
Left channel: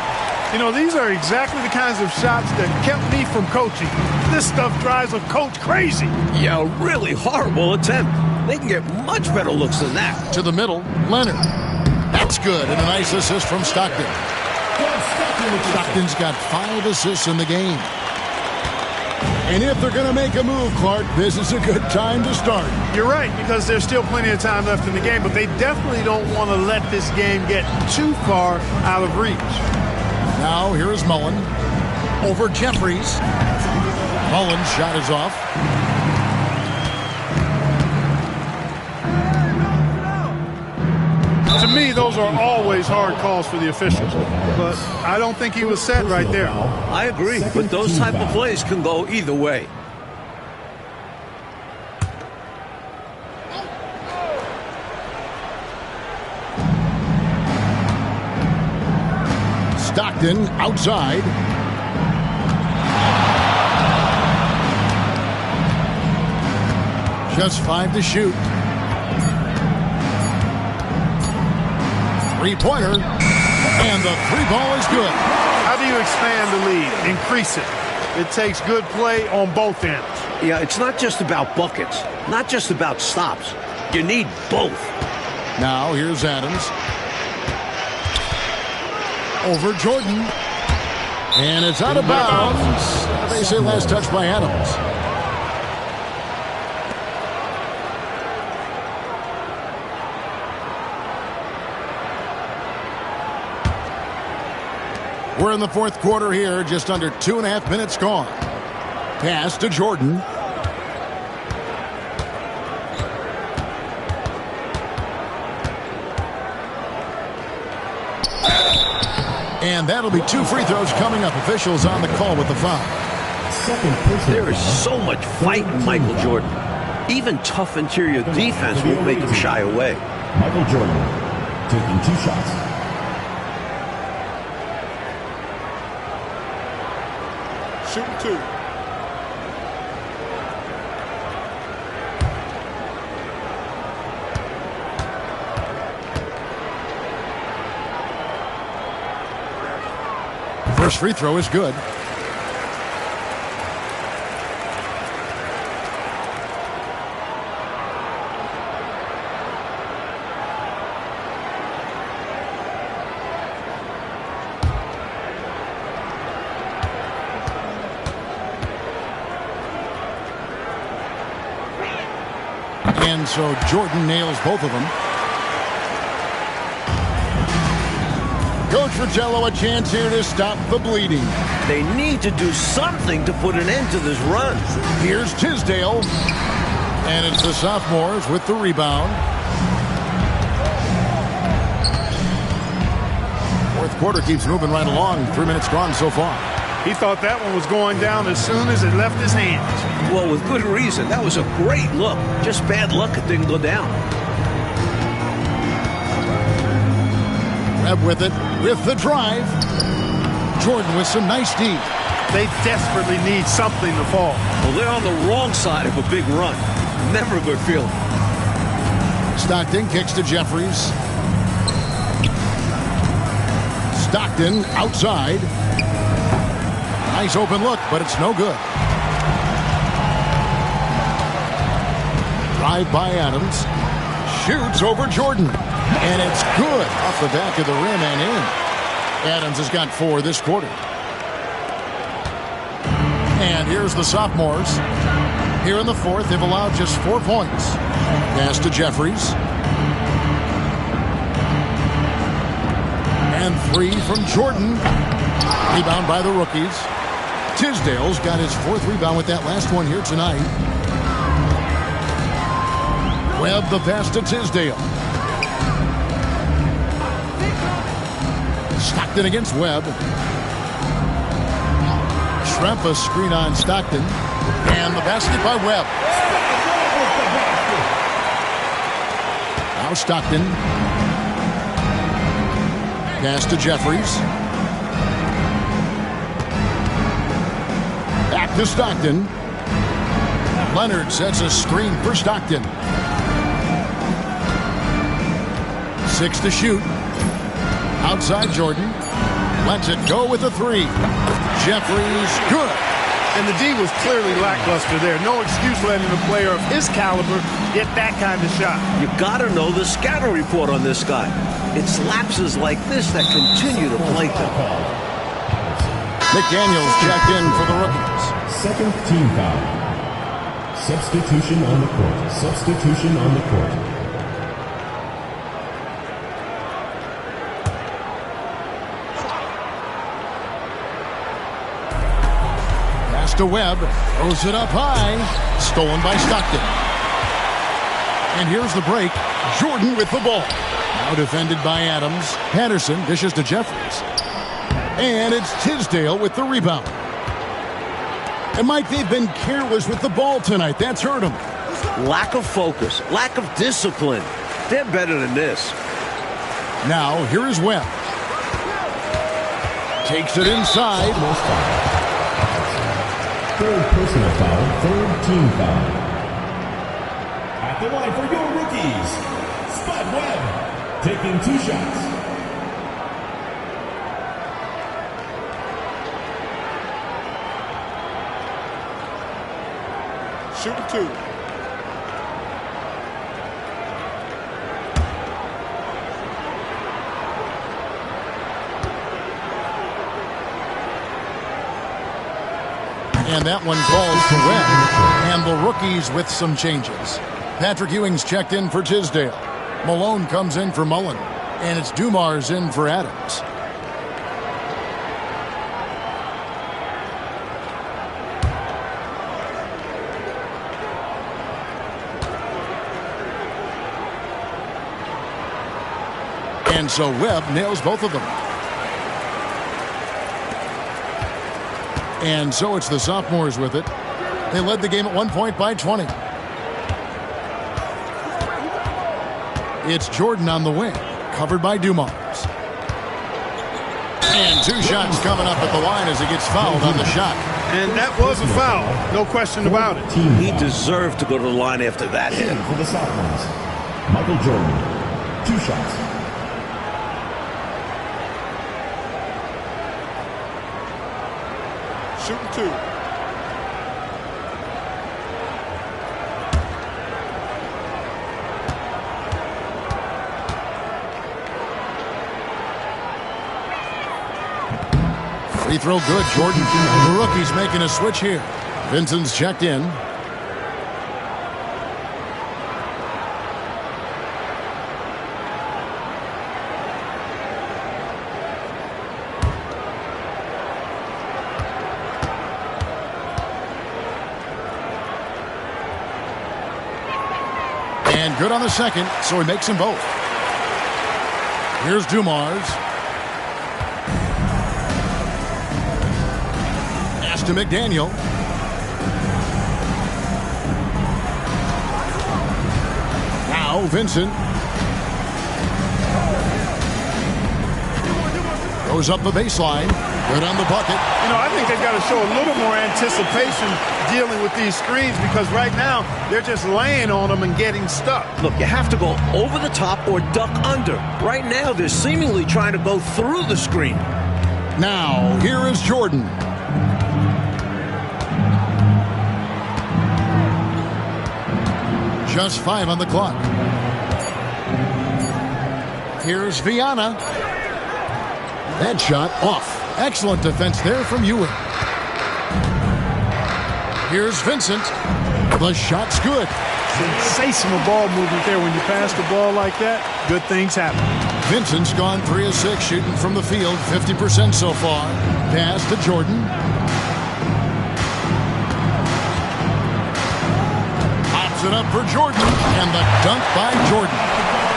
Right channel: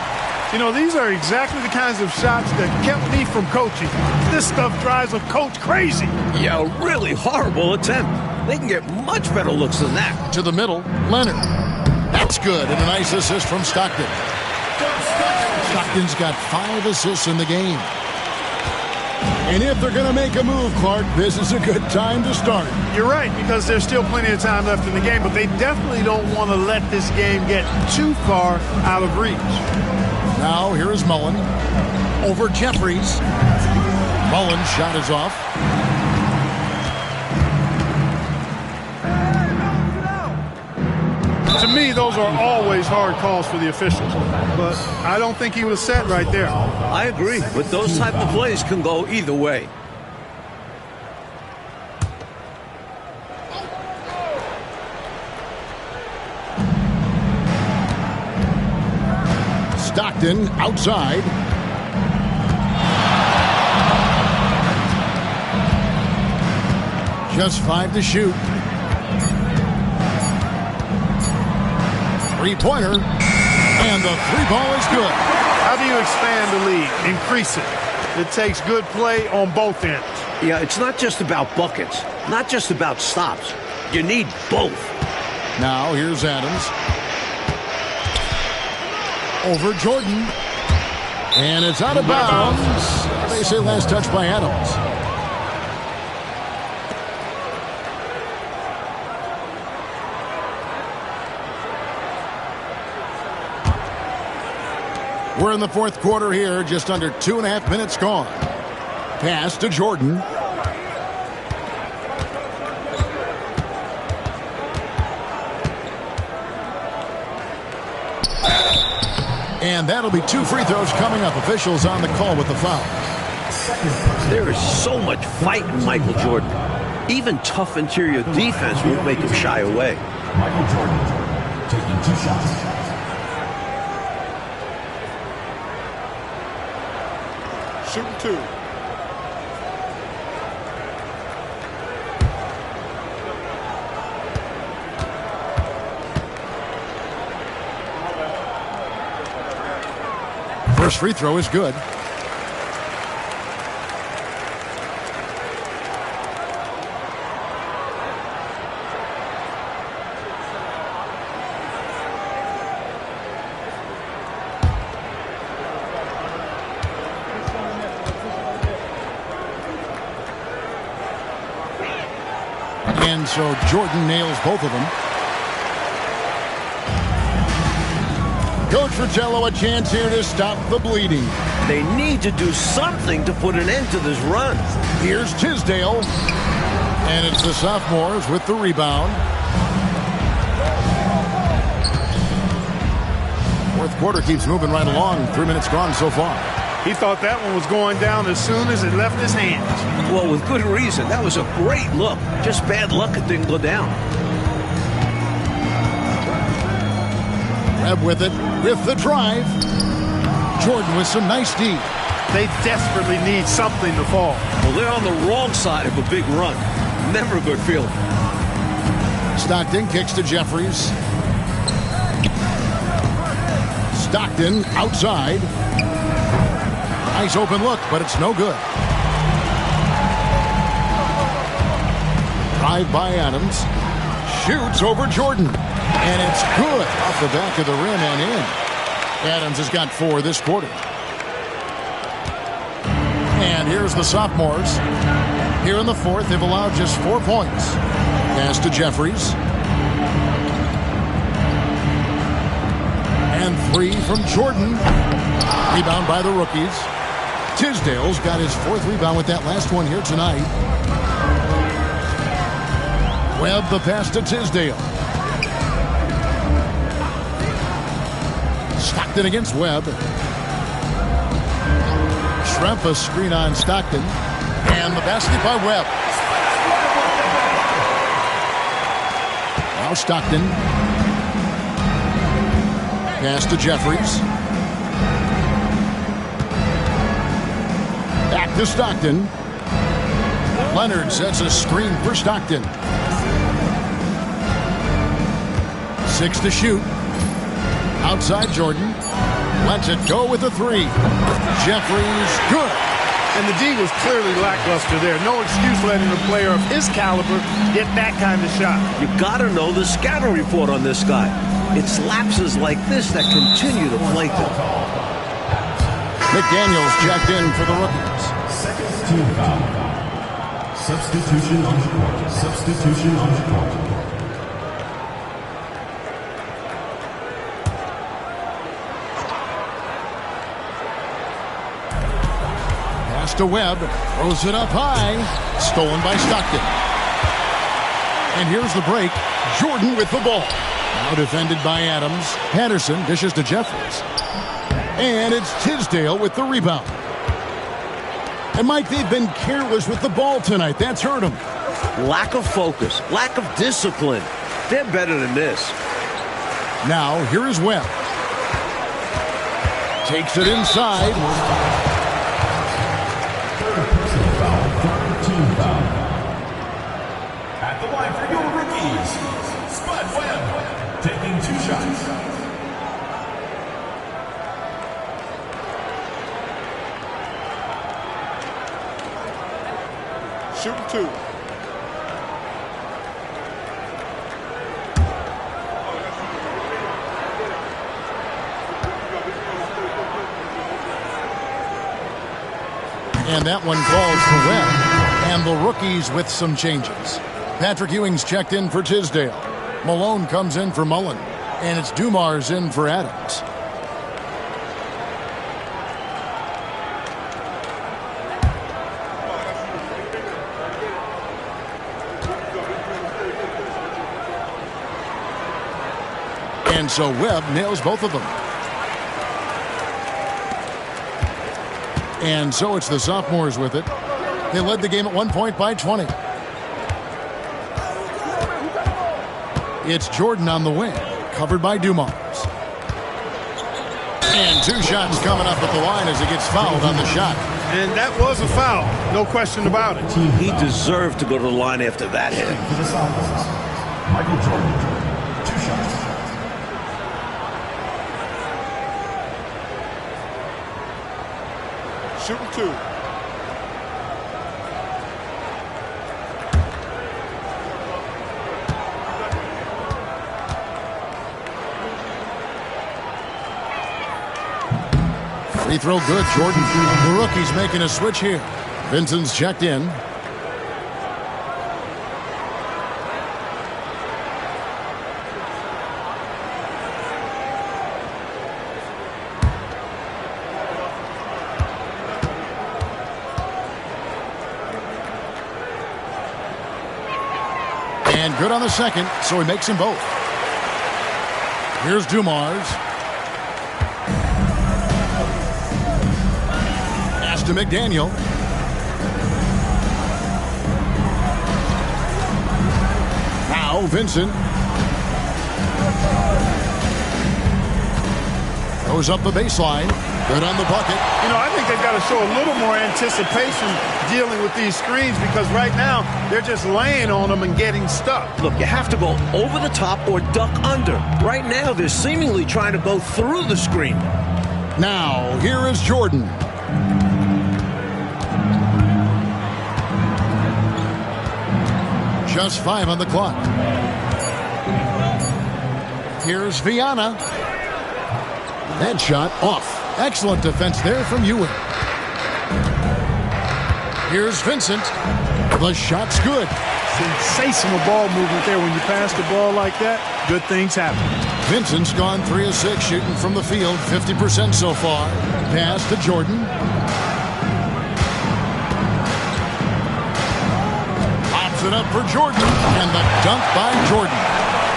You know, these are exactly the kinds of shots that kept me from coaching. This stuff drives a coach crazy. Yeah, a really horrible attempt. They can get much better looks than that. To the middle, Leonard. That's good, and a nice assist from Stockton. Stockton's got 5 assists in the game. And if they're going to make a move, Clark, this is a good time to start. You're right, because there's still plenty of time left in the game, but they definitely don't want to let this game get too far out of reach. Now here is Mullen. Over Jeffries. Mullen's shot is off. To me, those are always hard calls for the officials, but I don't think he was set right there. I agree, but those type of plays can go either way. Stockton outside. Just 5 to shoot. Three-pointer, and the 3-ball is good. How do you expand the lead? Increase it. It takes good play on both ends. Yeah, it's not just about buckets, not just about stops. You need both. Now here's Adams. Over Jordan. And it's out of bounds. They say last touch by Adams. We're in the fourth quarter here, just under 2.5 minutes gone. Pass to Jordan. And that'll be 2 free throws coming up. Officials on the call with the foul. There is so much fight in Michael Jordan. Even tough interior defense won't make him shy away. Michael Jordan taking 2 shots. Shooting 2. First free throw is good. And so Jordan nails both of them. Coach Fratello, a chance here to stop the bleeding. They need to do something to put an end to this run. Here's Tisdale. And it's the sophomores with the rebound. Fourth quarter keeps moving right along. 3 minutes gone so far. He thought that one was going down as soon as it left his hands. Well, with good reason. That was a great look. Just bad luck it didn't go down. Webb with it, with the drive. Jordan with some nice D. They desperately need something to fall. Well, they're on the wrong side of a big run. Never a good feeling. Stockton kicks to Jeffries. Stockton outside. Nice open look, but it's no good. Drive by Adams. Shoots over Jordan. And it's good off the back of the rim and in. Adams has got 4 this quarter. And here's the sophomores. Here in the fourth, they've allowed just 4 points. Pass to Jeffries. And 3 from Jordan. Rebound by the rookies. Tisdale's got his 4th rebound with that last one here tonight. Webb the pass to Tisdale. Stockton against Webb. Schrempf a screen on Stockton. And the basket by Webb. Now Stockton. Pass to Jeffries. Back to Stockton. Leonard sets a screen for Stockton. 6 to shoot. Outside Jordan. Lets it go with a 3. Jeffries, good. And the D was clearly lackluster there. No excuse letting a player of his caliber get that kind of shot. You gotta know the scouting report on this guy. It's lapses like this that continue to plague them. McDaniels checked in for the rookies. Second team foul. Substitution on the court. Substitution on the court. Pass to Webb. Throws it up high. Stolen by Stockton. And here's the break. Jordan with the ball. Now defended by Adams. Patterson dishes to Jeffries. And it's Tisdale with the rebound. And Mike, they've been careless with the ball tonight. That's hurt them. Lack of focus. Lack of discipline. They're better than this. Now, here is Webb. Takes it inside. Third personal foul. Third team foul. At the line for your rookies. Spud Webb taking 2 shots. Shooting 2. And that one falls for Webb. And the rookies with some changes. Patrick Ewing's checked in for Tisdale. Malone comes in for Mullen. And it's Dumars in for Adams. And so Webb nails both of them. And so it's the sophomores with it. They led the game at 1 point by 20. It's Jordan on the wing, covered by Dumars. And 2 shots coming up at the line as he gets fouled on the shot. And that was a foul, no question about it. He deserved to go to the line after that hit. For the sophomores, Michael Jordan, 2 shots. Shooting 2. Free throw good, Jordan. The rookie's making a switch here. Vincent's checked in. And good on the second, so he makes them both. Here's Dumars. Pass to McDaniel. Now Vincent. Goes up the baseline. Good on the bucket. You know, I think they've got to show a little more anticipation dealing with these screens because right now they're just laying on them and getting stuck. Look, you have to go over the top or duck under. Right now, they're seemingly trying to go through the screen. Now, here is Jordan. Just 5 on the clock. Here's Viana. That shot off. Excellent defense there from Ewing. Here's Vincent. The shot's good. Sensational ball movement there. When you pass the ball like that, good things happen. Vincent's gone 3 of 6 shooting from the field, 50% so far. Pass to Jordan. Pops it up for Jordan, and the dunk by Jordan.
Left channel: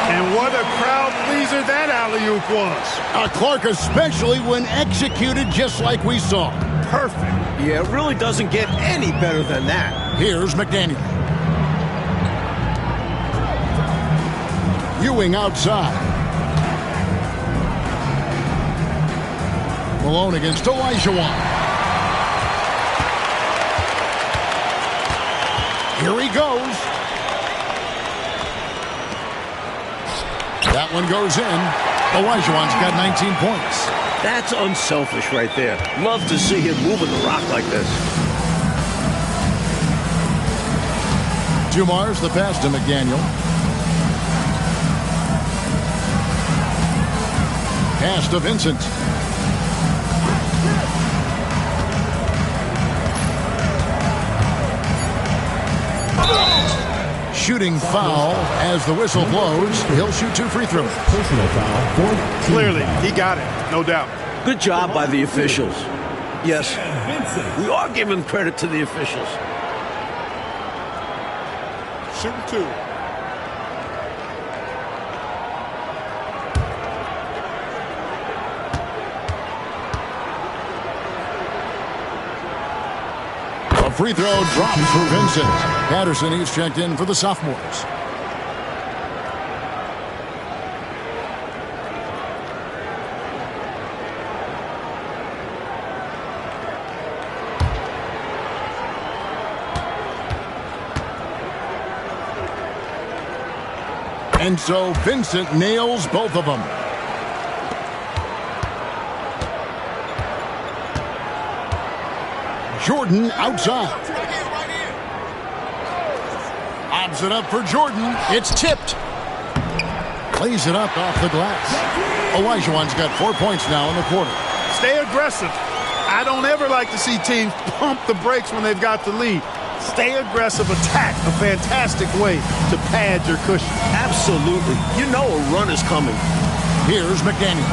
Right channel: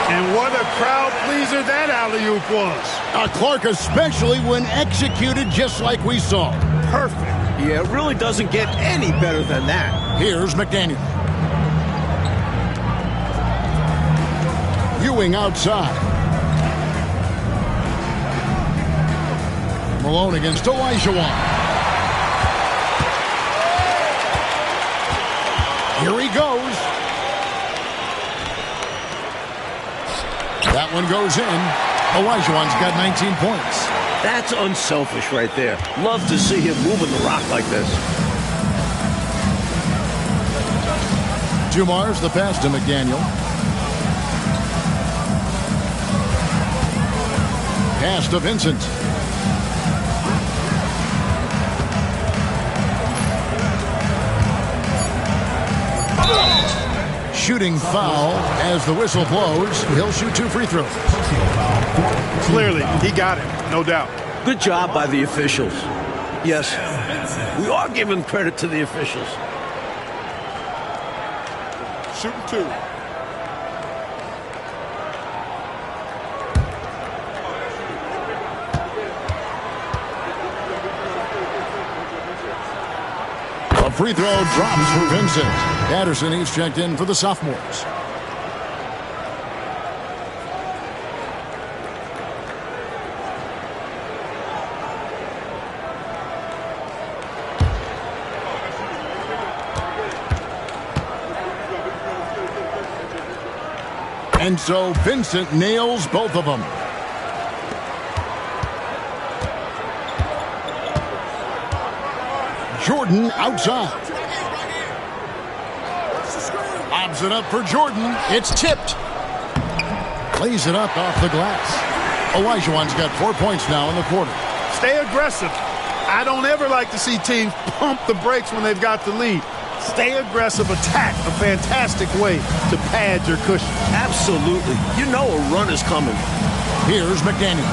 And what a crowd pleaser that alley-oop was. Clark, especially when executed just like we saw. Perfect. Yeah, it really doesn't get any better than that. Here's McDaniel. Ewing outside. Malone against Olajuwon. Here he goes. That one goes in. Olajuwon's got 19 points. That's unselfish right there. Love to see him moving the rock like this. Dumars the pass to McDaniel. Pass to Vincent. Shooting foul as the whistle blows. He'll shoot 2 free throws. Personal foul. Clearly, he got it, no doubt. Good job by the officials. Yes, we are giving credit to the officials. Shooting 2. A free throw drops for Vincent. Patterson, he's checked in for the sophomores. And so Vincent nails both of them. Jordan outside. Lobs it up for Jordan. It's tipped. Plays it up off the glass. Olajuwon's got 4 points now in the quarter. Stay aggressive. I don't ever like to see teams pump the brakes when they've got the lead. Stay aggressive, attack. A fantastic way to pad your cushion. Absolutely. You know a run is coming. Here's McDaniel.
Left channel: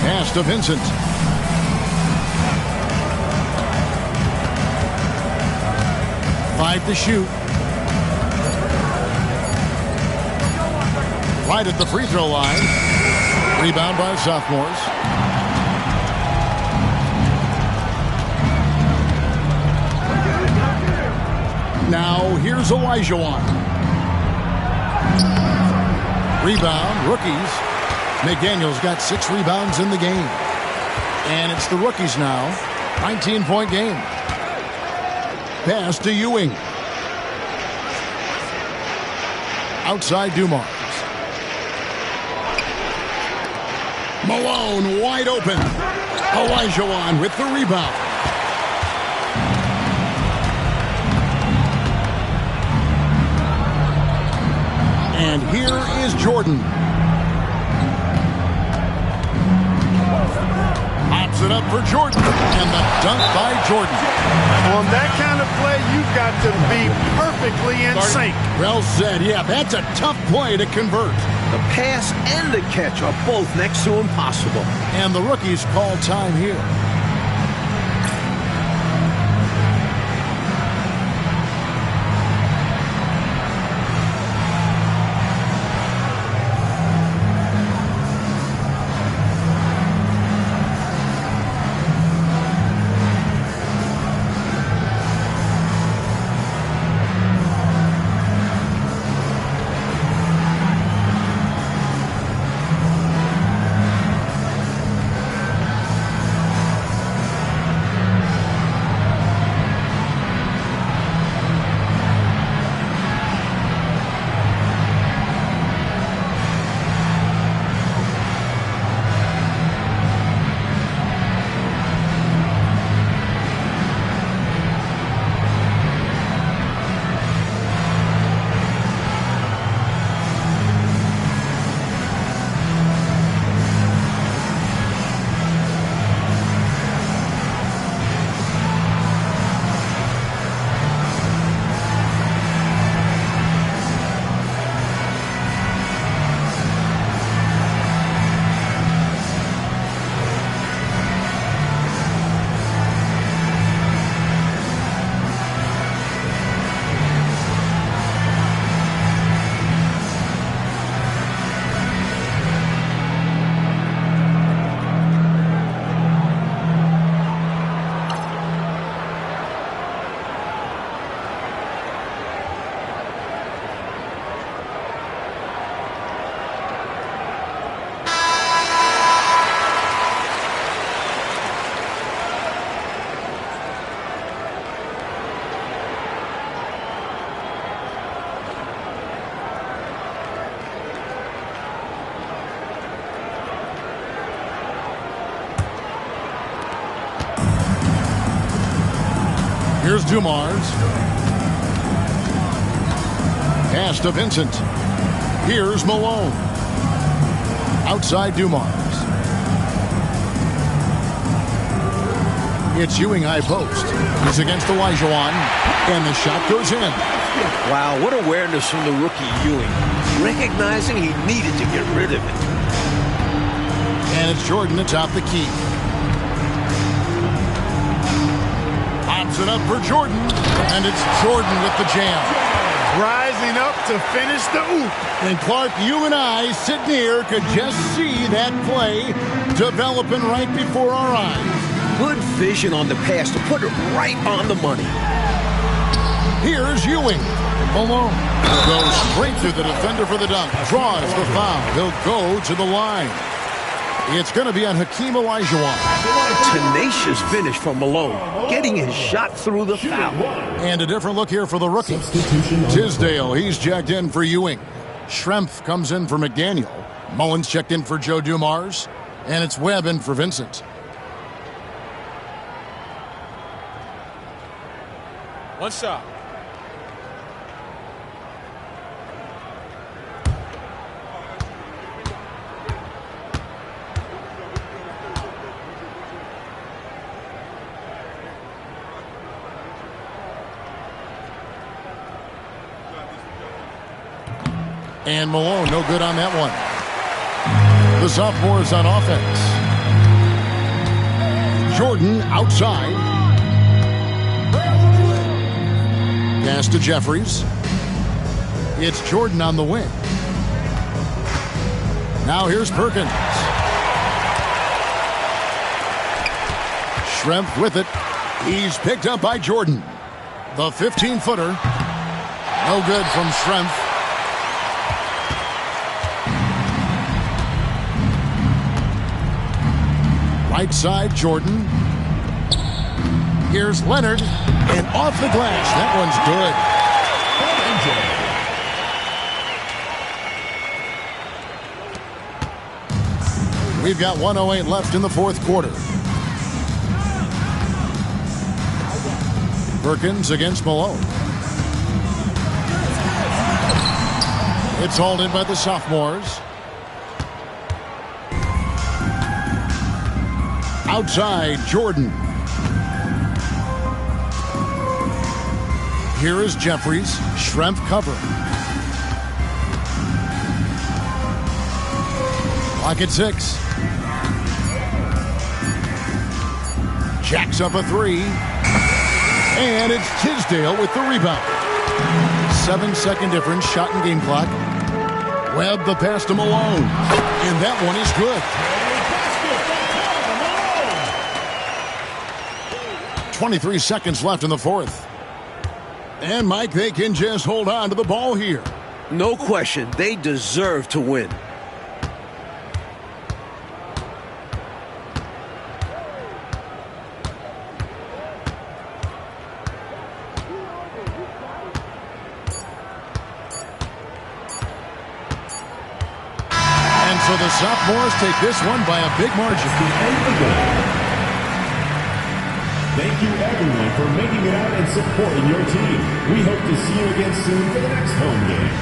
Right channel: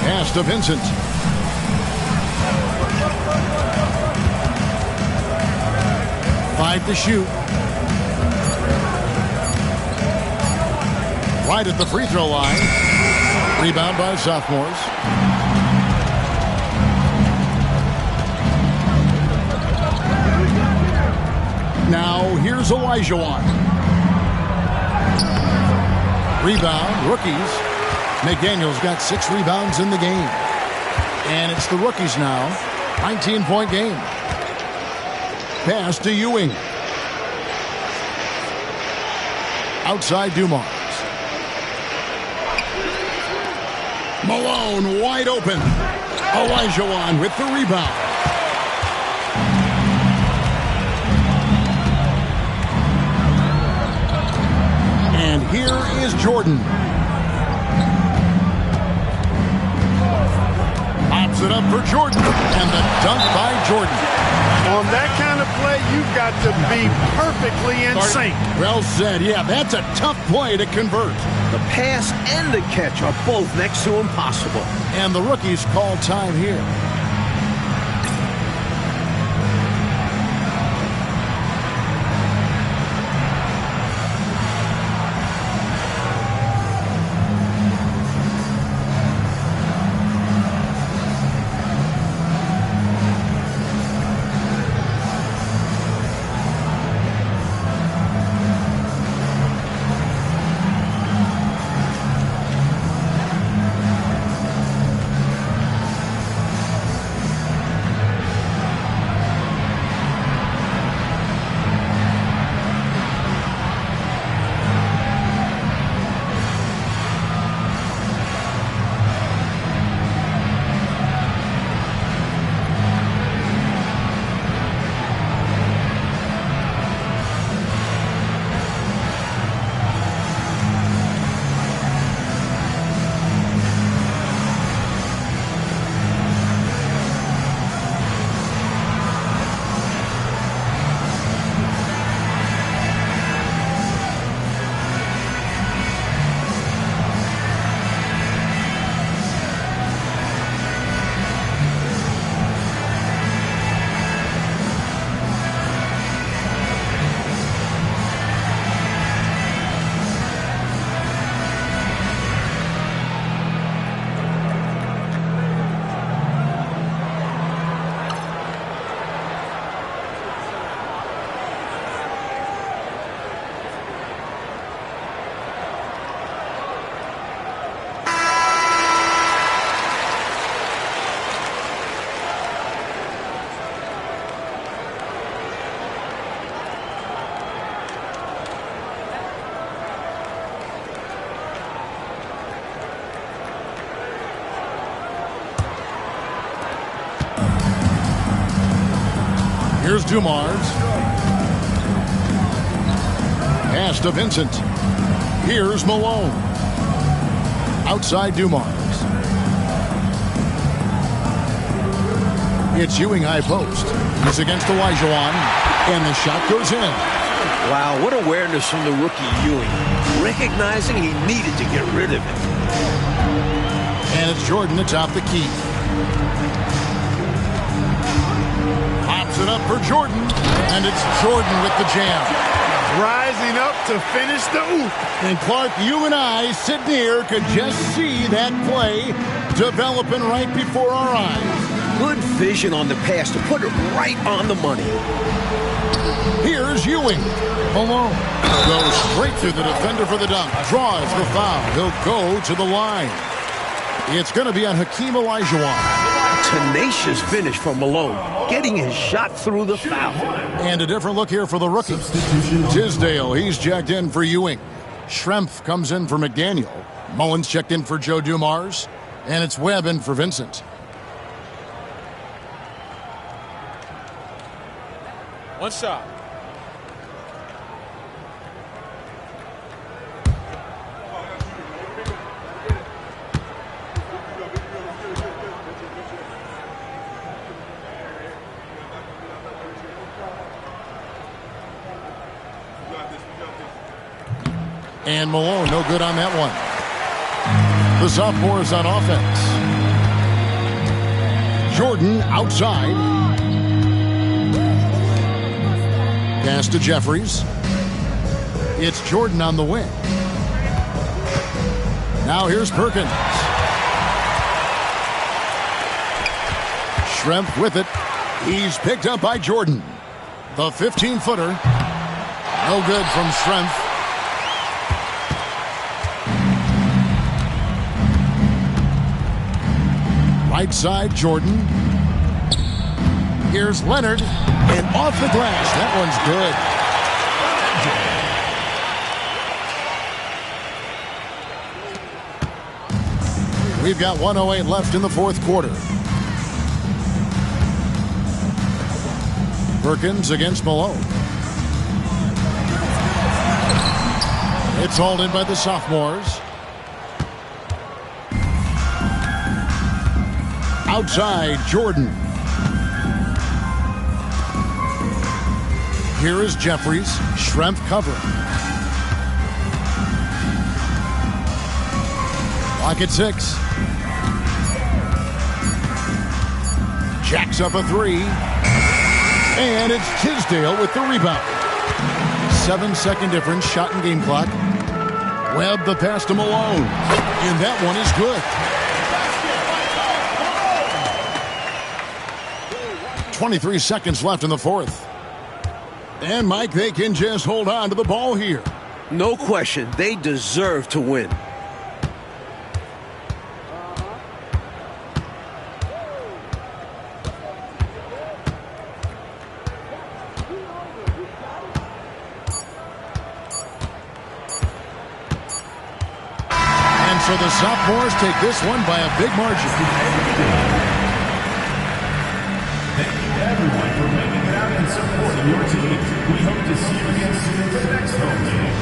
Pass to Vincent. Five to shoot. Right at the free throw line. Rebound by sophomores. Now here's Olajuwon. Rebound, rookies. McDaniel's got 6 rebounds in the game. And it's the rookies now. 19-point game. Pass to Ewing. Outside Dumars. Malone wide open. Olajuwon with the rebound. And here is Jordan. Pops it up for Jordan. And the dunk by Jordan. On that kind of play, you've got to be perfectly in sync. Well said. Yeah, that's a tough play to convert. The pass and the catch are both next to impossible. And the rookies call time here. Here's Dumars. Pass to Vincent. Here's Malone. Outside Dumars. It's Ewing high post. He's against Olajuwon, and the shot goes in. Wow, what awareness from the rookie Ewing. Recognizing he needed to get rid of it. And it's Jordan atop the key. Pops it up for Jordan, and it's Jordan with the jam. Rising up to finish the oop. And Clark, you and I sitting here could just see that play developing right before our eyes. Good vision on the pass to put it right on the money. Here's Ewing. Malone goes straight through the defender for the dunk. Draws the foul. He'll go to the line. It's going to be on Hakeem Olajuwon. Tenacious finish from Malone, getting his shot through the foul. And a different look here for the rookie. Tisdale, he's checked in for Ewing. Schrempf comes in for McDaniel. Mullins checked in for Joe Dumars. And it's Webb in for Vincent. One shot. And Malone, no good on that one. The sophomore is on offense. Jordan outside. Pass to Jeffries. It's Jordan on the wing. Now here's Perkins. Schrempf with it. He's picked up by Jordan. The 15-footer. No good from Schrempf. Right side, Jordan. Here's Leonard. And off the glass. That one's good. We've got 1:08 left in the fourth quarter. Perkins against Malone. It's hauled in by the sophomores. Outside, Jordan. Here is Jeffries. Schrempf covering. Clock at 6. Jacks up a three. And it's Tisdale with the rebound. 7-second difference, shot and game clock. Webb the pass to Malone. And that one is good. 23 seconds left in the fourth. And, Mike, they can just hold on to the ball here. No question, they deserve to win. And so the sophomores take this one by a big margin. Thank you, everyone, for making it out and supporting your team. We hope to see you again soon for the next home game.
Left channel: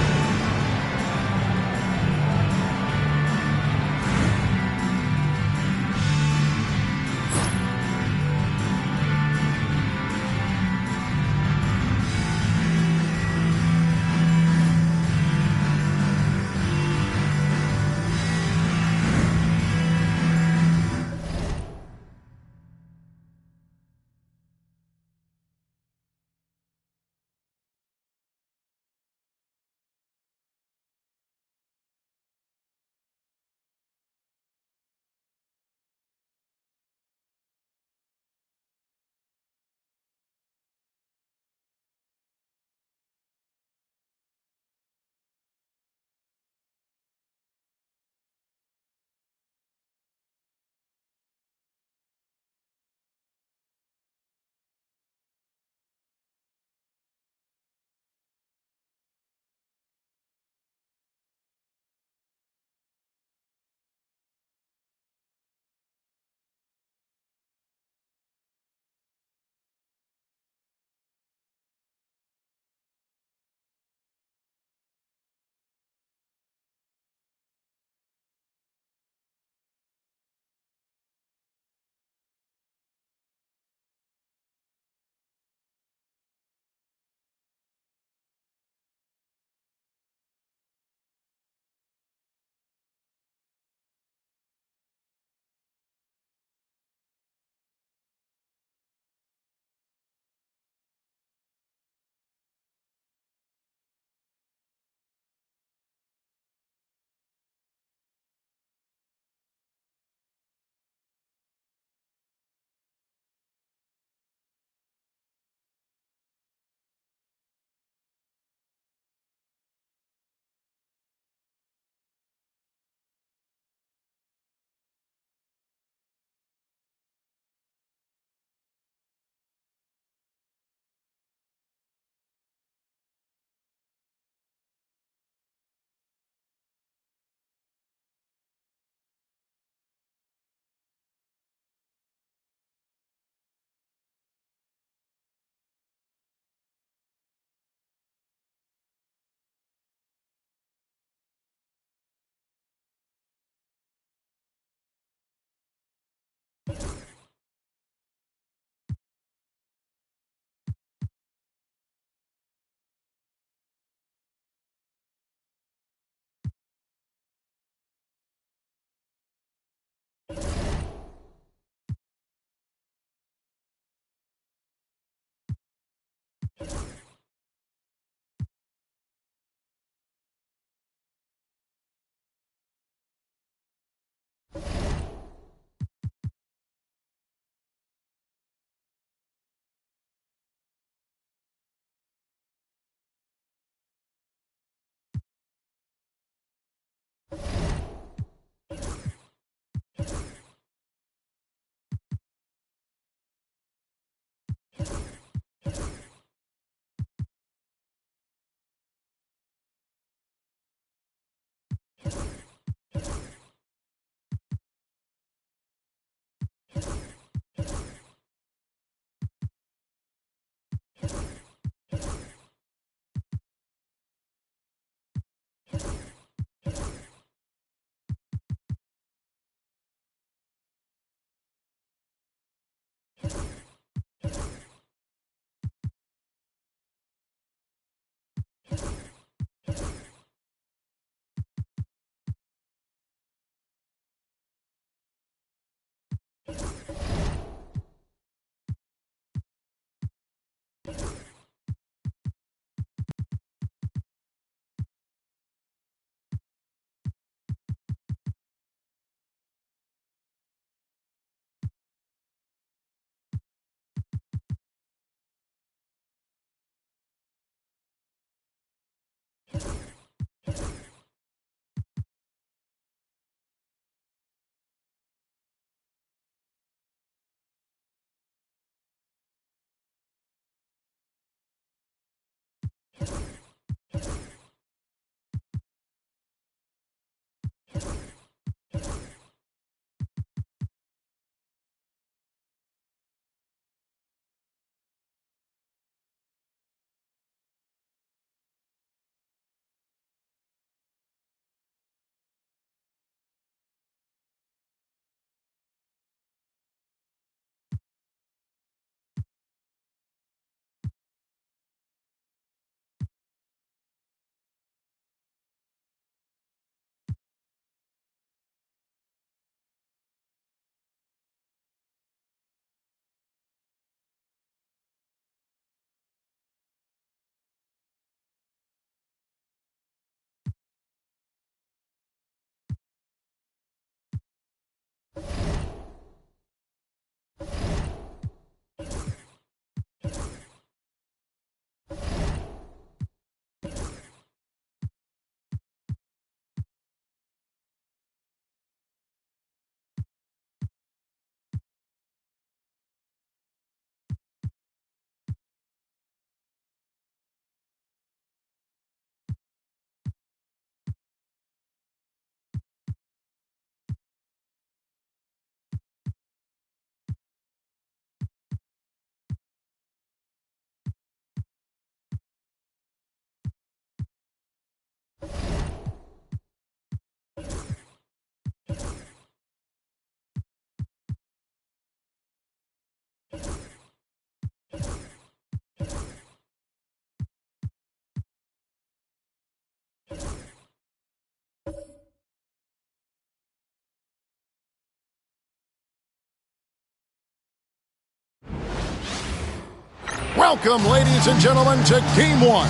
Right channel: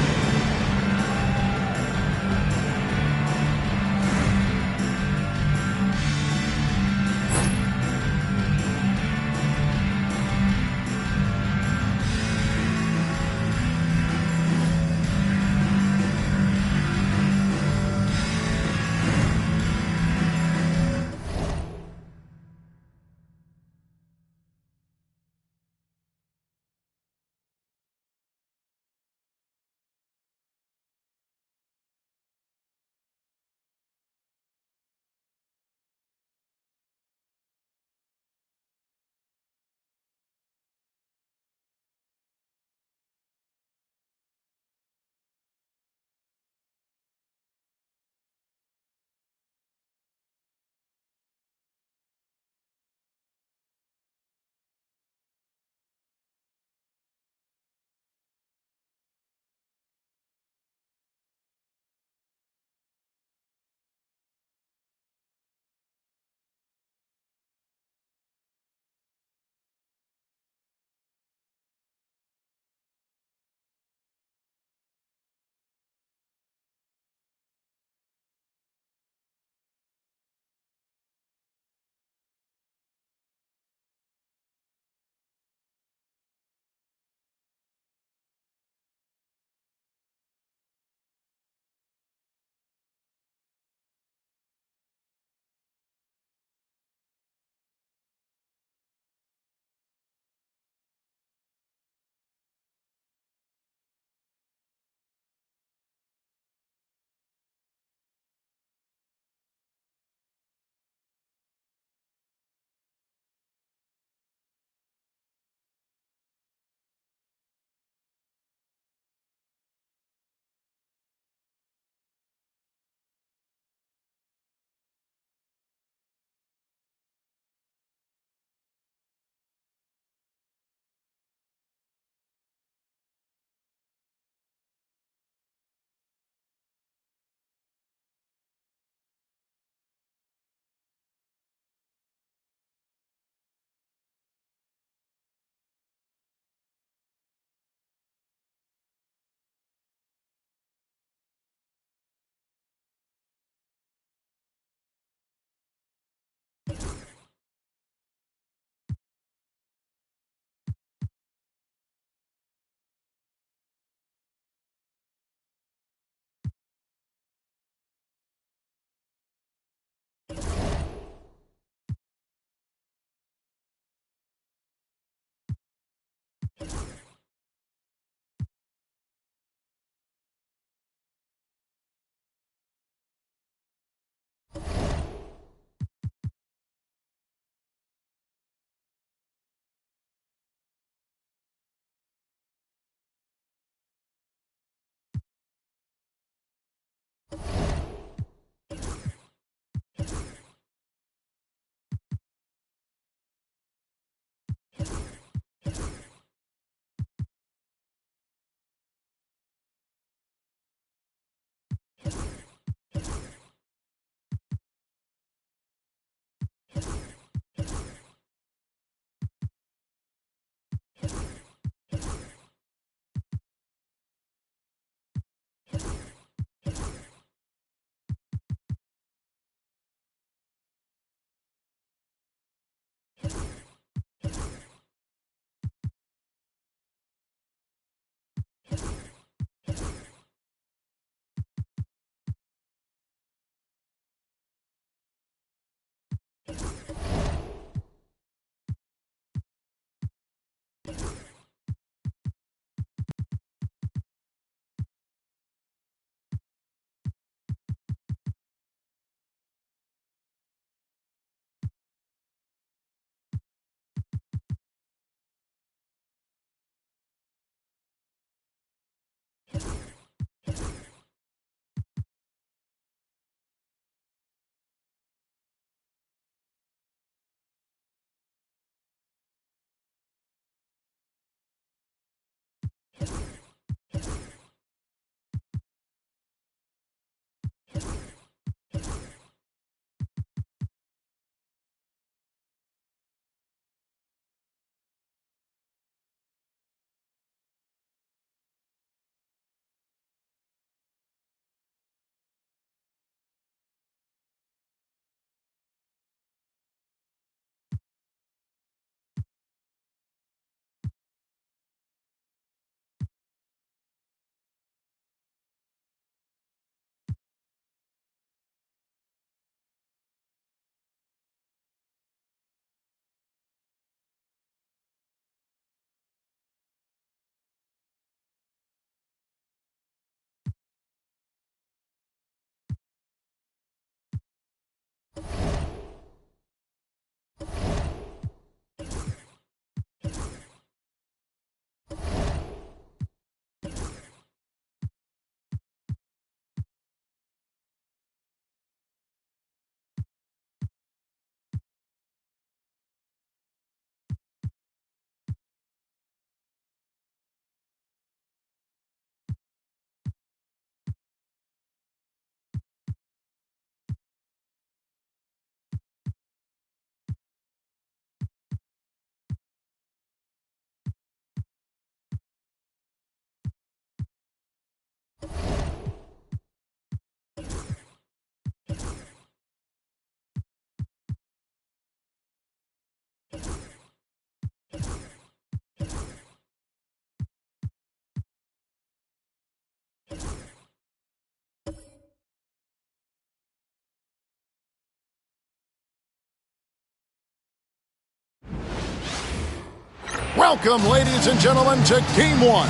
Welcome, ladies and gentlemen, to Game 1.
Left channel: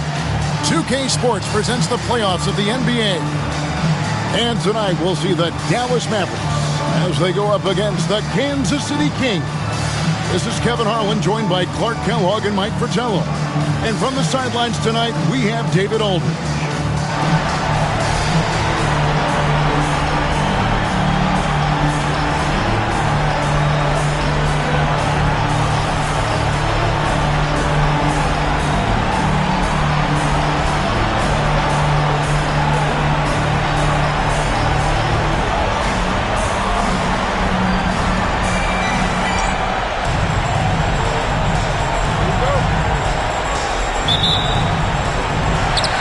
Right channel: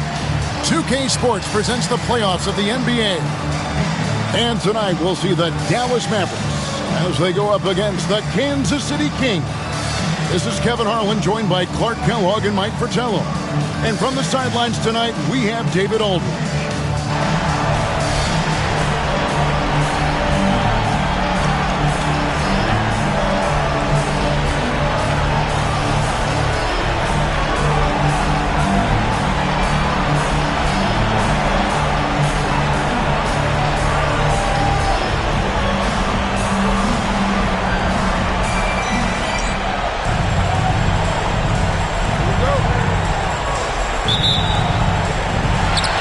2K Sports presents the playoffs of the NBA. And tonight we'll see the Dallas Mavericks as they go up against the Kansas City Kings. This is Kevin Harlan, joined by Clark Kellogg and Mike Fratello. And from the sidelines tonight, we have David Aldridge.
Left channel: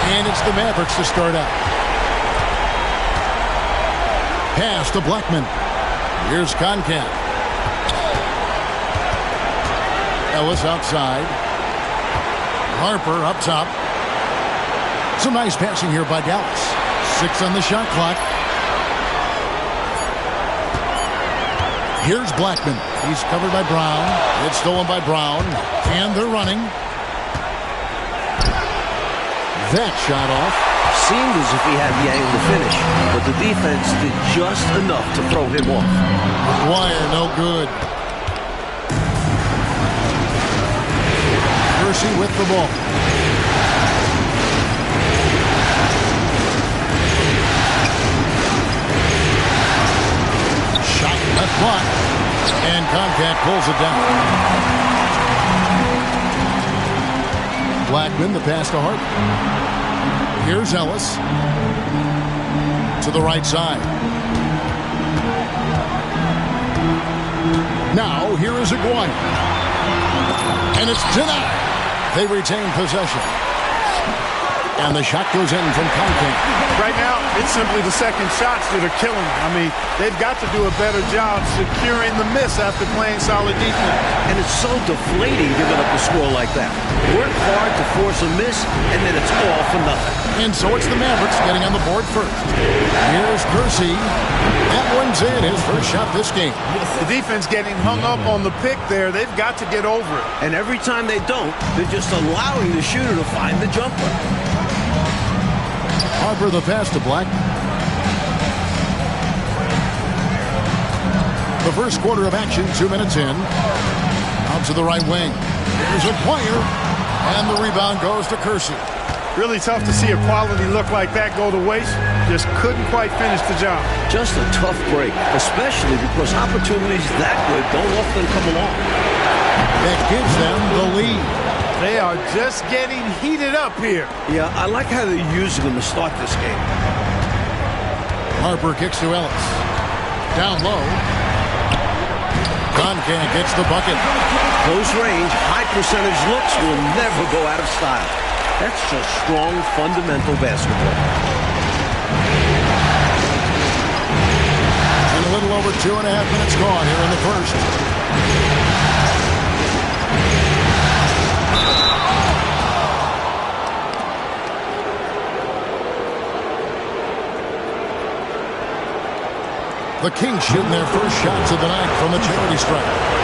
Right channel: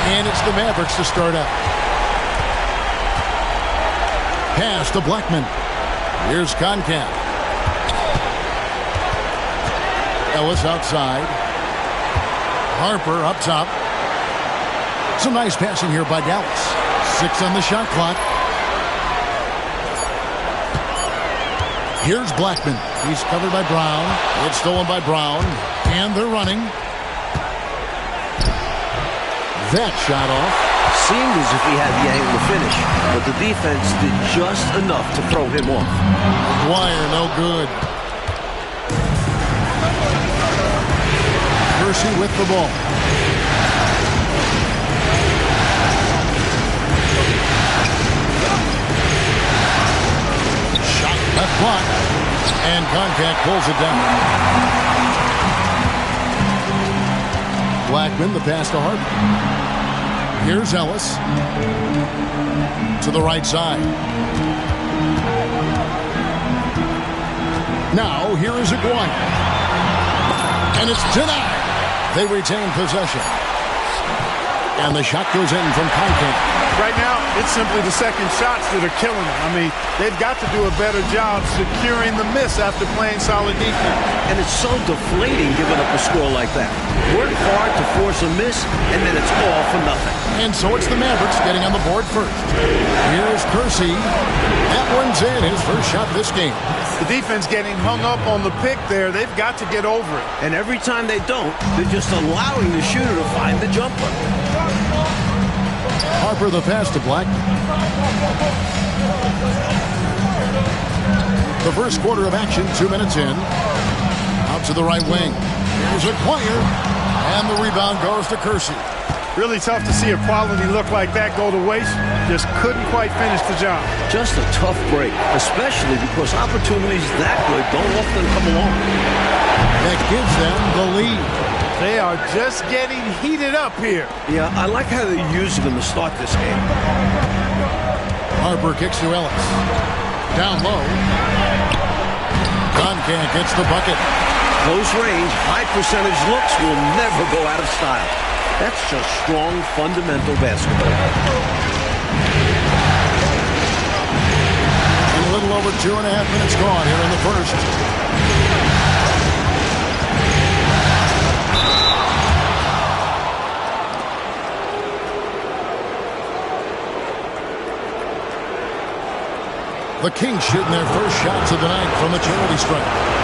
And it's the Mavericks to start out. Pass to Blackman. Here's Concacaf. Ellis outside. Harper up top. Some nice passing here by Dallas. 6 on the shot clock. Here's Blackman. He's covered by Brown. It's stolen by Brown. And they're running. That shot off. Seemed as if he had the angle to finish, but the defense did just enough to throw him off. McGuire, no good. Kersey with the ball. Shot left block. And Concacaf pulls it down. Blackman, the pass to Harper. Here's Ellis to the right side. Now, here is Aguirre. And it's denied. They retain possession. And the shot goes in from Concacaf. Right now, it's simply the second shots that are killing them. I mean, they've got to do a better job securing the miss after playing solid defense. And it's so deflating giving up a score like that. Work hard to force a miss, and then it's all for nothing. And so it's the Mavericks getting on the board first. Here's Kersey. That one's in, his first shot this game. The defense getting hung up on the pick there. They've got to get over it. And every time they don't, they're just allowing the shooter to find the jumper. Harper the pass to Blackman. The first quarter of action, 2 minutes in. Out to the right wing. Here's Aguirre. And the rebound goes to Kersey. Really tough to see a quality look like that go to waste. Just couldn't quite finish the job. Just a tough break, especially because opportunities that good don't often come along. That gives them the lead. They are just getting heated up here. Yeah, I like how they're using them to start this game. Harper kicks to Ellis. Down low. Concacaf gets the bucket. Close range, high percentage looks will never go out of style. That's just strong, fundamental basketball. And a little over 2.5 minutes gone here in the first. The Kings shooting their first shots of the night from the charity stripe.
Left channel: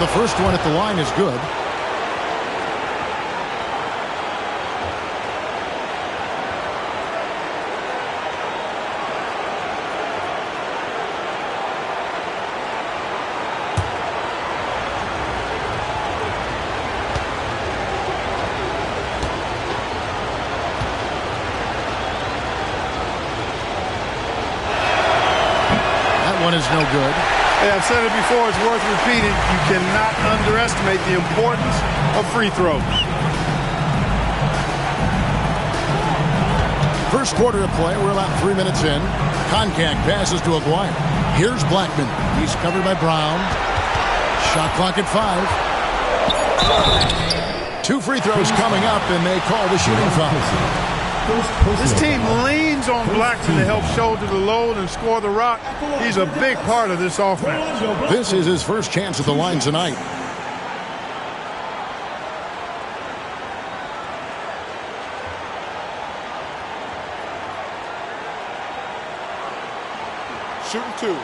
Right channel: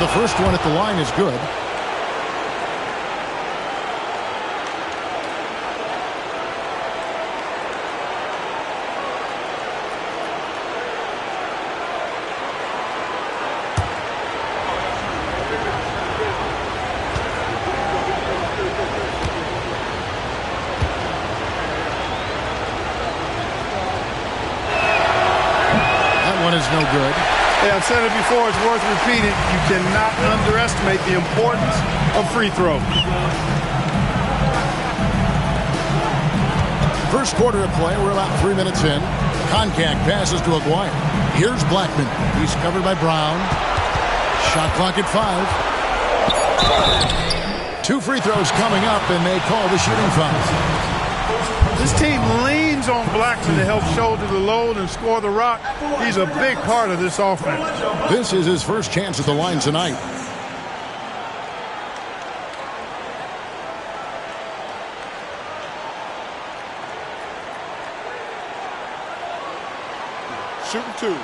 The first one at the line is good. That one is no good. Hey, I've said it before, it's worth repeating. You cannot underestimate the importance of free throws. First quarter of play, we're about 3 minutes in. Concacaf passes to Aguirre. Here's Blackman. He's covered by Brown. Shot clock at 5. 2 free throws coming up, and they call the shooting foul. This team leans on Blackman to help shoulder the load and score the rock. He's a big part of this offense. This is his first chance at the line tonight. Shooting 2.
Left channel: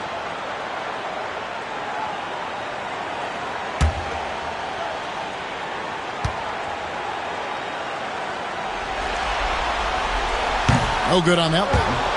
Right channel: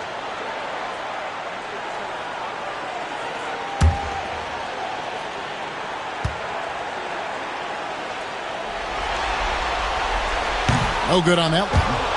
No good on that one.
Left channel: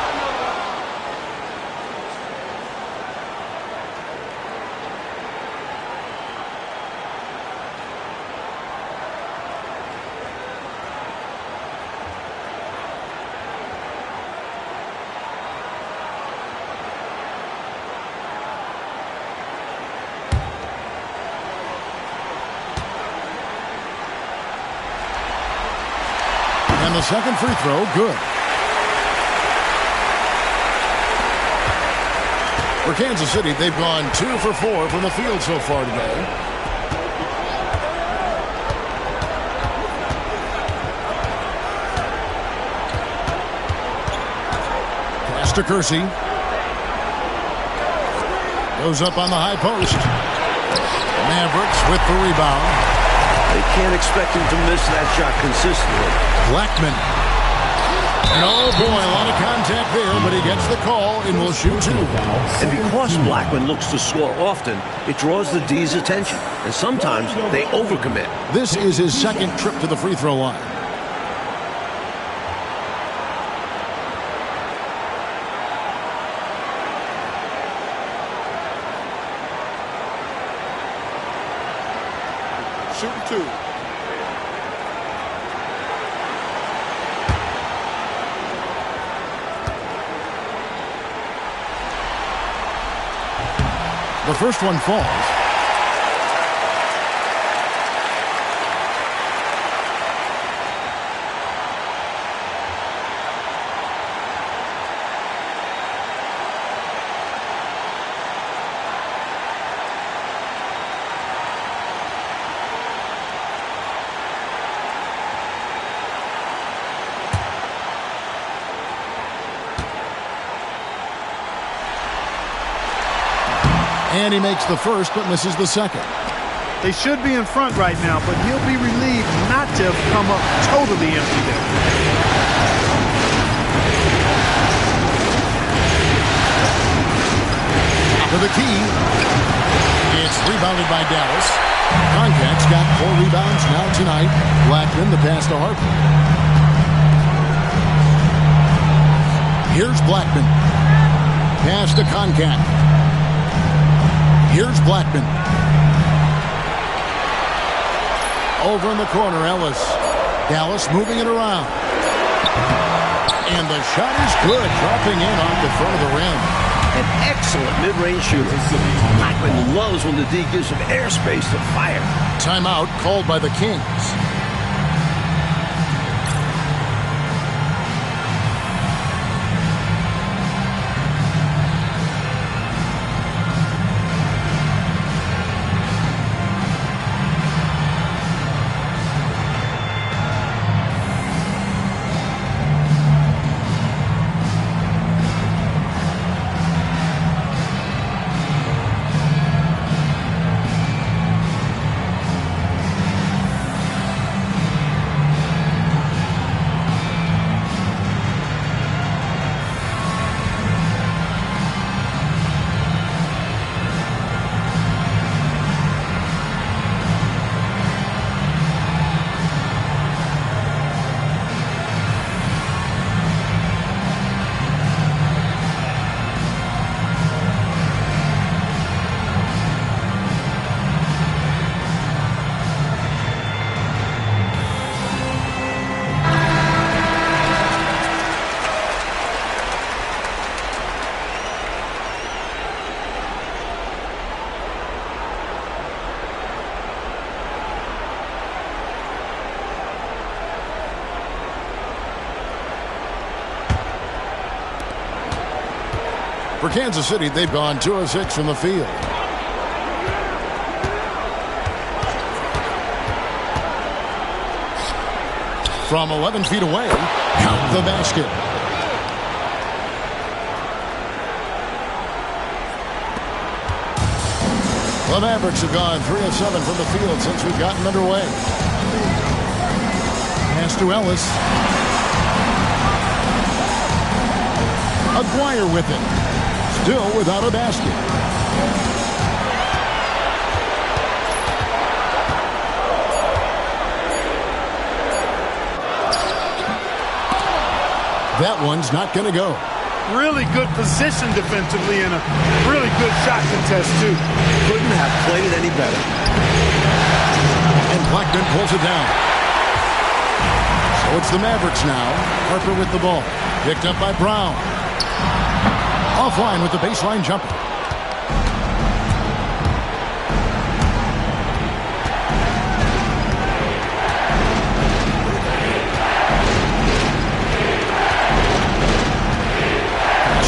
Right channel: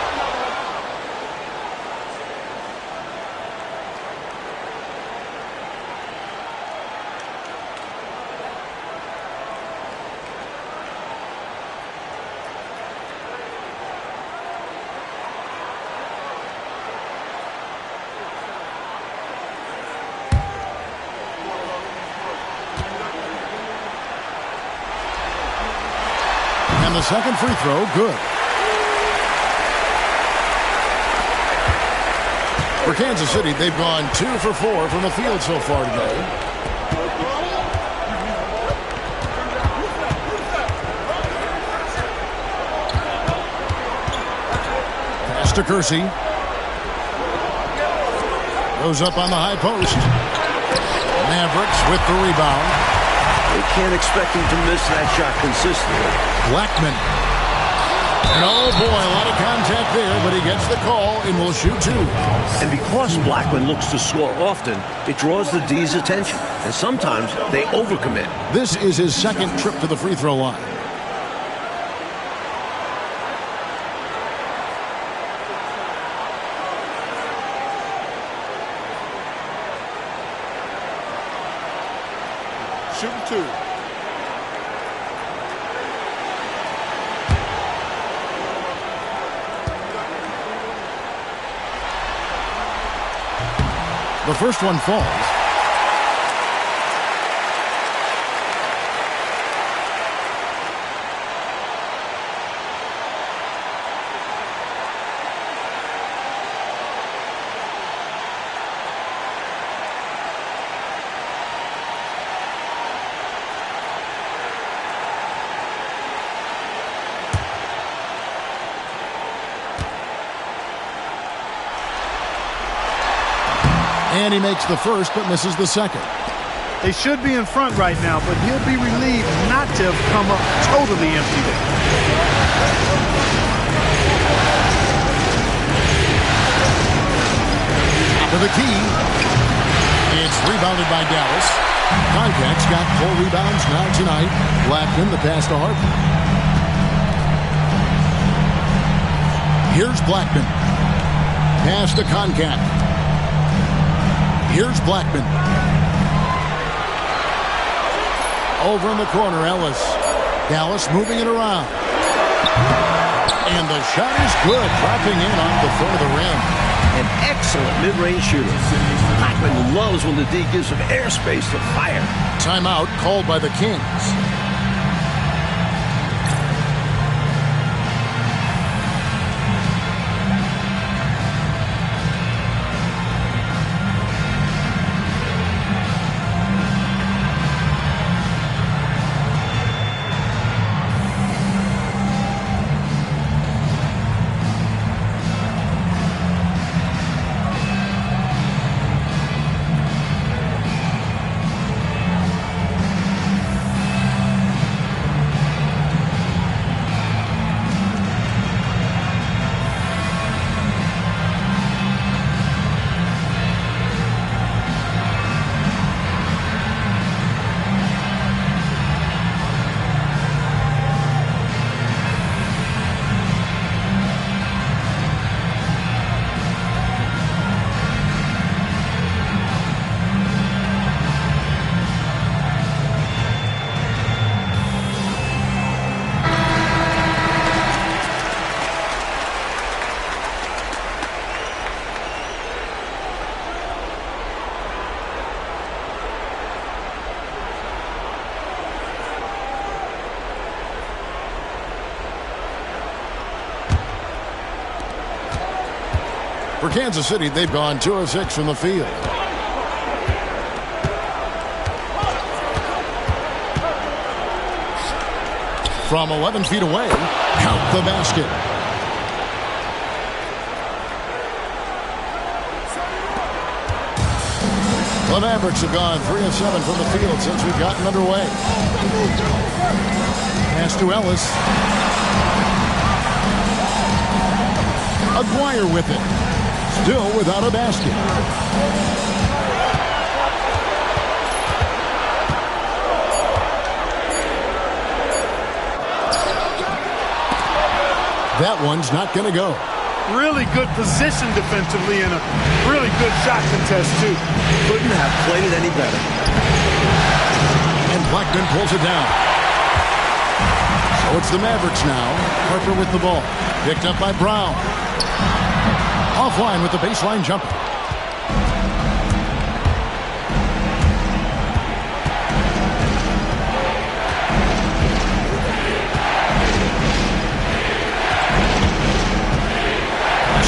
And the second free throw, good. For Kansas City, they've gone 2 for 4 from the field so far today. Pass to Kersey. Goes up on the high post. Mavericks with the rebound. They can't expect him to miss that shot consistently. Blackman. And oh boy, a lot of contact there, but he gets the call and will shoot 2. And because Blackman looks to score often, it draws the D's attention. And sometimes they overcommit. This is his second trip to the free throw line. Shooting 2. The first one falls. And he makes the first, but misses the second. They should be in front right now, but he'll be relieved not to have come up totally empty there. To the key. It's rebounded by Dallas. Koncak's got 4 rebounds now tonight. Blackman, the pass to Harper. Here's Blackman. Pass to Koncak. Here's Blackman. Over in the corner, Ellis. Dallas moving it around. And the shot is good, dropping in off the front of the rim. An excellent mid-range shooter. Blackman loves when the D gives him airspace to fire. Timeout called by the Kings. For Kansas City, they've gone 2 of 6 from the field. From 11 feet away, Count the basket. The Mavericks have gone 3 of 7 from the field since we've gotten underway. Pass to Ellis. Aguirre with it. Still without a basket. That one's not going to go. Really good position defensively and a really good shot contest, too. Couldn't have played it any better. And Blackman pulls it down. So it's the Mavericks now. Harper with the ball. Picked up by Brown. Offline with the baseline jumper.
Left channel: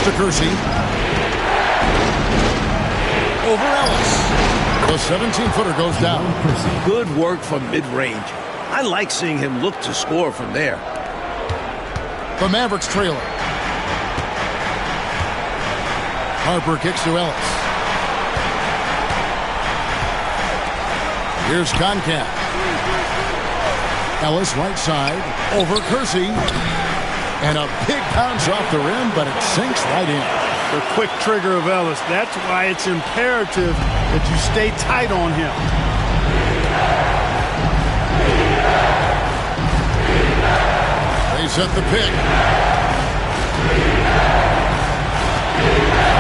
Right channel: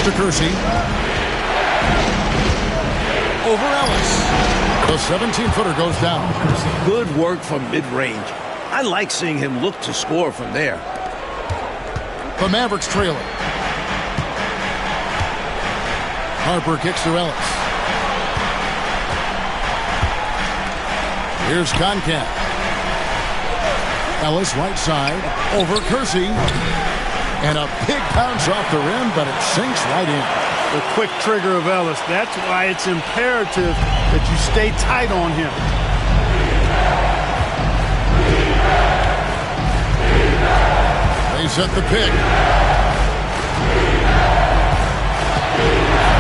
To Kersey. Over Ellis. The 17-footer goes down. Good work from mid-range. I like seeing him look to score from there. The Mavericks trailing. Harper kicks to Ellis. Here's Concat. Ellis right side. Over Kersey. And a big bounce off the rim, but it sinks right in. The quick trigger of Ellis. That's why it's imperative that you stay tight on him. They set the pick.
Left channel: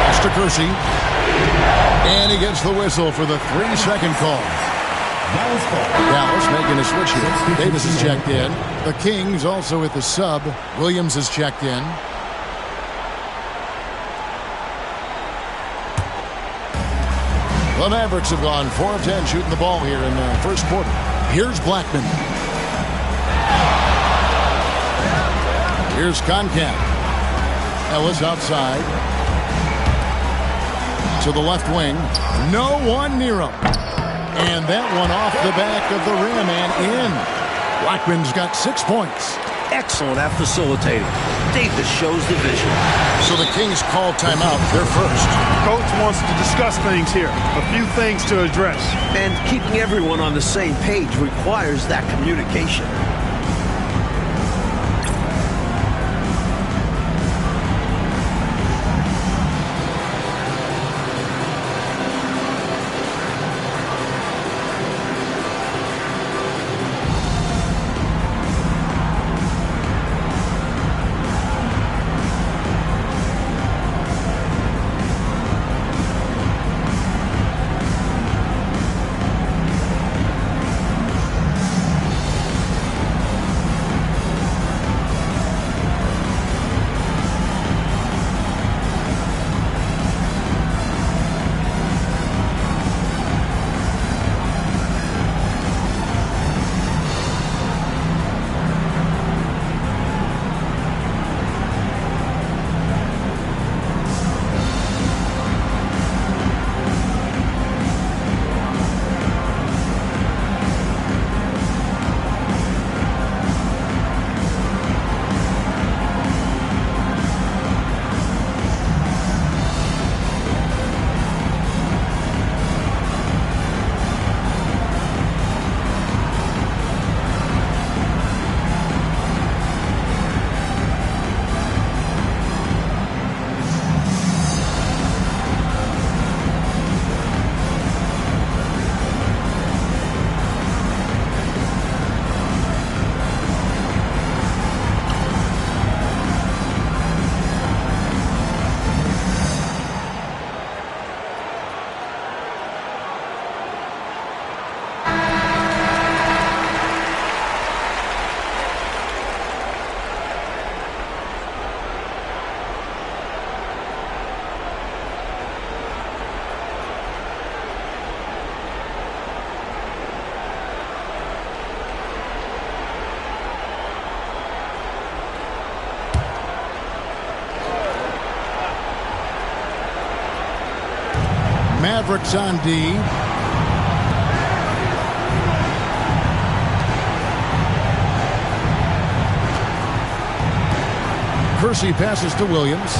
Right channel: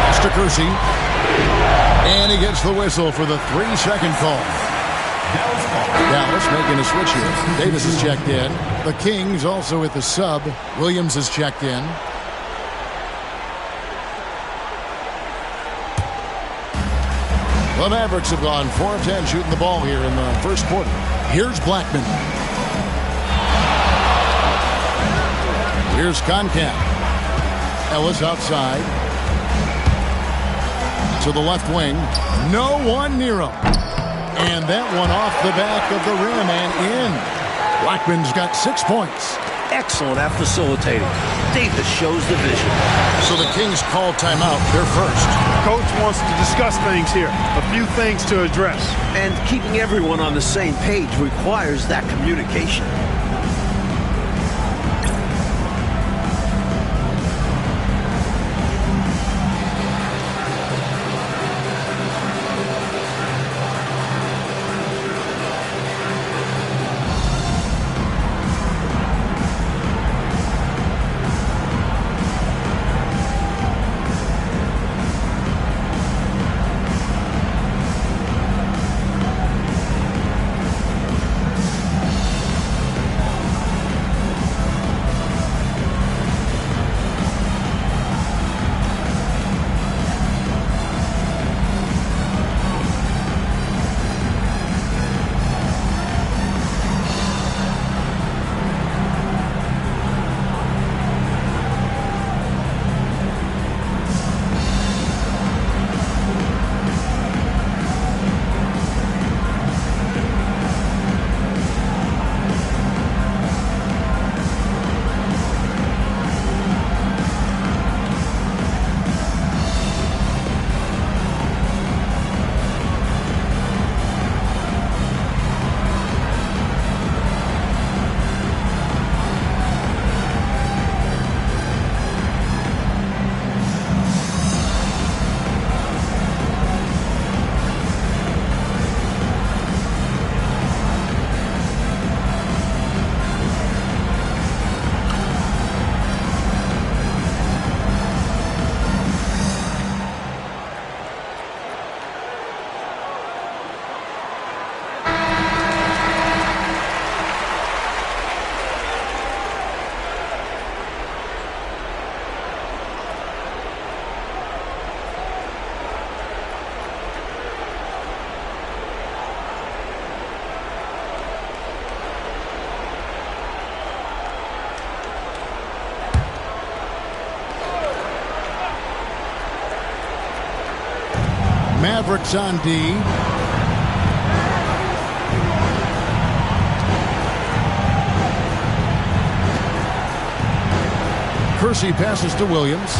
Pass to Kersey. And he gets the whistle for the 3-second call. Dallas making a switch here. Davis is checked in. The Kings also with the sub. Williams is checked in. The Mavericks have gone 4 of 10 shooting the ball here in the first quarter. Here's Blackman. Here's Concat. Ellis outside. To the left wing. No one near him. And that one off the back of the rim and in. Blackman's got 6 points. Excellent at facilitating. Davis shows the vision. So the Kings call timeout. They're first. Coach wants to discuss things here. A few things to address. And keeping everyone on the same page requires that communication. Mavericks on D. Kersey passes to Williams.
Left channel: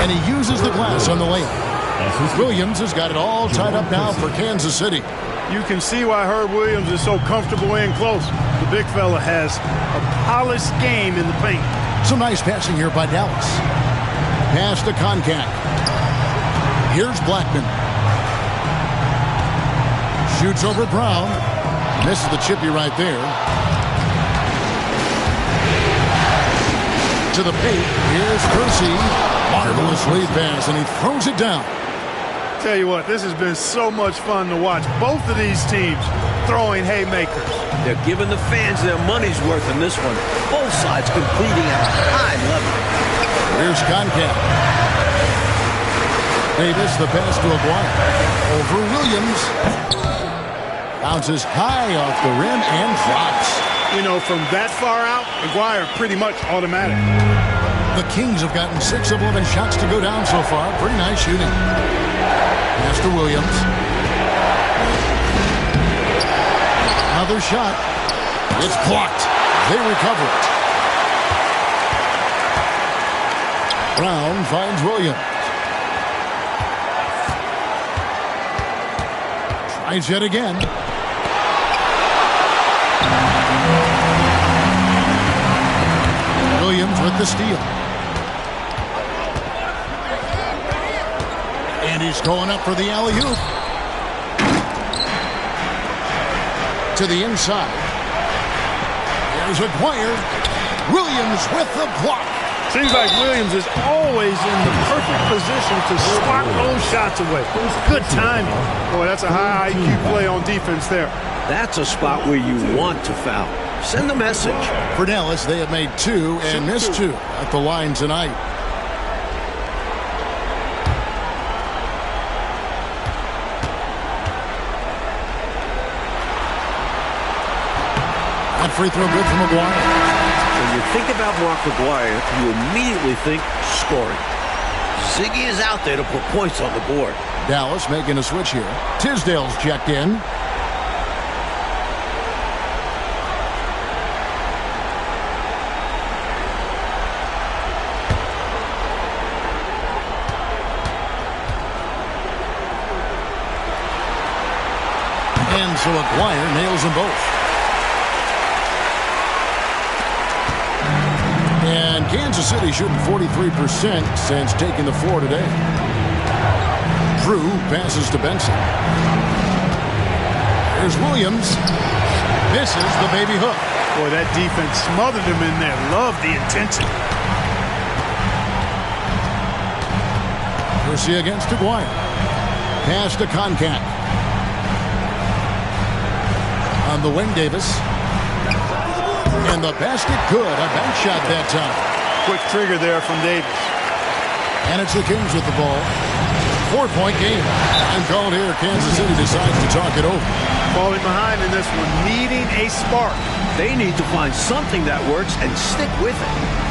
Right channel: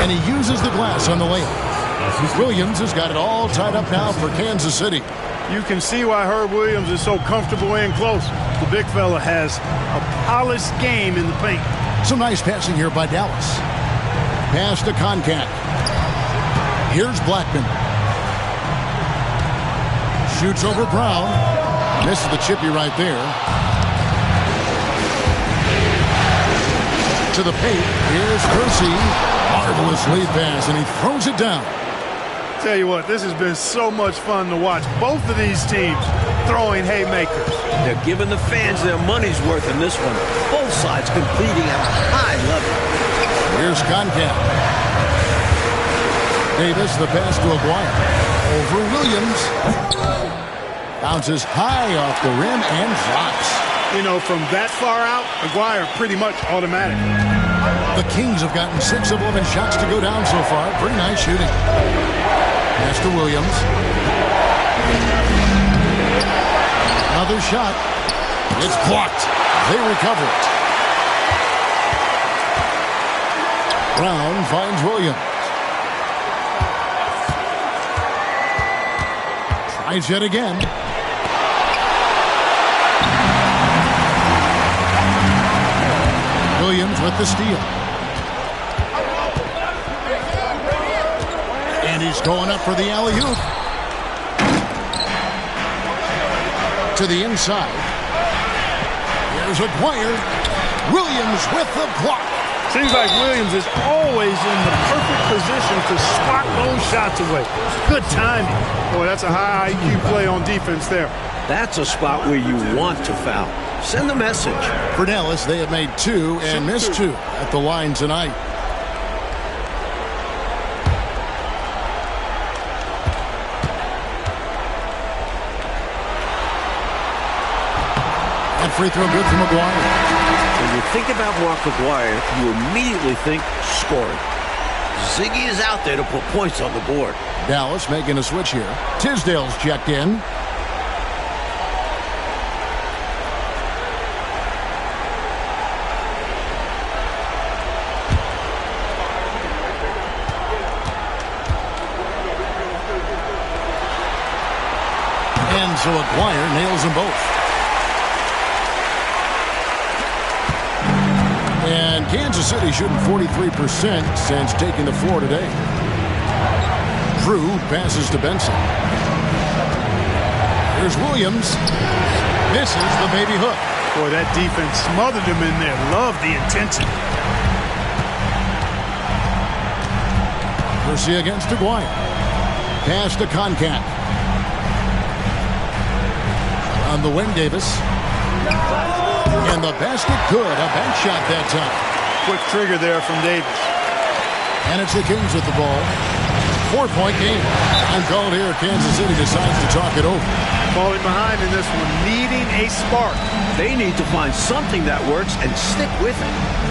And he uses the glass on the layup. Williams has got it all tied up now for Kansas City. You can see why Herb Williams is so comfortable in close. The big fella has a polished game in the paint. Some nice passing here by Dallas. Pass to Concat. Here's Blackman. Shoots over Brown. Misses the chippy right there. To the paint. Here's Kersey. Marvelous lead pass, and he throws it down. Tell you what, this has been so much fun to watch. Both of these teams throwing haymakers. They're giving the fans their money's worth in this one. Both sides competing at a high level. Here's Concat. Davis, the pass to Aguirre. Over Williams. Bounces high off the rim and drops. You know, from that far out, Aguirre pretty much automatic. The Kings have gotten 6 of 11 shots to go down so far. Pretty nice shooting. Pass to Williams. Another shot. It's blocked. They recover it. Brown finds Williams. Tries yet again. Williams with the steal. And he's going up for the alley-oop. To the inside. Here's Aguirre. Williams with the block. Seems like Williams is always in the perfect position to swat those shots away. Good timing. Boy, that's a high IQ play on defense there. That's a spot where you want to foul. Send the message. For Dallas, they have made 2 and missed 2 at the line tonight. That free throw good from Aguirre. When you think about Mark Aguirre, you immediately think scoring. Ziggy is out there to put points on the board. Dallas making a switch here. Tisdale's checked in. And so Aguirre nails them both. And Kansas City shooting 43% since taking the floor today. Drew passes to Benson. Here's Williams. Misses the baby hook. Boy, that defense smothered him in there. Love the intensity. Kersey against Aguirre. Pass to Concat. On the wing, Davis. And the basket good. A bank shot that time. Quick trigger there from Davis. And it's the Kings with the ball. 4-point game. Time called here. Kansas City decides to talk it over. Falling behind in this one, needing a spark. They need to find something that works and stick with it.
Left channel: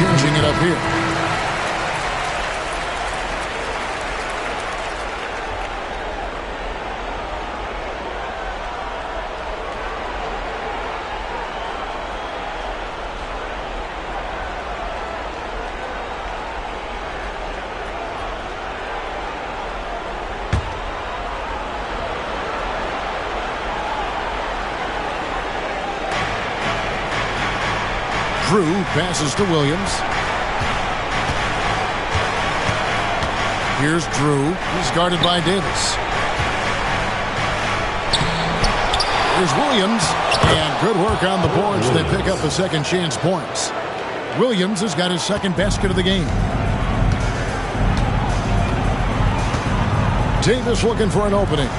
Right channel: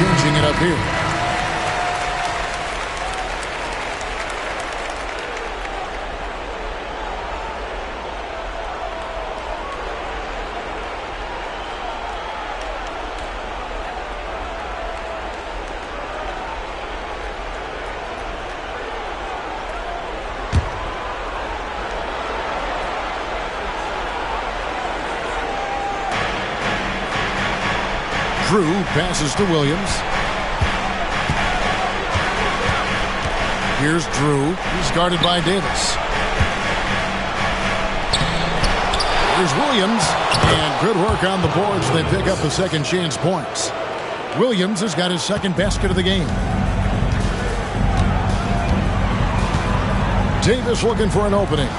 changing it up here. Drew passes to Williams. Here's Drew. He's guarded by Davis. Here's Williams. And good work on the boards. They pick up the second chance points. Williams has got his second basket of the game. Davis looking for an opening.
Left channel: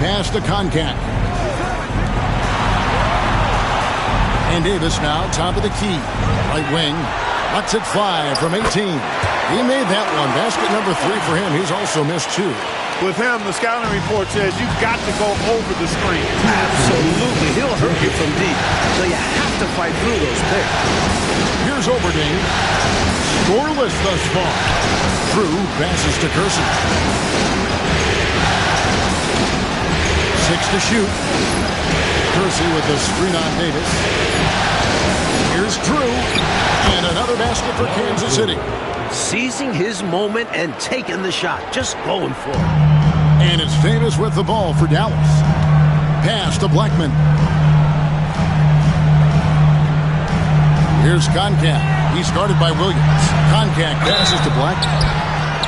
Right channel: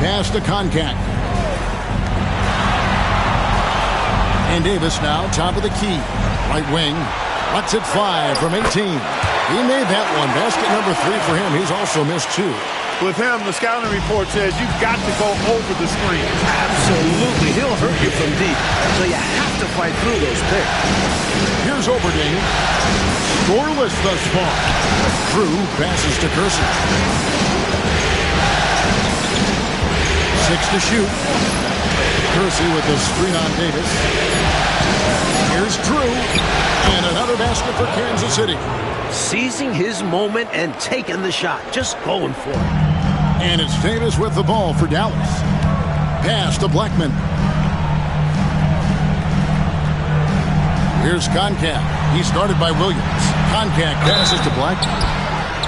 Pass to Koncak. And Davis now top of the key. Right wing. Lets it fly from 18. He made that one. Basket number 3 for him. He's also missed 2. With him, the scouting report says you've got to go over the screen. Absolutely. He'll hurt you from deep. So you have to fight through those picks. Here's Oberding. Scoreless thus far. Drew passes to Kersey. 6 to shoot. Kersey with the screen on Davis. Here's Drew. And another basket for Kansas City. Seizing his moment and taking the shot. Just going for it. And it's Davis with the ball for Dallas. Pass to Blackman. Here's Koncak. He's guarded by Williams. Koncak passes to Blackman.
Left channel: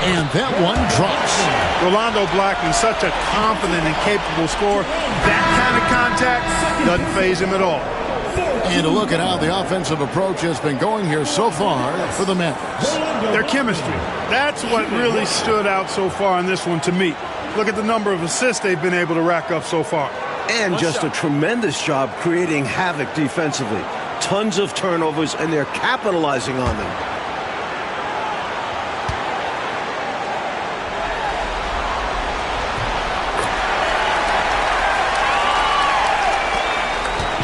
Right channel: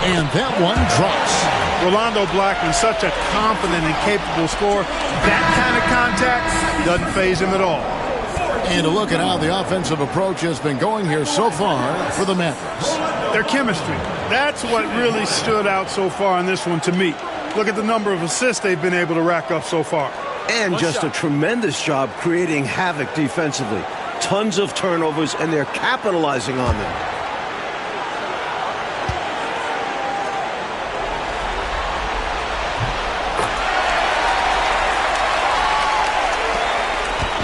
And that one drops. Rolando Blackman, such a confident and capable scorer. That kind of contact doesn't faze him at all. And a look at how the offensive approach has been going here so far for the Mavericks. Their chemistry. That's what really stood out so far in this one to me. Look at the number of assists they've been able to rack up so far. And just a tremendous job creating havoc defensively. Tons of turnovers, and they're capitalizing on them.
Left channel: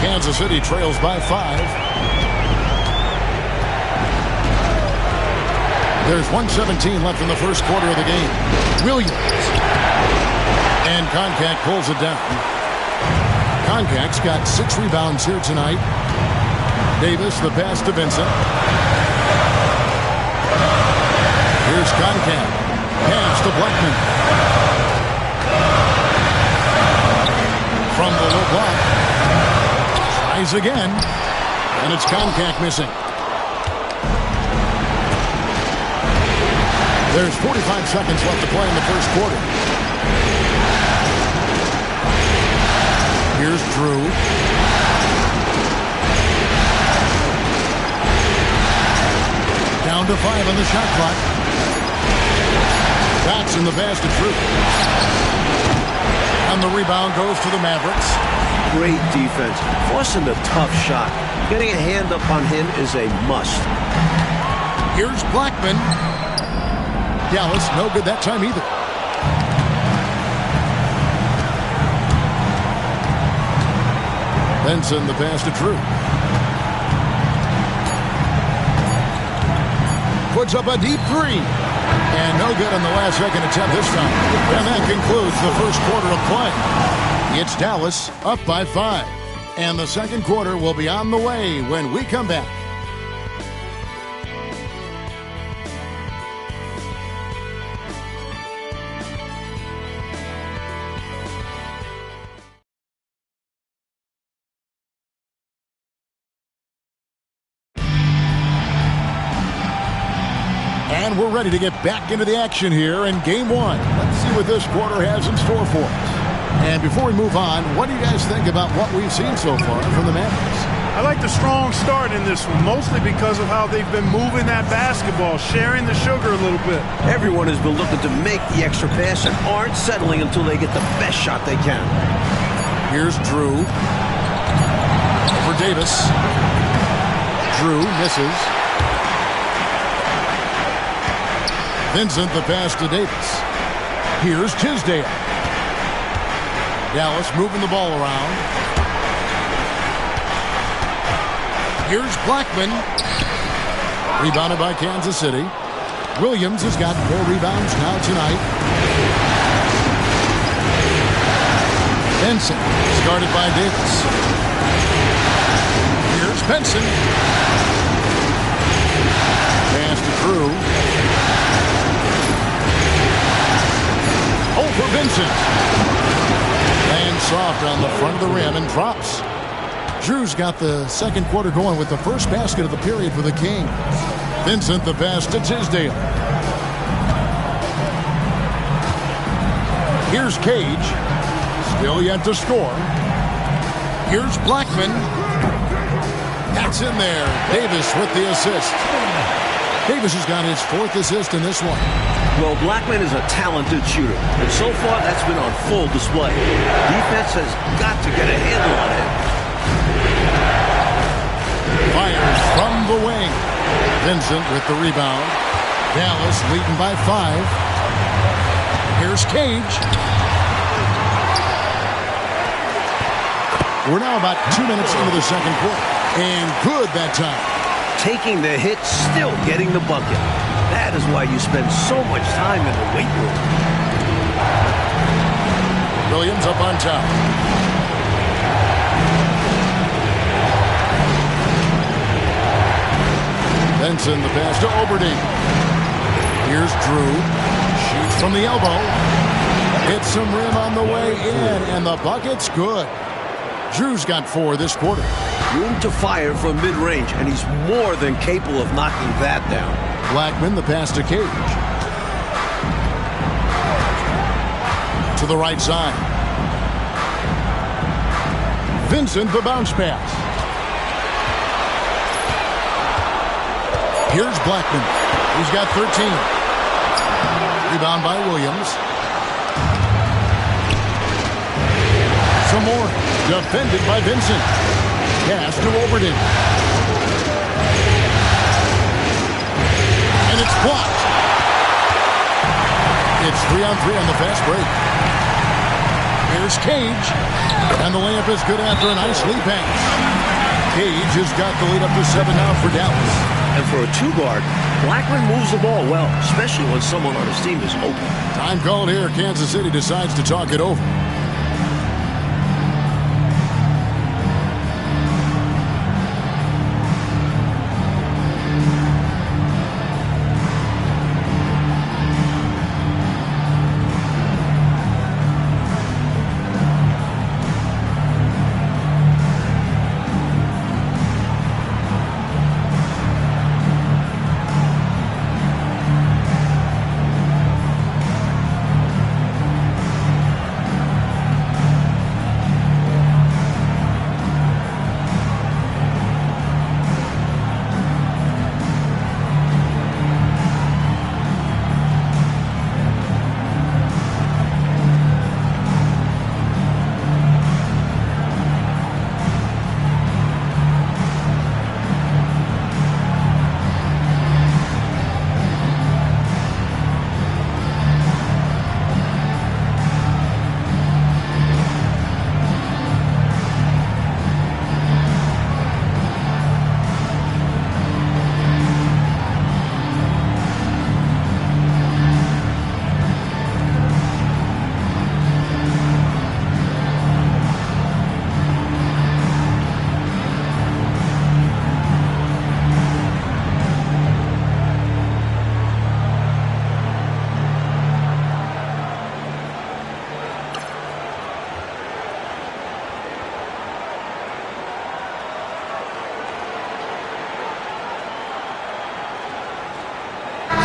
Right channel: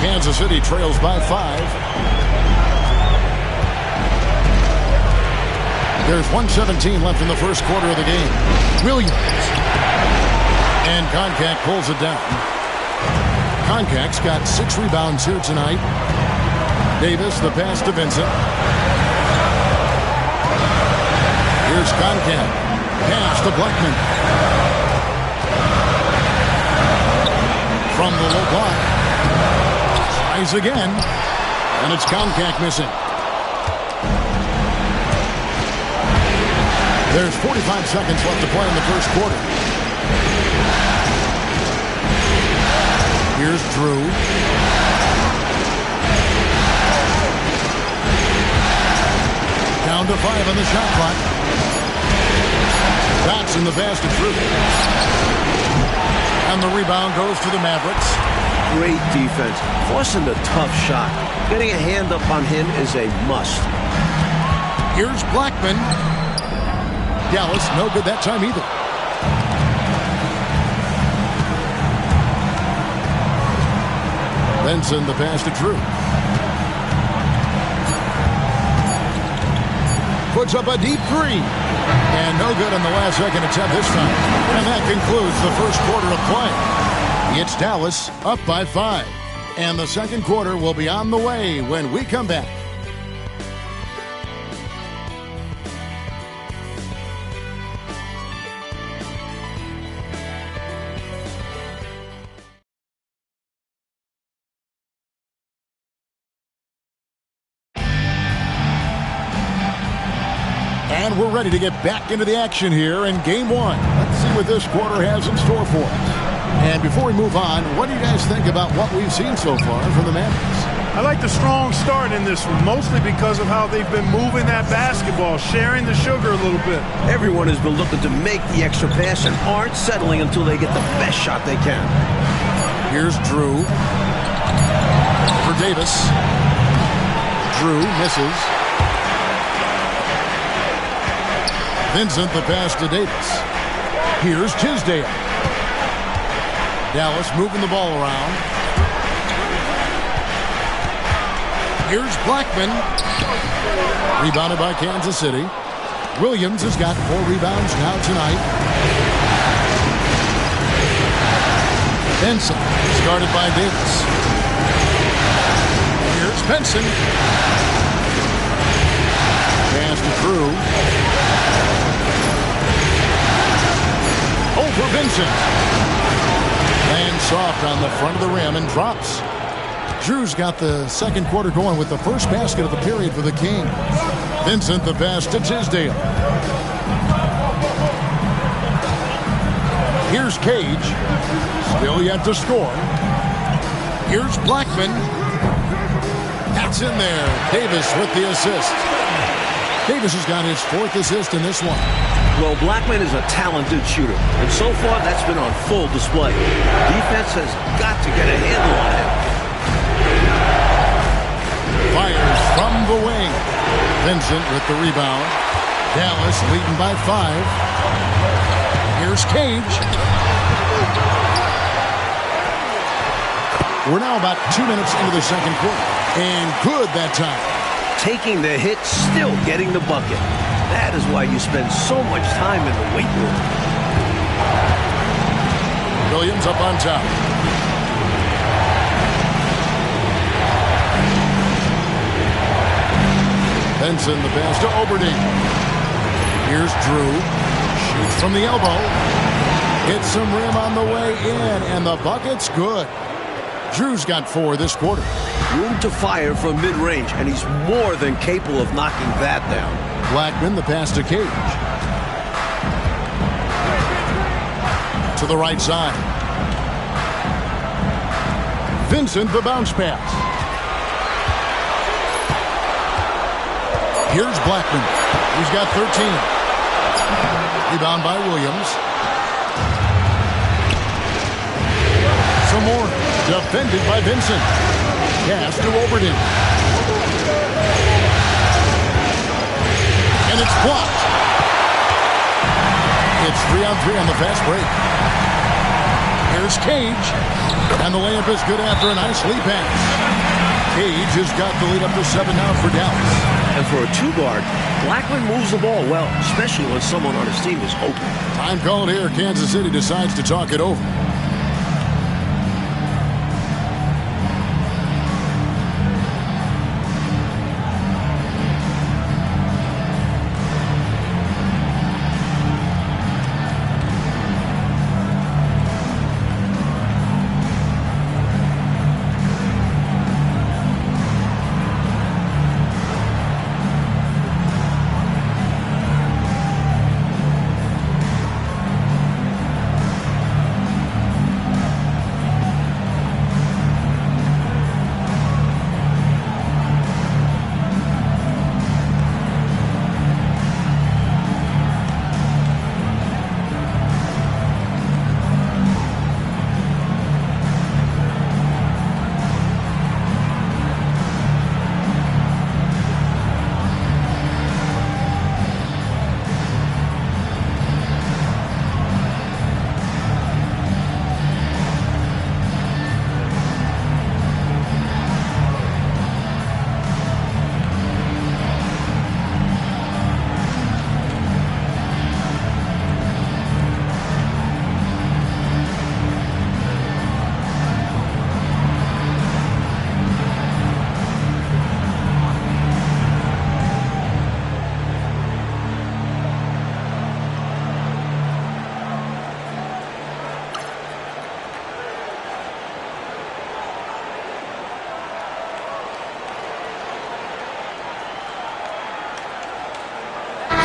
Kansas City trails by 5. There's 1:17 left in the first quarter of the game. Williams. And Koncak pulls it down. Koncak's got 6 rebounds here tonight. Davis, the pass to Vincent. Here's Koncak. Pass to Blackman. From the low block. Tries again. And it's Koncak missing. There's 45 seconds left to play in the first quarter. Here's Drew. Down to 5 on the shot clock. That's in the basket, Drew. And the rebound goes to the Mavericks. Great defense. Forcing the tough shot. Getting a hand up on him is a must. Here's Blackman. Dallas, no good that time either. Benson, the pass to Drew. Puts up a deep 3. And no good on the last second attempt this time. And that concludes the first quarter of play. It's Dallas up by 5. And the second quarter will be on the way when we come back. And we're ready to get back into the action here in Game 1. Let's see what this quarter has in store for us. And before we move on, what do you guys think about what we've seen so far from the Mavericks? I like the strong start in this one, mostly because of how they've been moving that basketball, sharing the sugar a little bit. Everyone has been looking to make the extra pass and aren't settling until they get the best shot they can. Here's Drew. Over Davis. Drew misses. Vincent, the pass to Davis. Here's Tisdale. Dallas moving the ball around. Here's Blackman. Rebounded by Kansas City. Williams has got 4 rebounds now tonight. Benson is guarded by Davis. Here's Benson. Pass to Drew. Over Vincent. Lands soft on the front of the rim and drops. Drew's got the second quarter going with the first basket of the period for the Kings. Vincent the pass to Tisdale. Here's Cage. Still yet to score. Here's Blackman. That's in there. Davis with the assist. Davis has got his 4th assist in this one. Well, Blackman is a talented shooter, and so far that's been on full display. Defense has got to get a handle on him. Fires from the wing. Vincent with the rebound. Dallas leading by 5. Here's Cage. We're now about 2 minutes into the second quarter. And good that time. Taking the hit, still getting the bucket. That is why you spend so much time in the weight room. Williams up on top. Benson the pass to Oberding. Here's Drew. Shoots from the elbow. Hits some rim on the way in, and the bucket's good. Drew's got 4 this quarter. Room to fire from mid-range, and he's more than capable of knocking that down. Blackman the pass to Cage. To the right side. Vincent the bounce pass. Here's Blackman. He's got 13. Rebound by Williams. Some more. Defended by Vincent. Pass to Oberding. And it's blocked. It's 3-on-3 on the fast break. Here's Cage. And the layup is good after a nice lead pass. Cage has got the lead up to 7 now for Dallas. And for a 2-guard, Blackman moves the ball well, especially when someone on his team is open. Time called here. Kansas City decides to talk it over.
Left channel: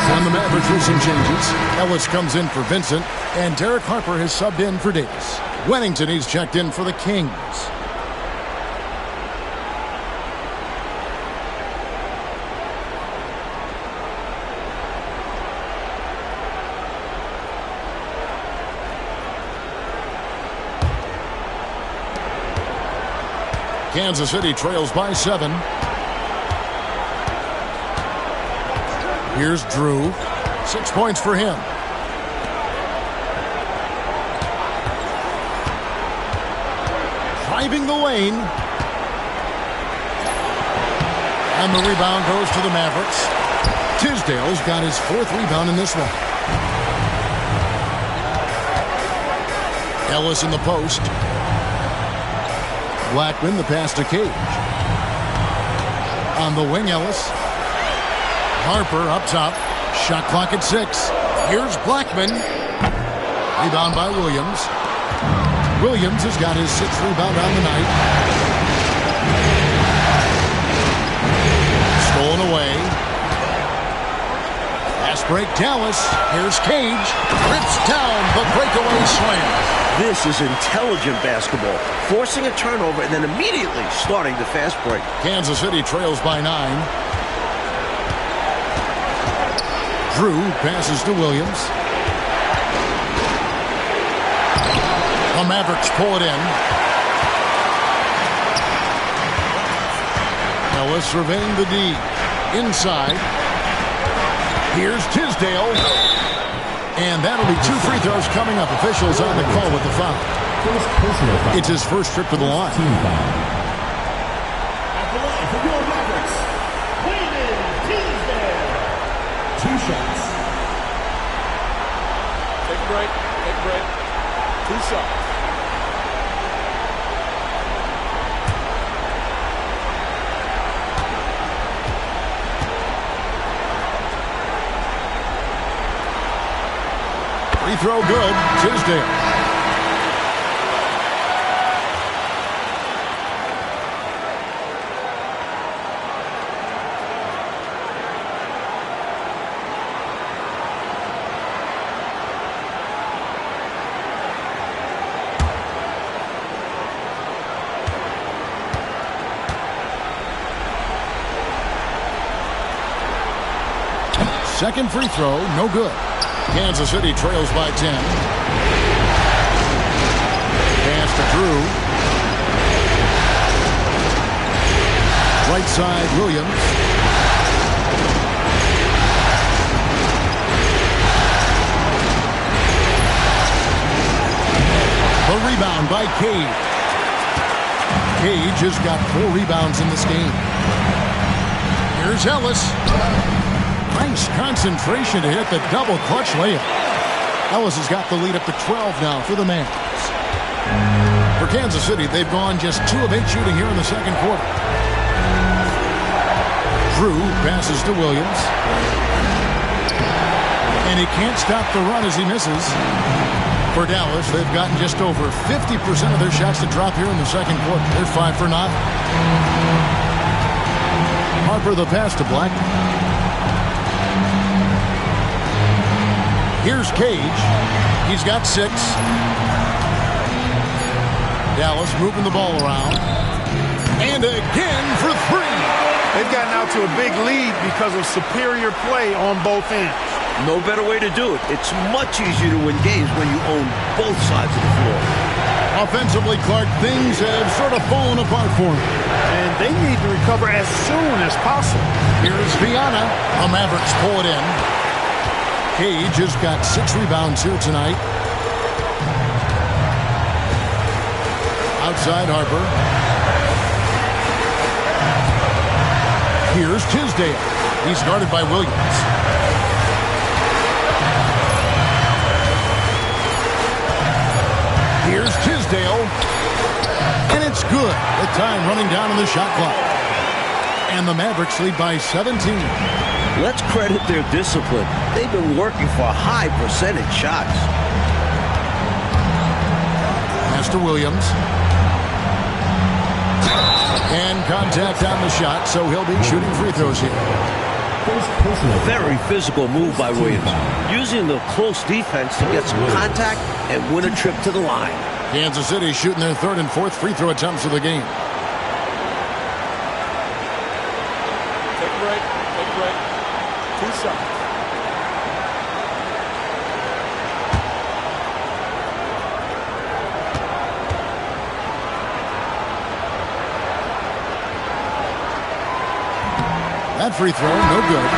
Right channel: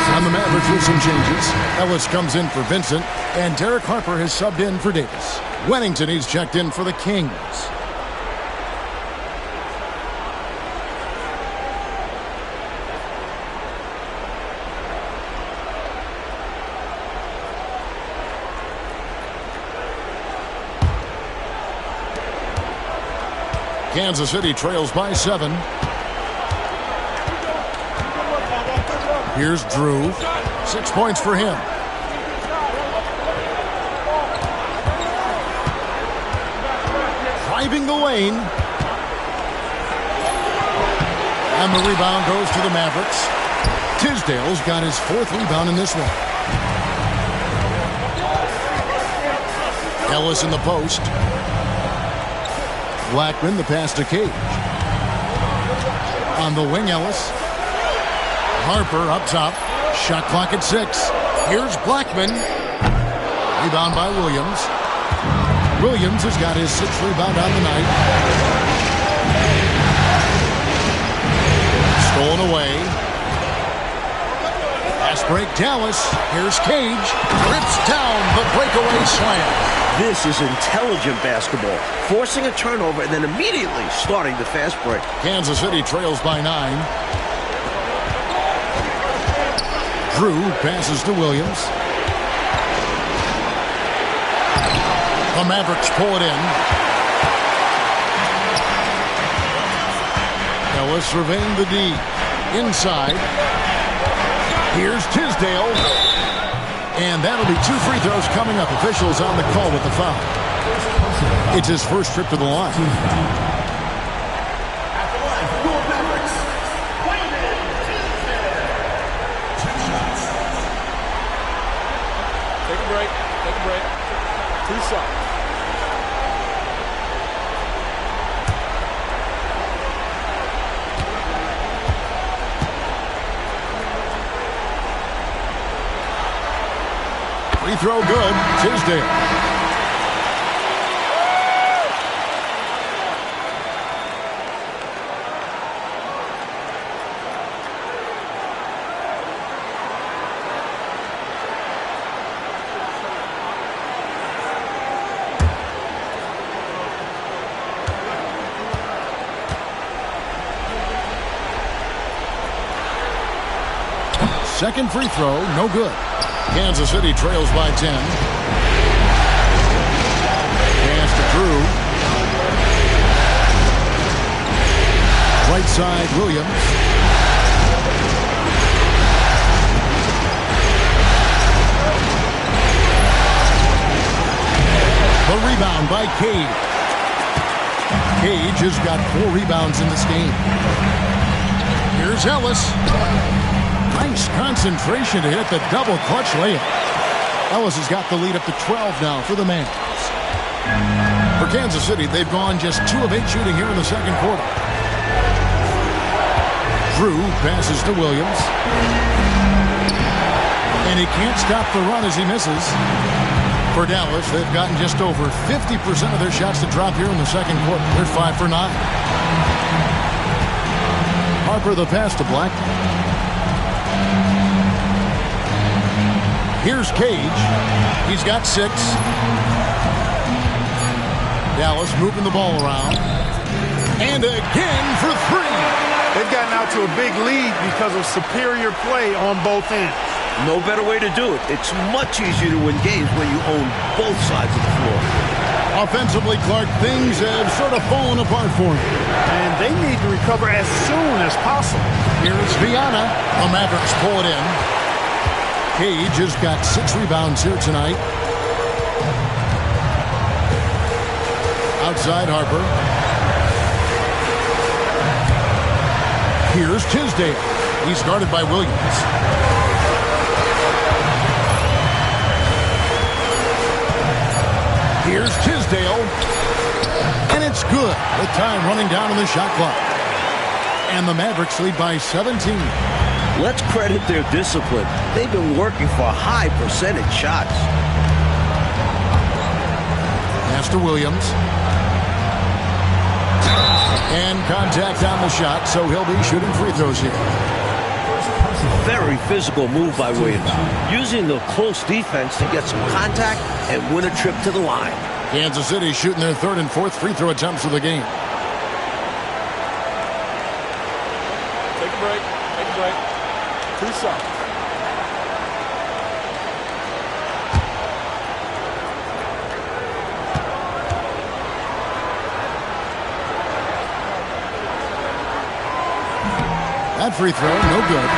On the Mavericks with some changes. Ellis comes in for Vincent, and Derek Harper has subbed in for Davis. Wennington, he's checked in for the Kings. Kansas City trails by 7. Here's Drew. 6 points for him. Driving the lane. And the rebound goes to the Mavericks. Tisdale's got his 4th rebound in this one. Ellis in the post. Blackman, the pass to Cage. On the wing, Ellis. Harper up top. Shot clock at 6. Here's Blackman. Rebound by Williams. Williams has got his 6th rebound on the night. Stolen away. Fast break, Dallas. Here's Cage. Rips down the breakaway slam. This is intelligent basketball. Forcing a turnover and then immediately starting the fast break. Kansas City trails by 9. Drew passes to Williams. The Mavericks pull it in. Ellis surveying the D. Inside. Here's Tisdale. And that'll be 2 free throws coming up. Officials on the call with the foul. It's his first trip to the line. At the line for your Mavericks, Wayman Tisdale. 2 shots. Take a break. Take a break. 2 shots. Free throw good. Tisdale. Second free throw, no good. Kansas City trails by 10. Pass to Drew. Right side, Williams. The rebound by Cage. Cage has got 4 rebounds in this game. Here's Ellis. Nice concentration to hit the double clutch layup. Ellis has got the lead up to 12 now for the Mavs. For Kansas City, they've gone just 2 of 8 shooting here in the second quarter. Drew passes to Williams. And he can't stop the run as he misses. For Dallas, they've gotten just over 50% of their shots to drop here in the second quarter. They're 5 for 9. Harper the pass to Black. Here's Cage. He's got 6. Dallas moving the ball around. And again for 3. They've gotten out to a big lead because of superior play on both ends. No better way to do it. It's much easier to win games when you own both sides of the floor. Offensively, Clark, things have sort of fallen apart for him. And they need to recover as soon as possible. Here's Viana. The Mavericks pull it in. Cage has got 6 rebounds here tonight. Outside Harper. Here's Tisdale. He's guarded by Williams. Here's Tisdale. And it's good with time running down on the shot clock. And the Mavericks lead by 17. Let's credit their discipline. They've been working for high percentage shots. Pass to Williams. And contact on the shot, so he'll be shooting free throws here. Very physical move by Williams, using the close defense to get some contact and win a trip to the line. Kansas City shooting their 3rd and 4th free throw attempts of the game. Take a break. Take a break. 2 shots. That free throw, no good.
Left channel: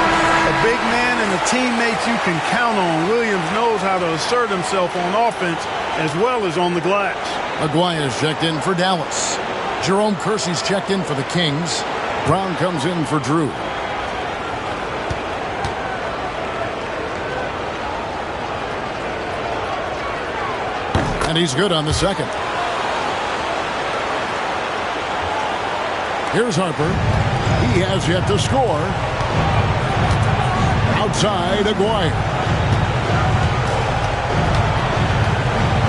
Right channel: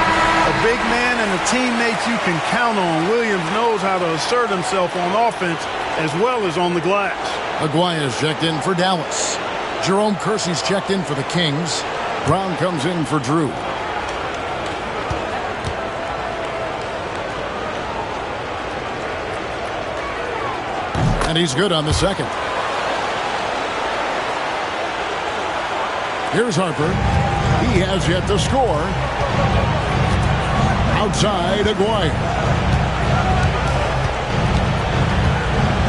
A big man and a teammate you can count on. Williams knows how to assert himself on offense as well as on the glass. Aguaya's checked in for Dallas. Jerome Kersey's checked in for the Kings. Brown comes in for Drew. And he's good on the second. Here's Harper. He has yet to score. Outside, Aguirre.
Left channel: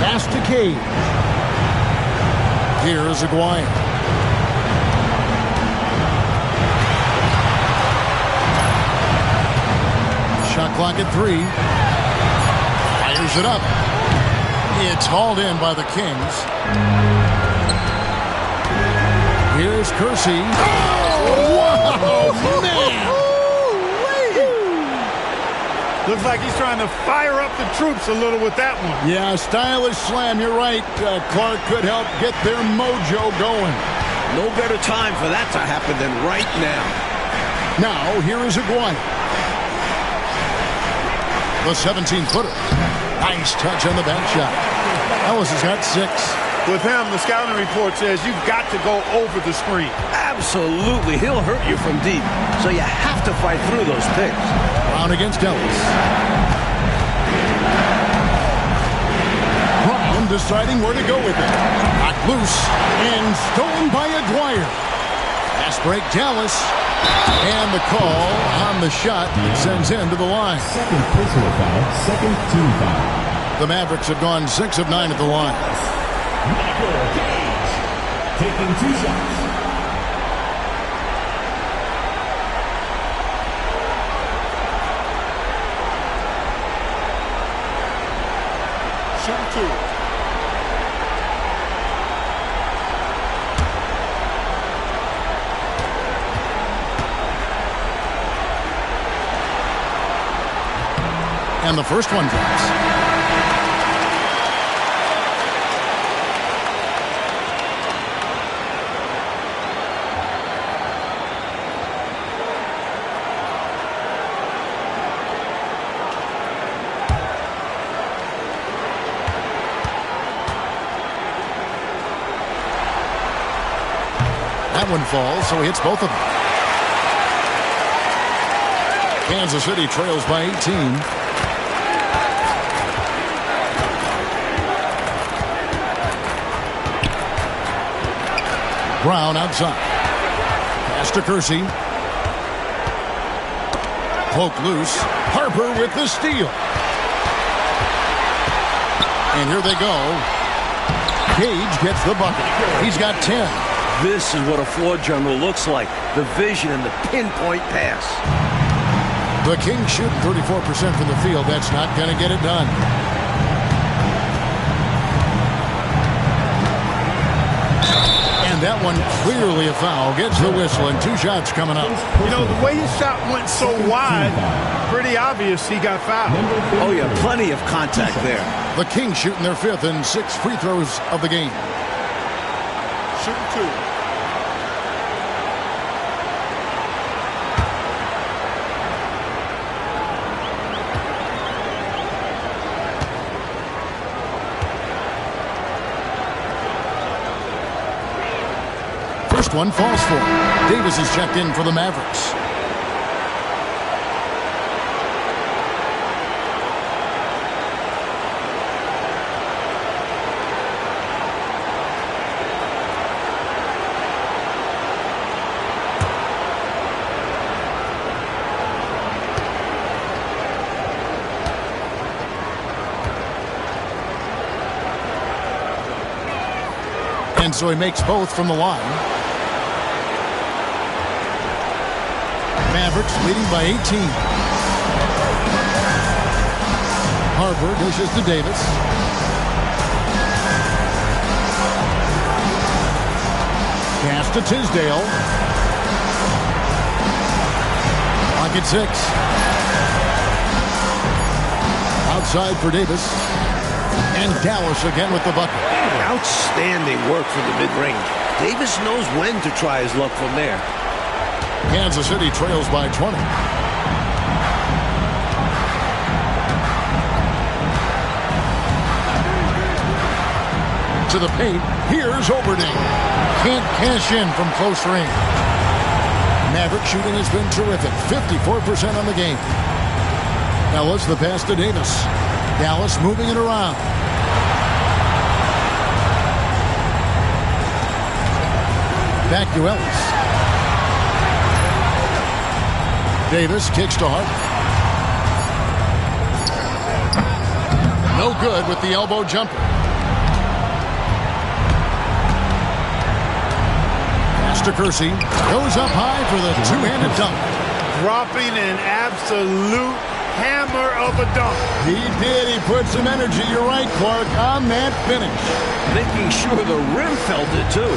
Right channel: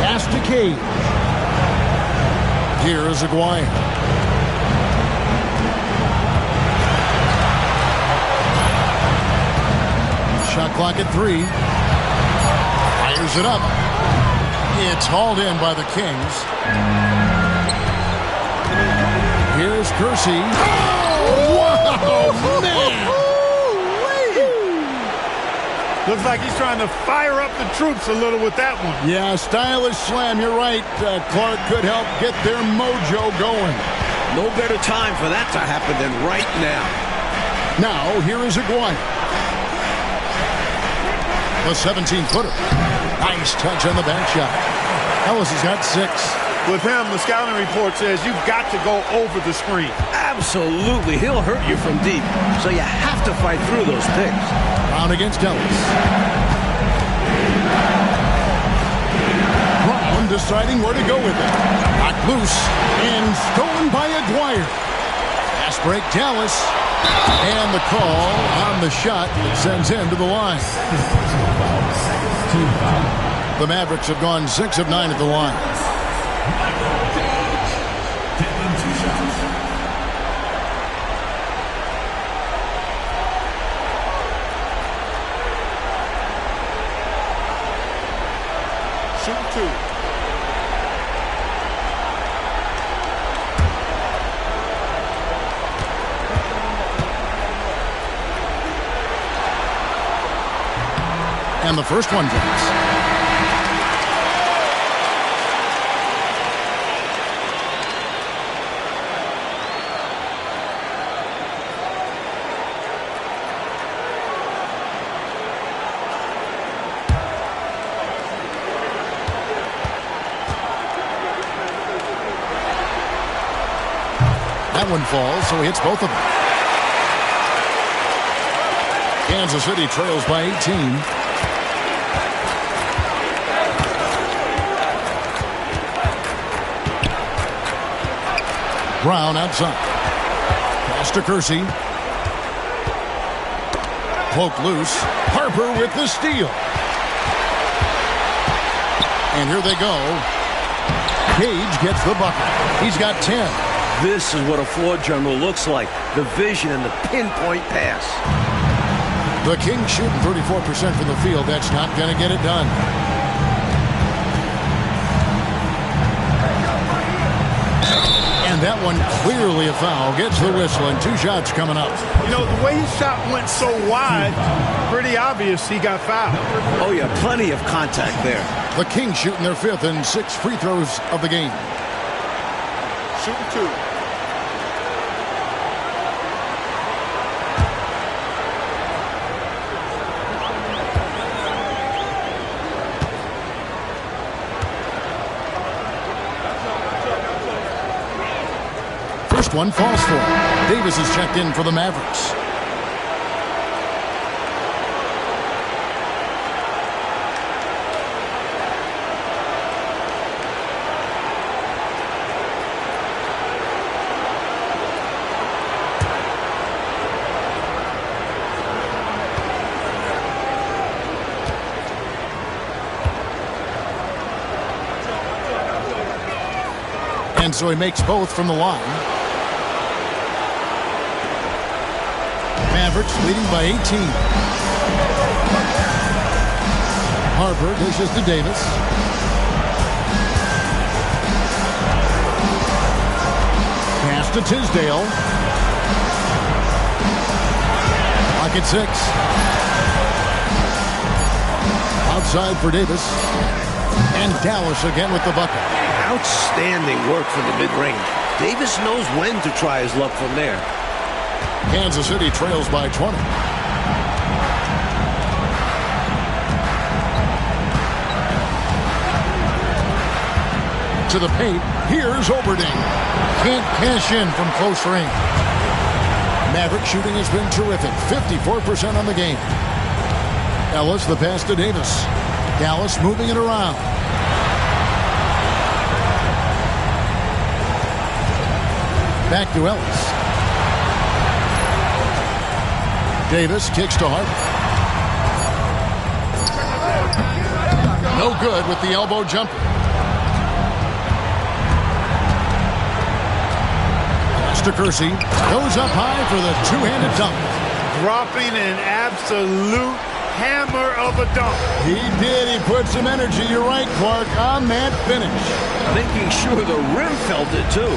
Pass to Cage. Here's Aguirre. Shot clock at 3. Fires it up. It's hauled in by the Kings. Here's Kersey. Oh, wow, man! Looks like he's trying to fire up the troops a little with that one. Yeah, stylish slam. You're right. Clark could help get their mojo going. No better time for that to happen than right now. Now, here is Aguirre. The 17-footer. Nice touch on the back shot. Ellis has got 6. With him, the scouting report says you've got to go over the screen. Absolutely. He'll hurt you from deep. So you have to fight through those picks. Brown against Ellis. Brown deciding where to go with it. Knocked loose and stolen by Aguirre. Fast break Dallas. And the call on the shot that sends him to the line. Second personal foul, second team foul. The Mavericks have gone 6 of 9 at the line. Michael Cage taking 2 shots. Shooting 2. And the first one drops. That one falls, so he hits both of them. Kansas City trails by 18. Brown outside. Pass to Kersey. Poke loose. Harper with the steal. And here they go. Cage gets the bucket. He's got 10. This is what a floor general looks like. The vision and the pinpoint pass. The Kings shooting 34% from the field. That's not going to get it done. And that one clearly a foul. Gets the whistle and 2 shots coming up. You know, the way his shot went so wide, pretty obvious he got fouled. Oh, yeah, plenty of contact there. The Kings shooting their 5th and 6th free throws of the game. Shooting 2. First one falls for him. Davis is checked in for the Mavericks. And so he makes both from the line. Mavericks leading by 18. Harper dishes to Davis. Pass to Tisdale. Clock at 6. Outside for Davis. And Dallas again with the bucket. Outstanding work from the mid-range. Davis knows when to try his luck from there. Kansas City trails by 20. To the paint. Here's Oberding. Can't cash in from close range. Maverick shooting has been terrific. 54% on the game. Ellis, the pass to Davis. Dallas moving it around. Back to Ellis. Davis kicks to Hart. No good with the elbow jumper. Pass to Kersey. Goes up high for the two-handed dunk. Dropping an absolute hammer of a dunk. He did. He put some energy, you're right, Clark, on that finish. Making sure the rim felt it, too.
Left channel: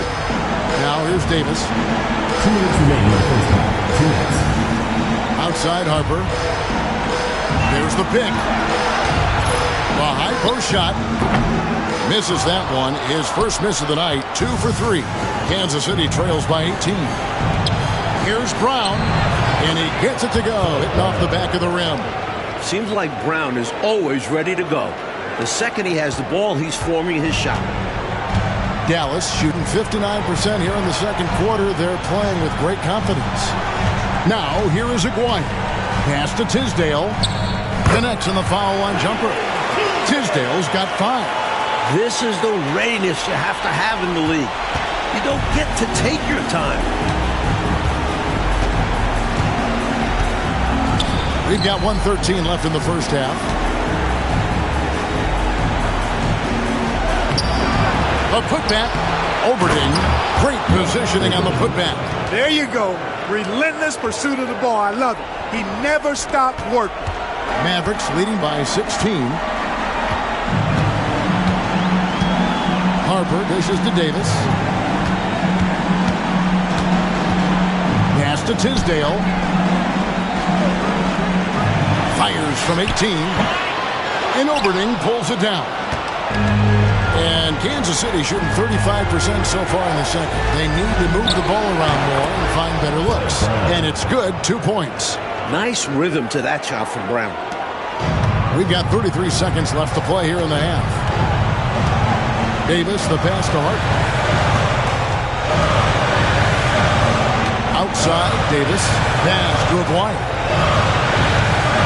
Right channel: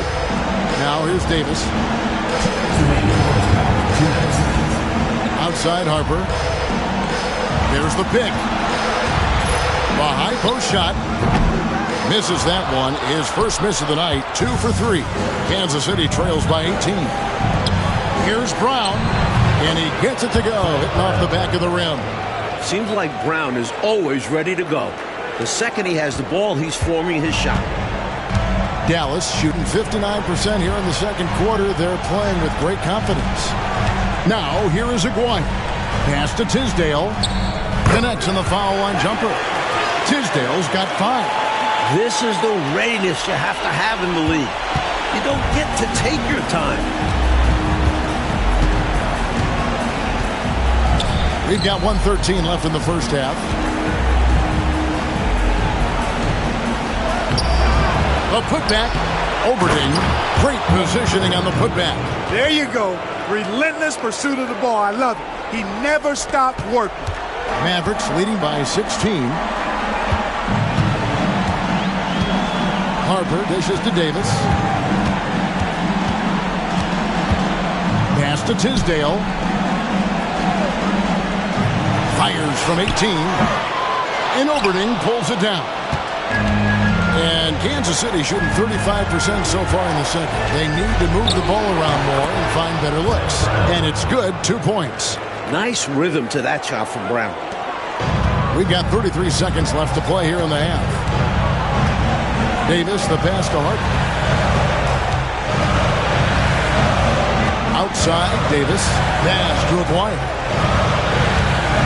Now here's Davis. 2 minutes remaining in the first half. 2 minutes. Outside Harper. There's the pick. A high post shot. Misses that one. His first miss of the night. 2 for 3. Kansas City trails by 18. Here's Brown. And he gets it to go. Hitting off the back of the rim. Seems like Brown is always ready to go. The second he has the ball, he's forming his shot. Dallas shooting 59% here in the second quarter. They're playing with great confidence. Now, here is Aguirre. Pass to Tisdale. Connects in the foul line jumper. Tisdale's got 5. This is the readiness you have to have in the league. You don't get to take your time. We've got 1:13 left in the first half. A putback. Oberding. Great positioning on the putback. There you go. Relentless pursuit of the ball. I love it. He never stopped working. Mavericks leading by 16. Harper dishes to Davis. Pass to Tisdale. Fires from 18. And Oberding pulls it down. And Kansas City shooting 35% so far in the second. They need to move the ball around more and find better looks. And it's good, 2 points. Nice rhythm to that shot from Brown. We've got 33 seconds left to play here in the half. Davis, the pass to Hart. Outside, Davis. Pass to Aguirre.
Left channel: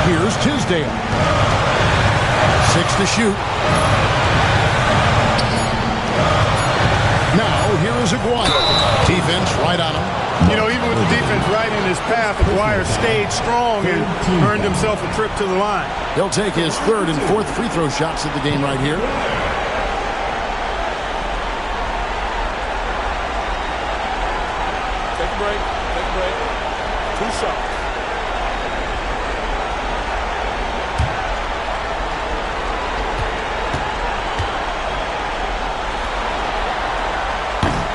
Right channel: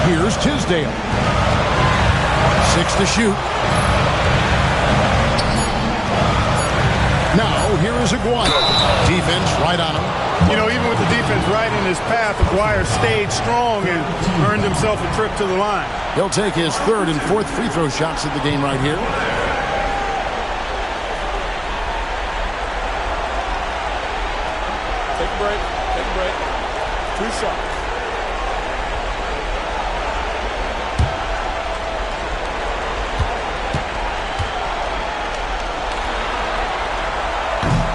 Here's Tisdale. 6 to shoot. Now, here is Aguirre. Defense right on him. You know, even with the defense right in his path, Aguirre stayed strong and earned himself a trip to the line. He'll take his 3rd and 4th free throw shots of the game right here. Take a break. Take a break. 2 shots.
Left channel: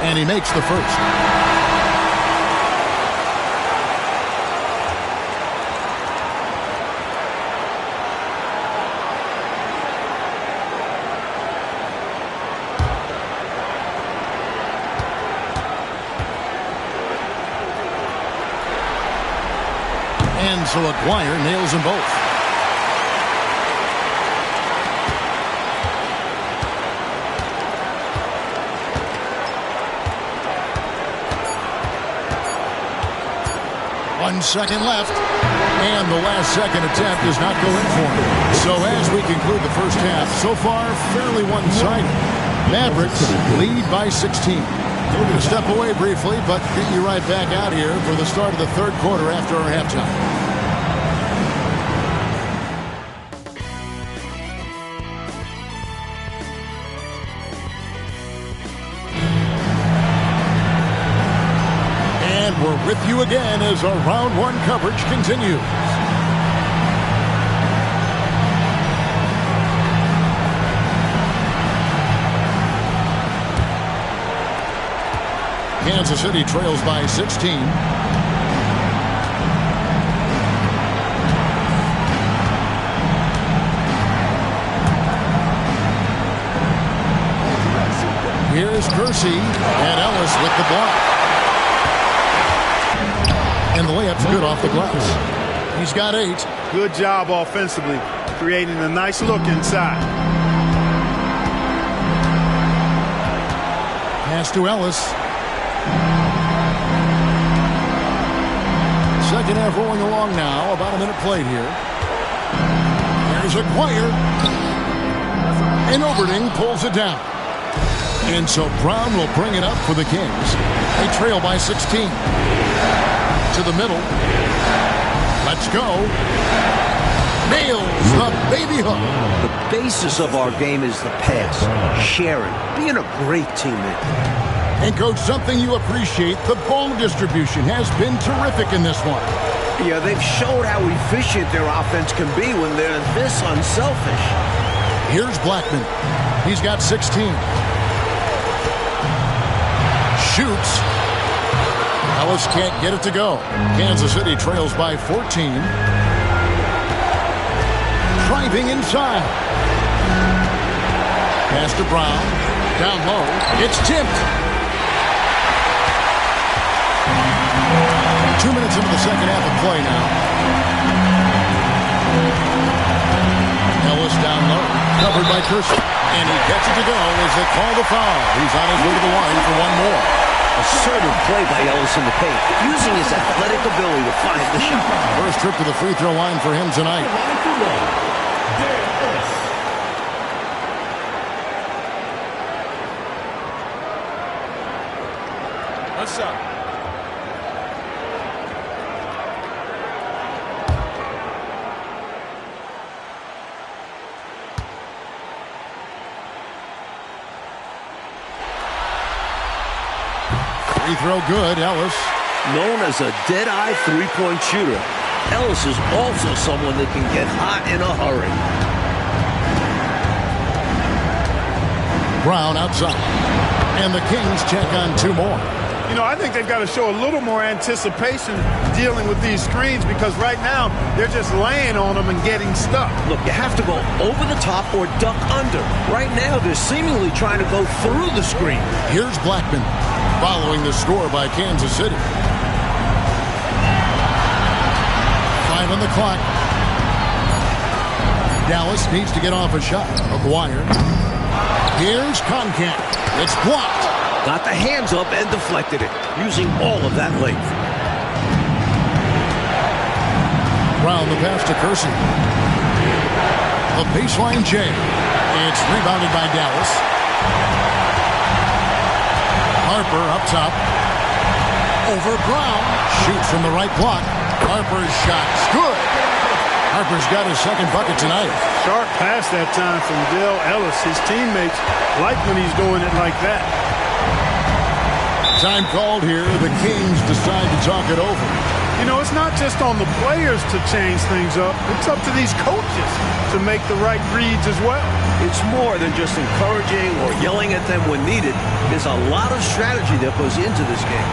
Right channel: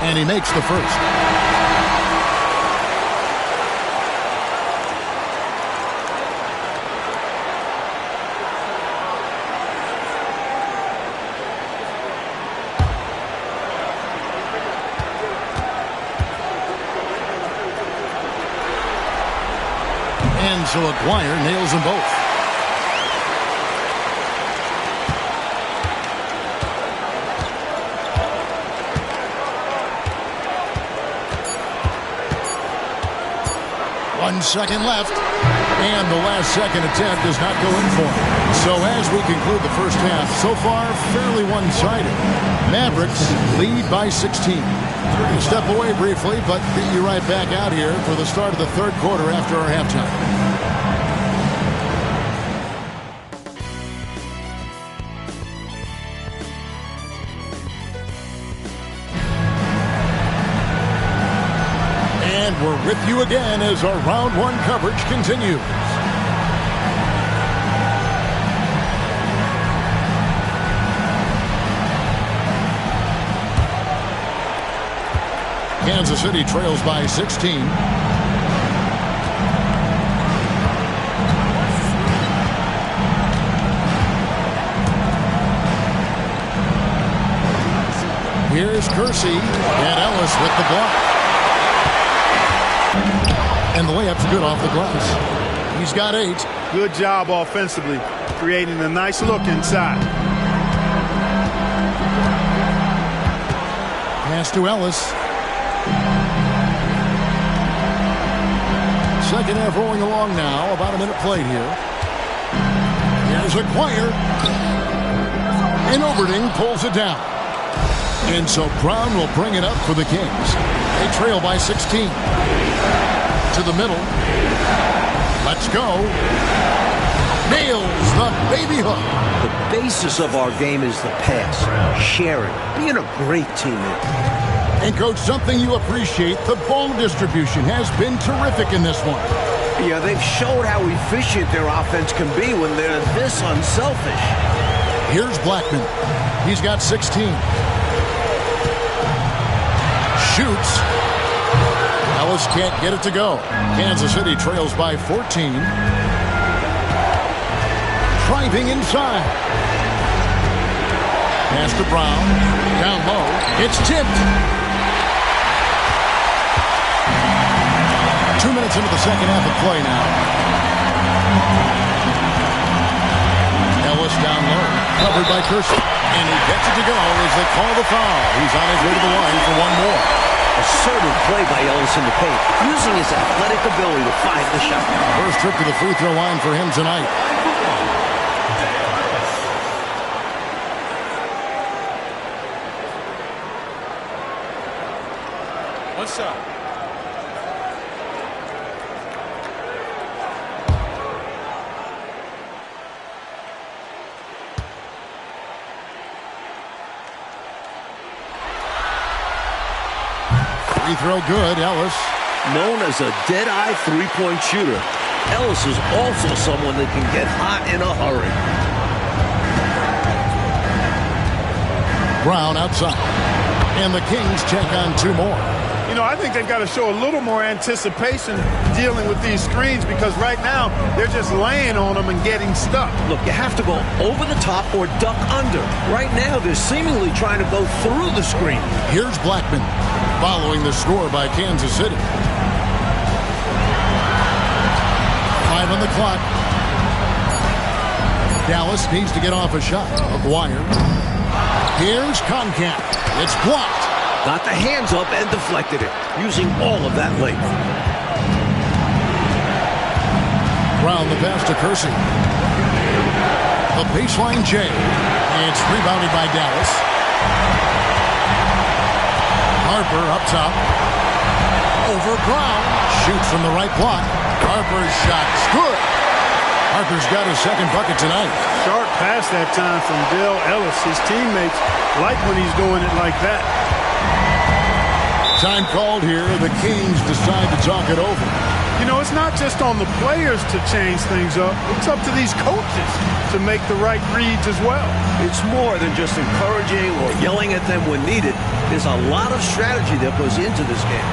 And he makes the first. And so Aguirre nails them both. One second left, and the last second attempt does not go in for him. So as we conclude the first half, so far fairly one-sided. Mavericks lead by 16. We're going to step away briefly, but get you right back out here for the start of the third quarter after our halftime. And we're with you again as our round one coverage continues. Kansas City trails by 16. Here's Kersey and Ellis with the block. And the layup's good off the glass. He's got 8. Good job offensively, creating a nice look inside. Pass to Ellis. Second half rolling along now. About a minute played here. Here's Aguirre. And Overding pulls it down. And so Brown will bring it up for the Kings. They trail by 16. To the middle. Let's go. Nails the baby hook. The basis of our game is the pass, sharing, being a great teammate. And, Coach, something you appreciate, the ball distribution has been terrific in this one. Yeah, they've showed how efficient their offense can be when they're this unselfish. Here's Blackman. He's got 16. Shoots. Ellis can't get it to go. Kansas City trails by 14. Driving inside. Pass to Brown. Down low. It's tipped. 2 minutes into the second half of play now. Ellis down low. Covered by Kersey. And he gets it to go as they call the foul. He's on his way to the line for one more. Assertive play by Ellis in the paint, using his athletic ability to find the shot. First trip to the free throw line for him tonight. One shot. Free throw good, Ellis. Known as a dead-eye three-point shooter, Ellis is also someone that can get hot in a hurry. Brown outside. And the Kings check on two more. You know, I think they've got to show a little more anticipation dealing with these screens because right now they're just laying on them and getting stuck. Look, you have to go over the top or duck under. Right now, they're seemingly trying to go through the screen. Here's Blackman following the score by Kansas City. 5 on the clock. Dallas needs to get off a shot. Aguirre. Here's Conkamp. It's blocked. Got the hands up and deflected it, using all of that length. Brown the pass to Kersey. The baseline J. It's rebounded by Dallas. Harper up top. Over Brown. Shoots from the right block. Harper's shot's good. Harper's got his second bucket tonight. Sharp pass that time from Dale Ellis. His teammates like when he's doing it like that. Time called here. The Kings decide to talk it over. You know, it's not just on the players to change things up. It's up to these coaches to make the right reads as well. It's more than just encouraging or yelling at them when needed. There's a lot of strategy that goes into this game.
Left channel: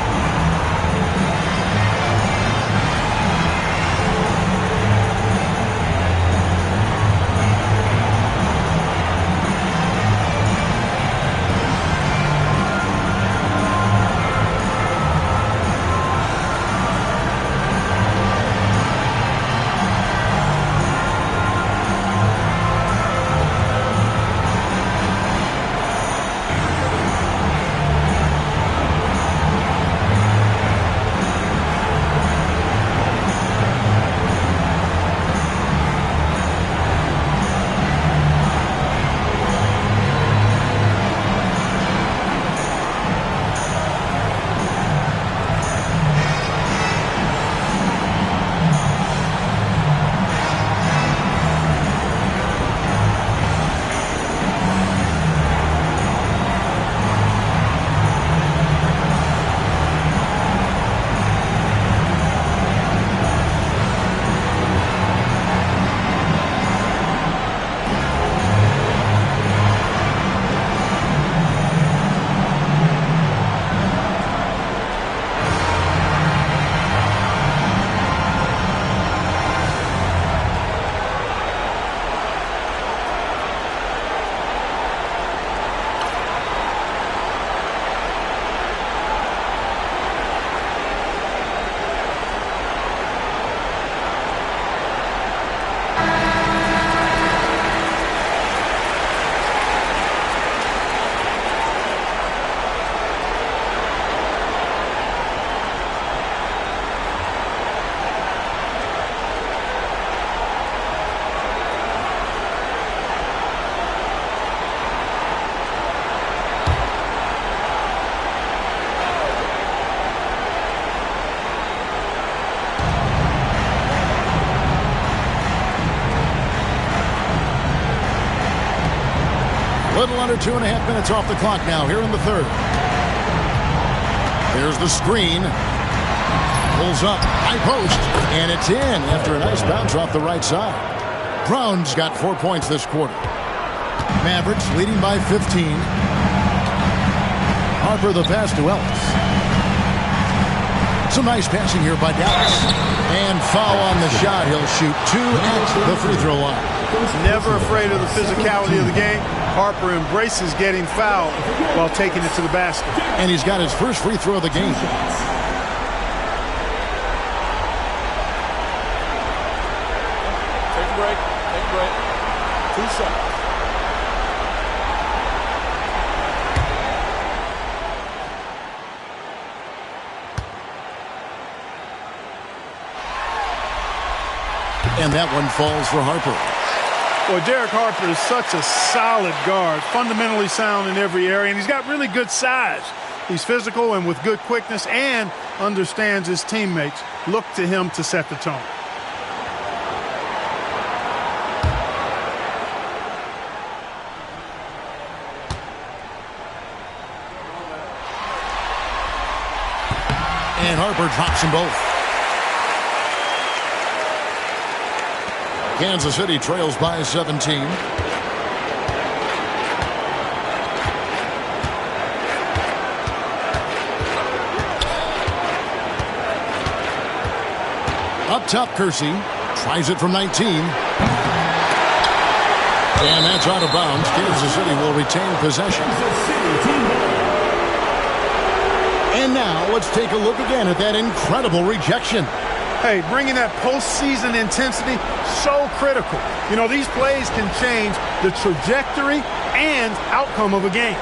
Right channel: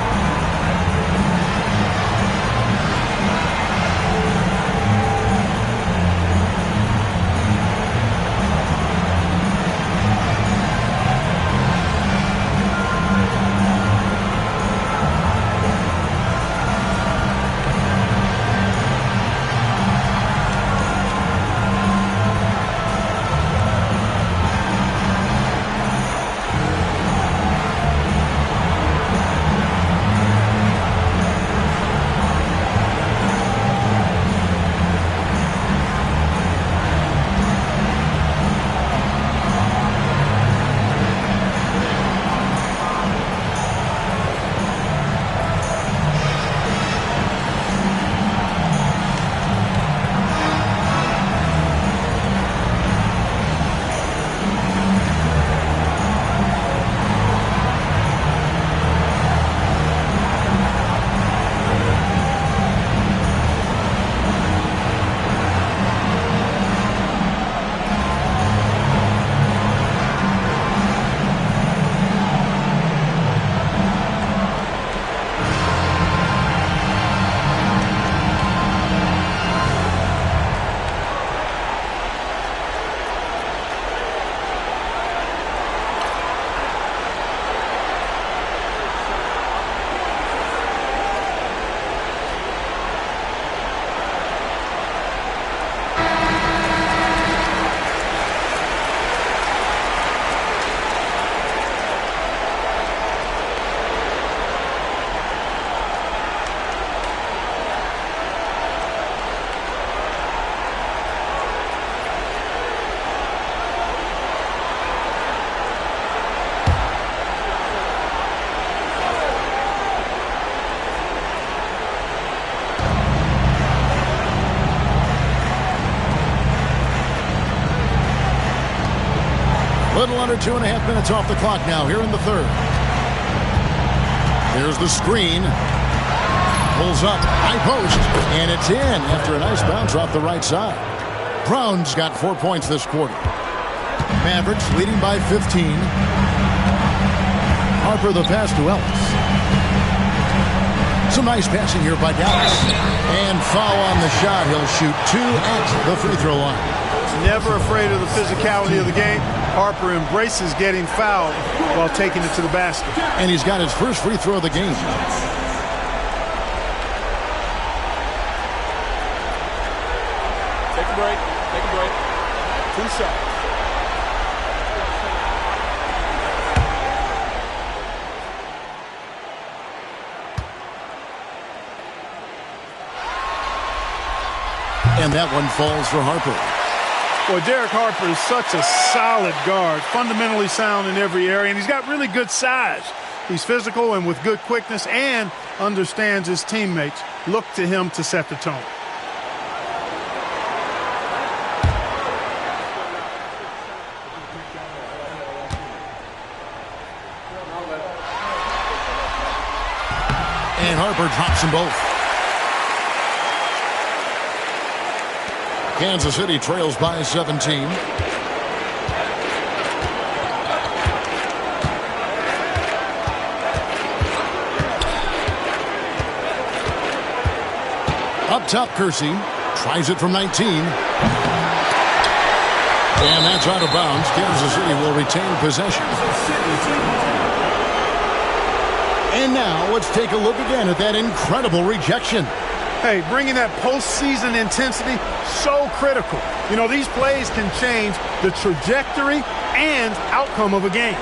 Little under 2.5 minutes off the clock now here in the third. There's the screen. Pulls up, high post, and it's in after a nice bounce off the right side. Brown's got 4 points this quarter. Mavericks leading by 15. Harper the pass to Ellis. Some nice passing here by Dallas. And foul on the shot. He'll shoot 2 at the free throw line. Never afraid of the physicality of the game. Harper embraces getting fouled while taking it to the basket. And he's got his first free throw of the game. Take a break. Take a break. 2 shots. And that one falls for Harper. Boy, Derek Harper is such a solid guard, fundamentally sound in every area, and he's got really good size. He's physical and with good quickness and understands his teammates. Look to him to set the tone. And Harper drops them both. Kansas City trails by 17. Up top, Kersey tries it from 19. And that's out of bounds. Kansas City will retain possession. And now let's take a look again at that incredible rejection. Hey, bringing that postseason intensity, so critical. You know, these plays can change the trajectory and outcome of a game.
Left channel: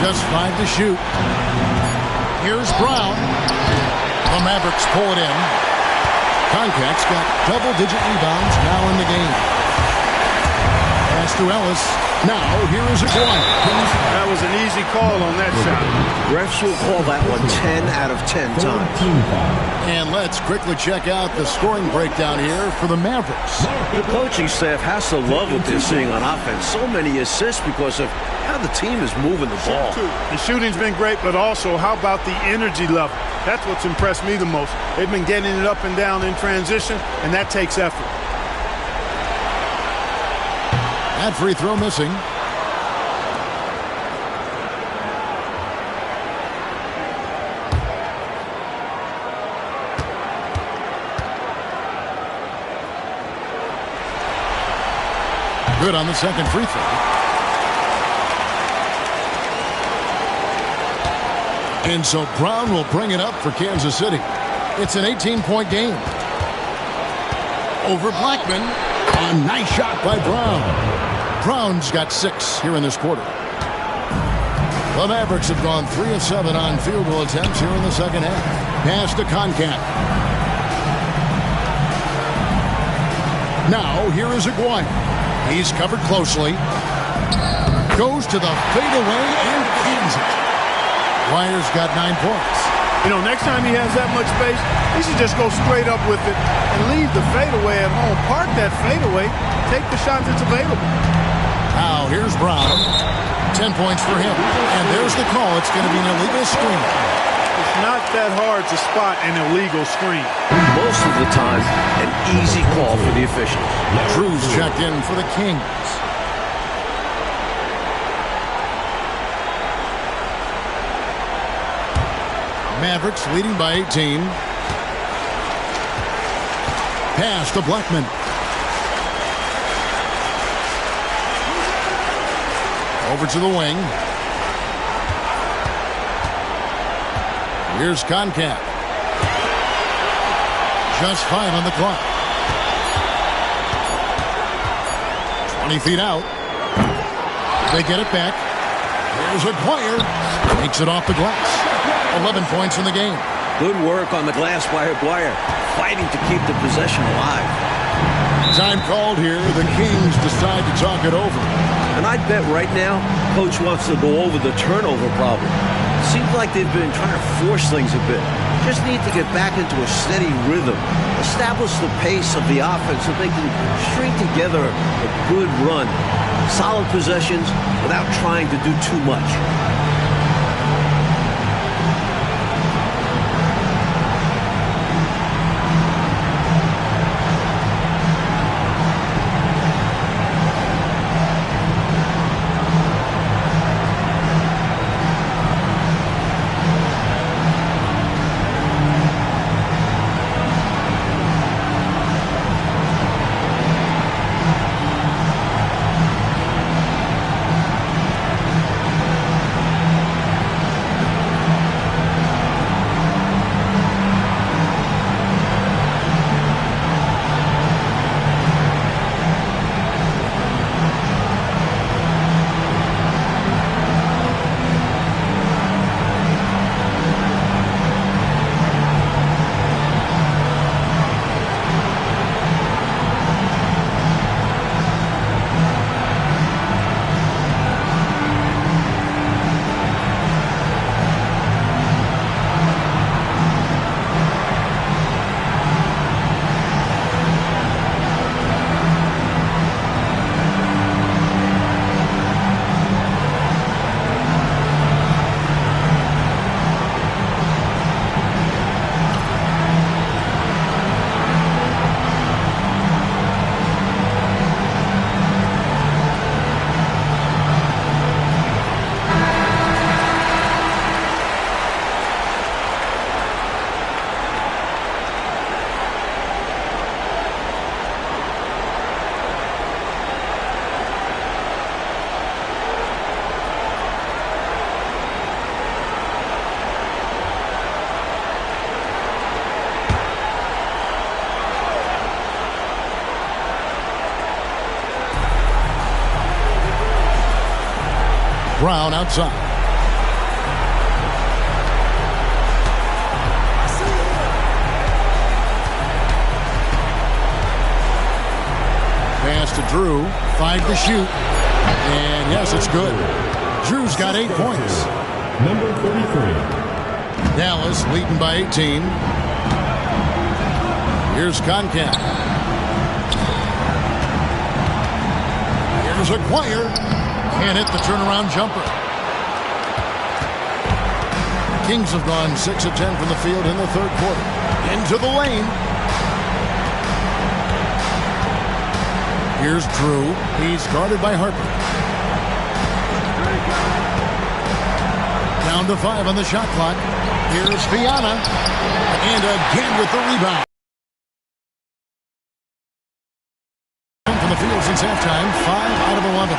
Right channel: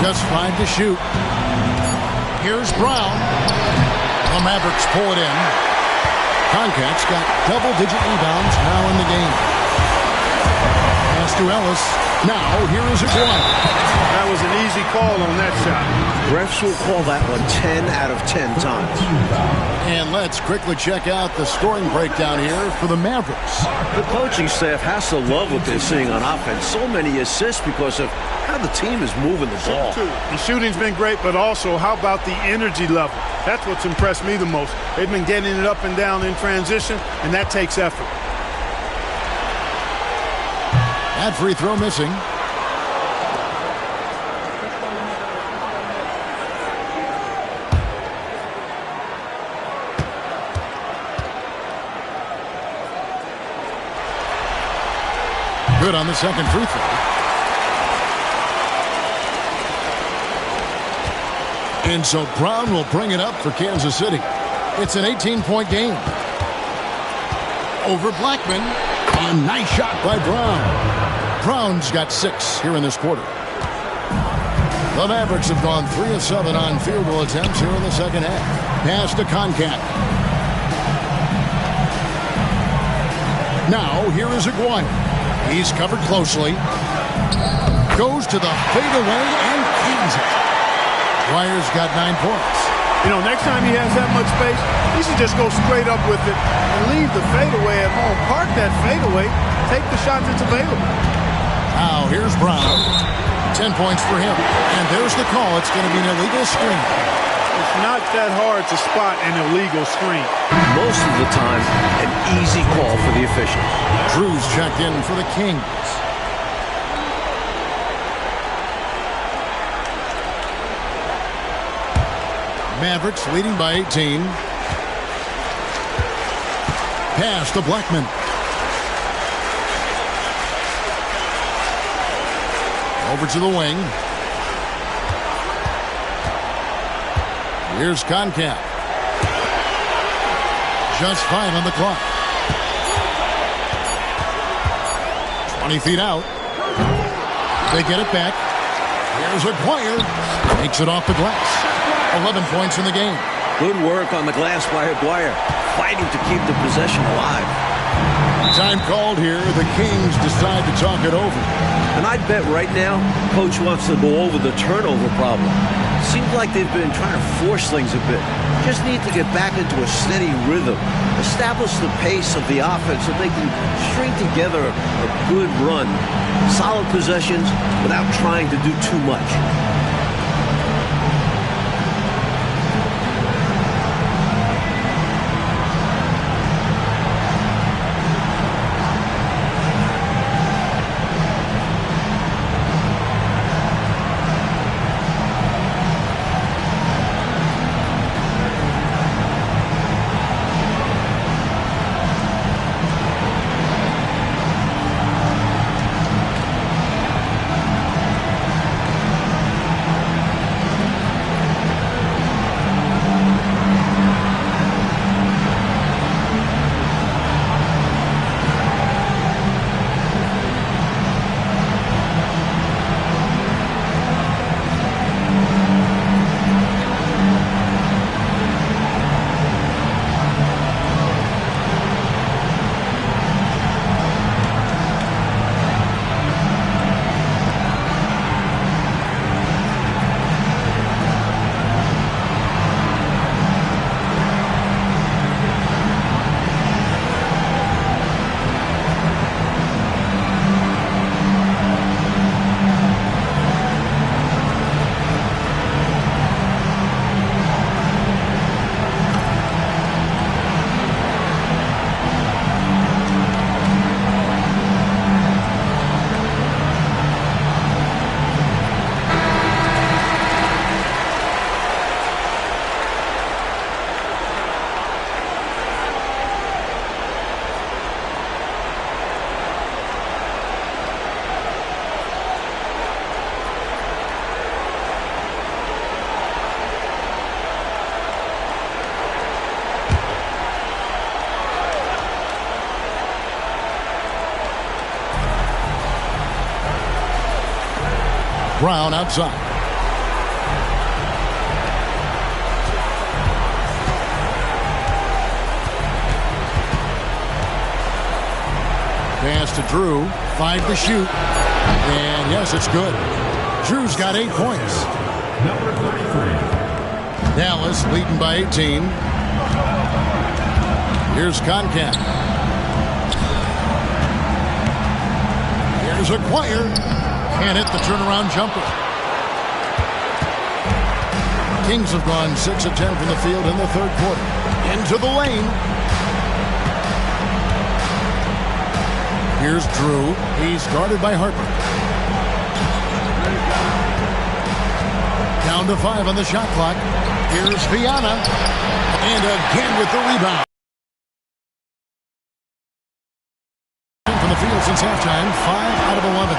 Just 5 to shoot. Here's Brown. The Mavericks pull it in. Concac's got double-digit rebounds now in the game. Pass to Ellis. Now, here is Aguirre. That was an easy call on that shot. Refs will call that one 10 out of 10 times. And let's quickly check out the scoring breakdown here for the Mavericks. The coaching staff has to love what they're seeing on offense. So many assists because of how the team is moving the ball. The shooting's been great, but also how about the energy level? That's what's impressed me the most. They've been getting it up and down in transition, and that takes effort. That free throw missing. Good on the second free throw. And so Brown will bring it up for Kansas City. It's an 18-point game. Over Blackman. A nice shot by Brown. Brown's got 6 here in this quarter. The Mavericks have gone 3 of 7 on field goal attempts here in the second half. Pass to Concac. Now, here is Aguirre. He's covered closely. Goes to the fadeaway and cans it. Aguirre's got 9 points. You know, next time he has that much space, he should just go straight up with it and leave the fadeaway at home. Park that fadeaway. Take the shot that's available. Now, here's Brown. 10 points for him. And there's the call. It's going to be an illegal screen. It's not that hard to spot an illegal screen. Most of the time, an easy call for the officials. Drews checked in for the Kings. Mavericks leading by 18. Pass to Blackman. Over to the wing. Here's Concac. Just 5 on the clock. 20 feet out. They get it back. Here's Aguirre. Takes it off the glass. 11 points in the game. Good work on the glass by Aguirre. fighting to keep the possession alive. Time called here. The Kings decide to talk it over. And I'd bet right now, Coach wants to go over the turnover problem. Seems like they've been trying to force things a bit. Just need to get back into a steady rhythm. Establish the pace of the offense so they can string together a good run. Solid possessions without trying to do too much. Brown outside. Pass to Drew. 5 to shoot. And yes, it's good. Drew's got 8 points. Number 33. Dallas leading by 18. Here's Concat. Here's Acquire. Can't hit the turnaround jumper. Kings have gone 6 of 10 from the field in the third quarter. Into the lane. Here's Drew. He's guarded by Harper. Down to 5 on the shot clock. Here's Viana. And again with the rebound. From the field since halftime. 5 out of 11.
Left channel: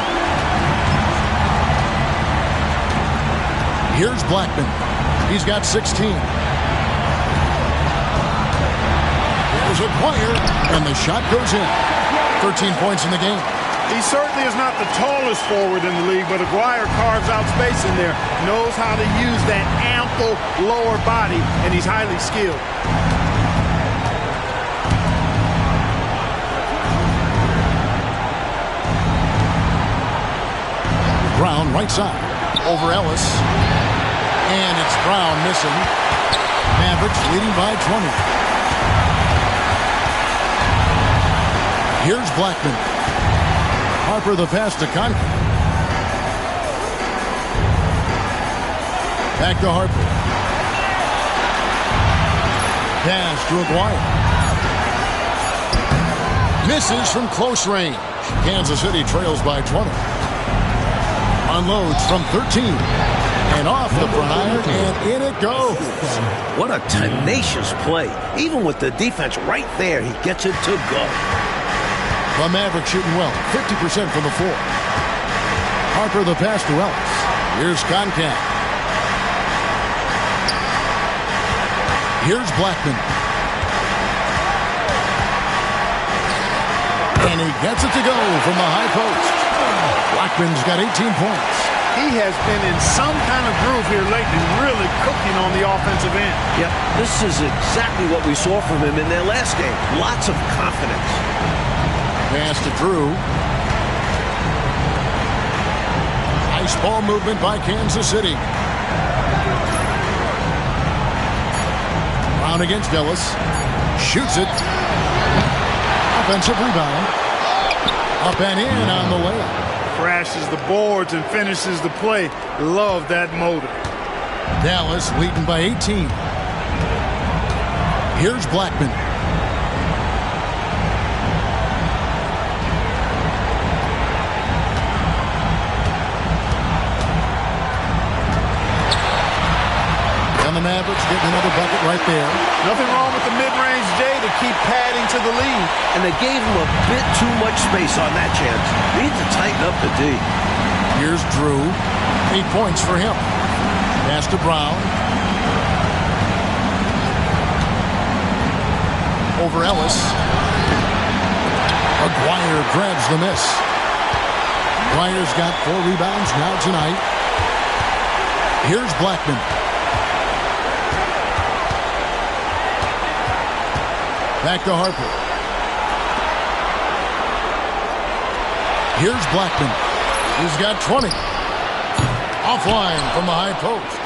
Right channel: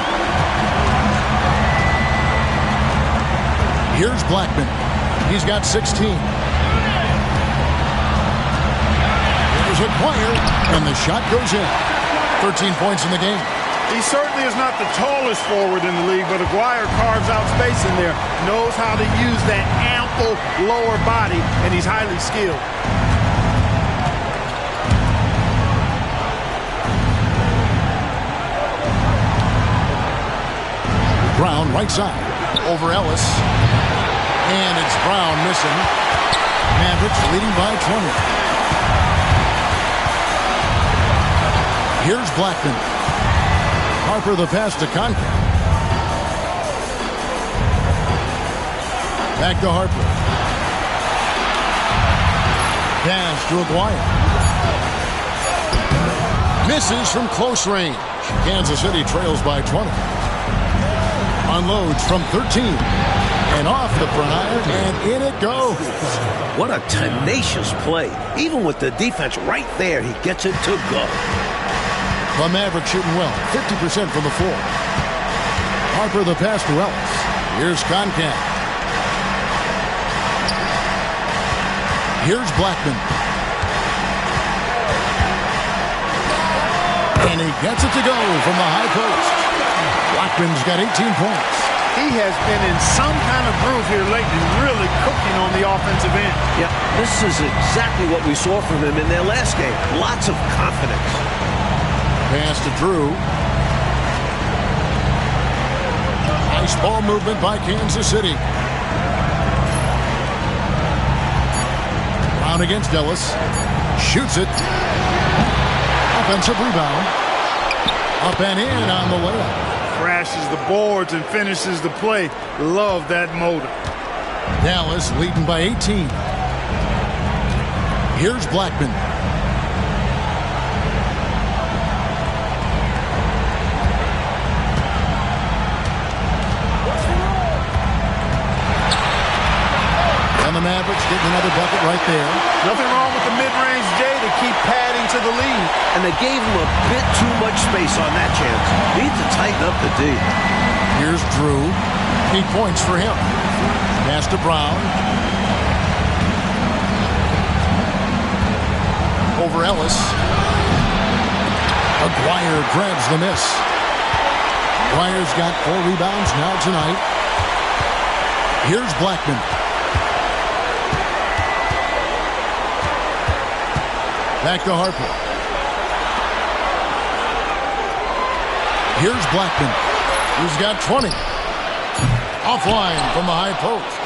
Here's Blackman. He's got 16. Here's Acquire, and the shot goes in. 13 points in the game. He certainly is not the tallest forward in the league, but Acquire carves out space in there, knows how to use that ample lower body, and he's highly skilled. Brown right side. Over Ellis. And it's Brown missing. Mavericks leading by 20. Here's Blackman. Harper the pass to Concat. Back to Harper. Pass to Aguirre. Misses from close range. Kansas City trails by 20. Unloads from 13. And off the front iron, and in it goes. What a tenacious play. Even with the defense right there, he gets it to go. The Mavericks shooting well, 50% from the floor. Harper the pass to Ellis. Here's Concat. Here's Blackman. And he gets it to go from the high post. Blackman's got 18 points. He has been in some kind of groove here lately, really cooking on the offensive end. Yep, this is exactly what we saw from him in their last game. Lots of confidence. Pass to Drew. Nice ball movement by Kansas City. Brown against Ellis. Shoots it. Offensive rebound. Up and in on the layup. Crashes the boards and finishes the play. Love that motor. Dallas leading by 18. Here's Blackman. And the Mavericks getting another bucket right there. Nothing wrong with the mid-range J to keep padding to the lead. And they gave him a bit too much space on that chance. Need to tighten up the D. Here's Drew. 8 points for him. Pass to Brown. Over Ellis. Aguirre grabs the miss. Aguirre's got 4 rebounds now tonight. Here's Blackman. Back to Harper. Here's Blackman. He's got 20. Offline from the high post.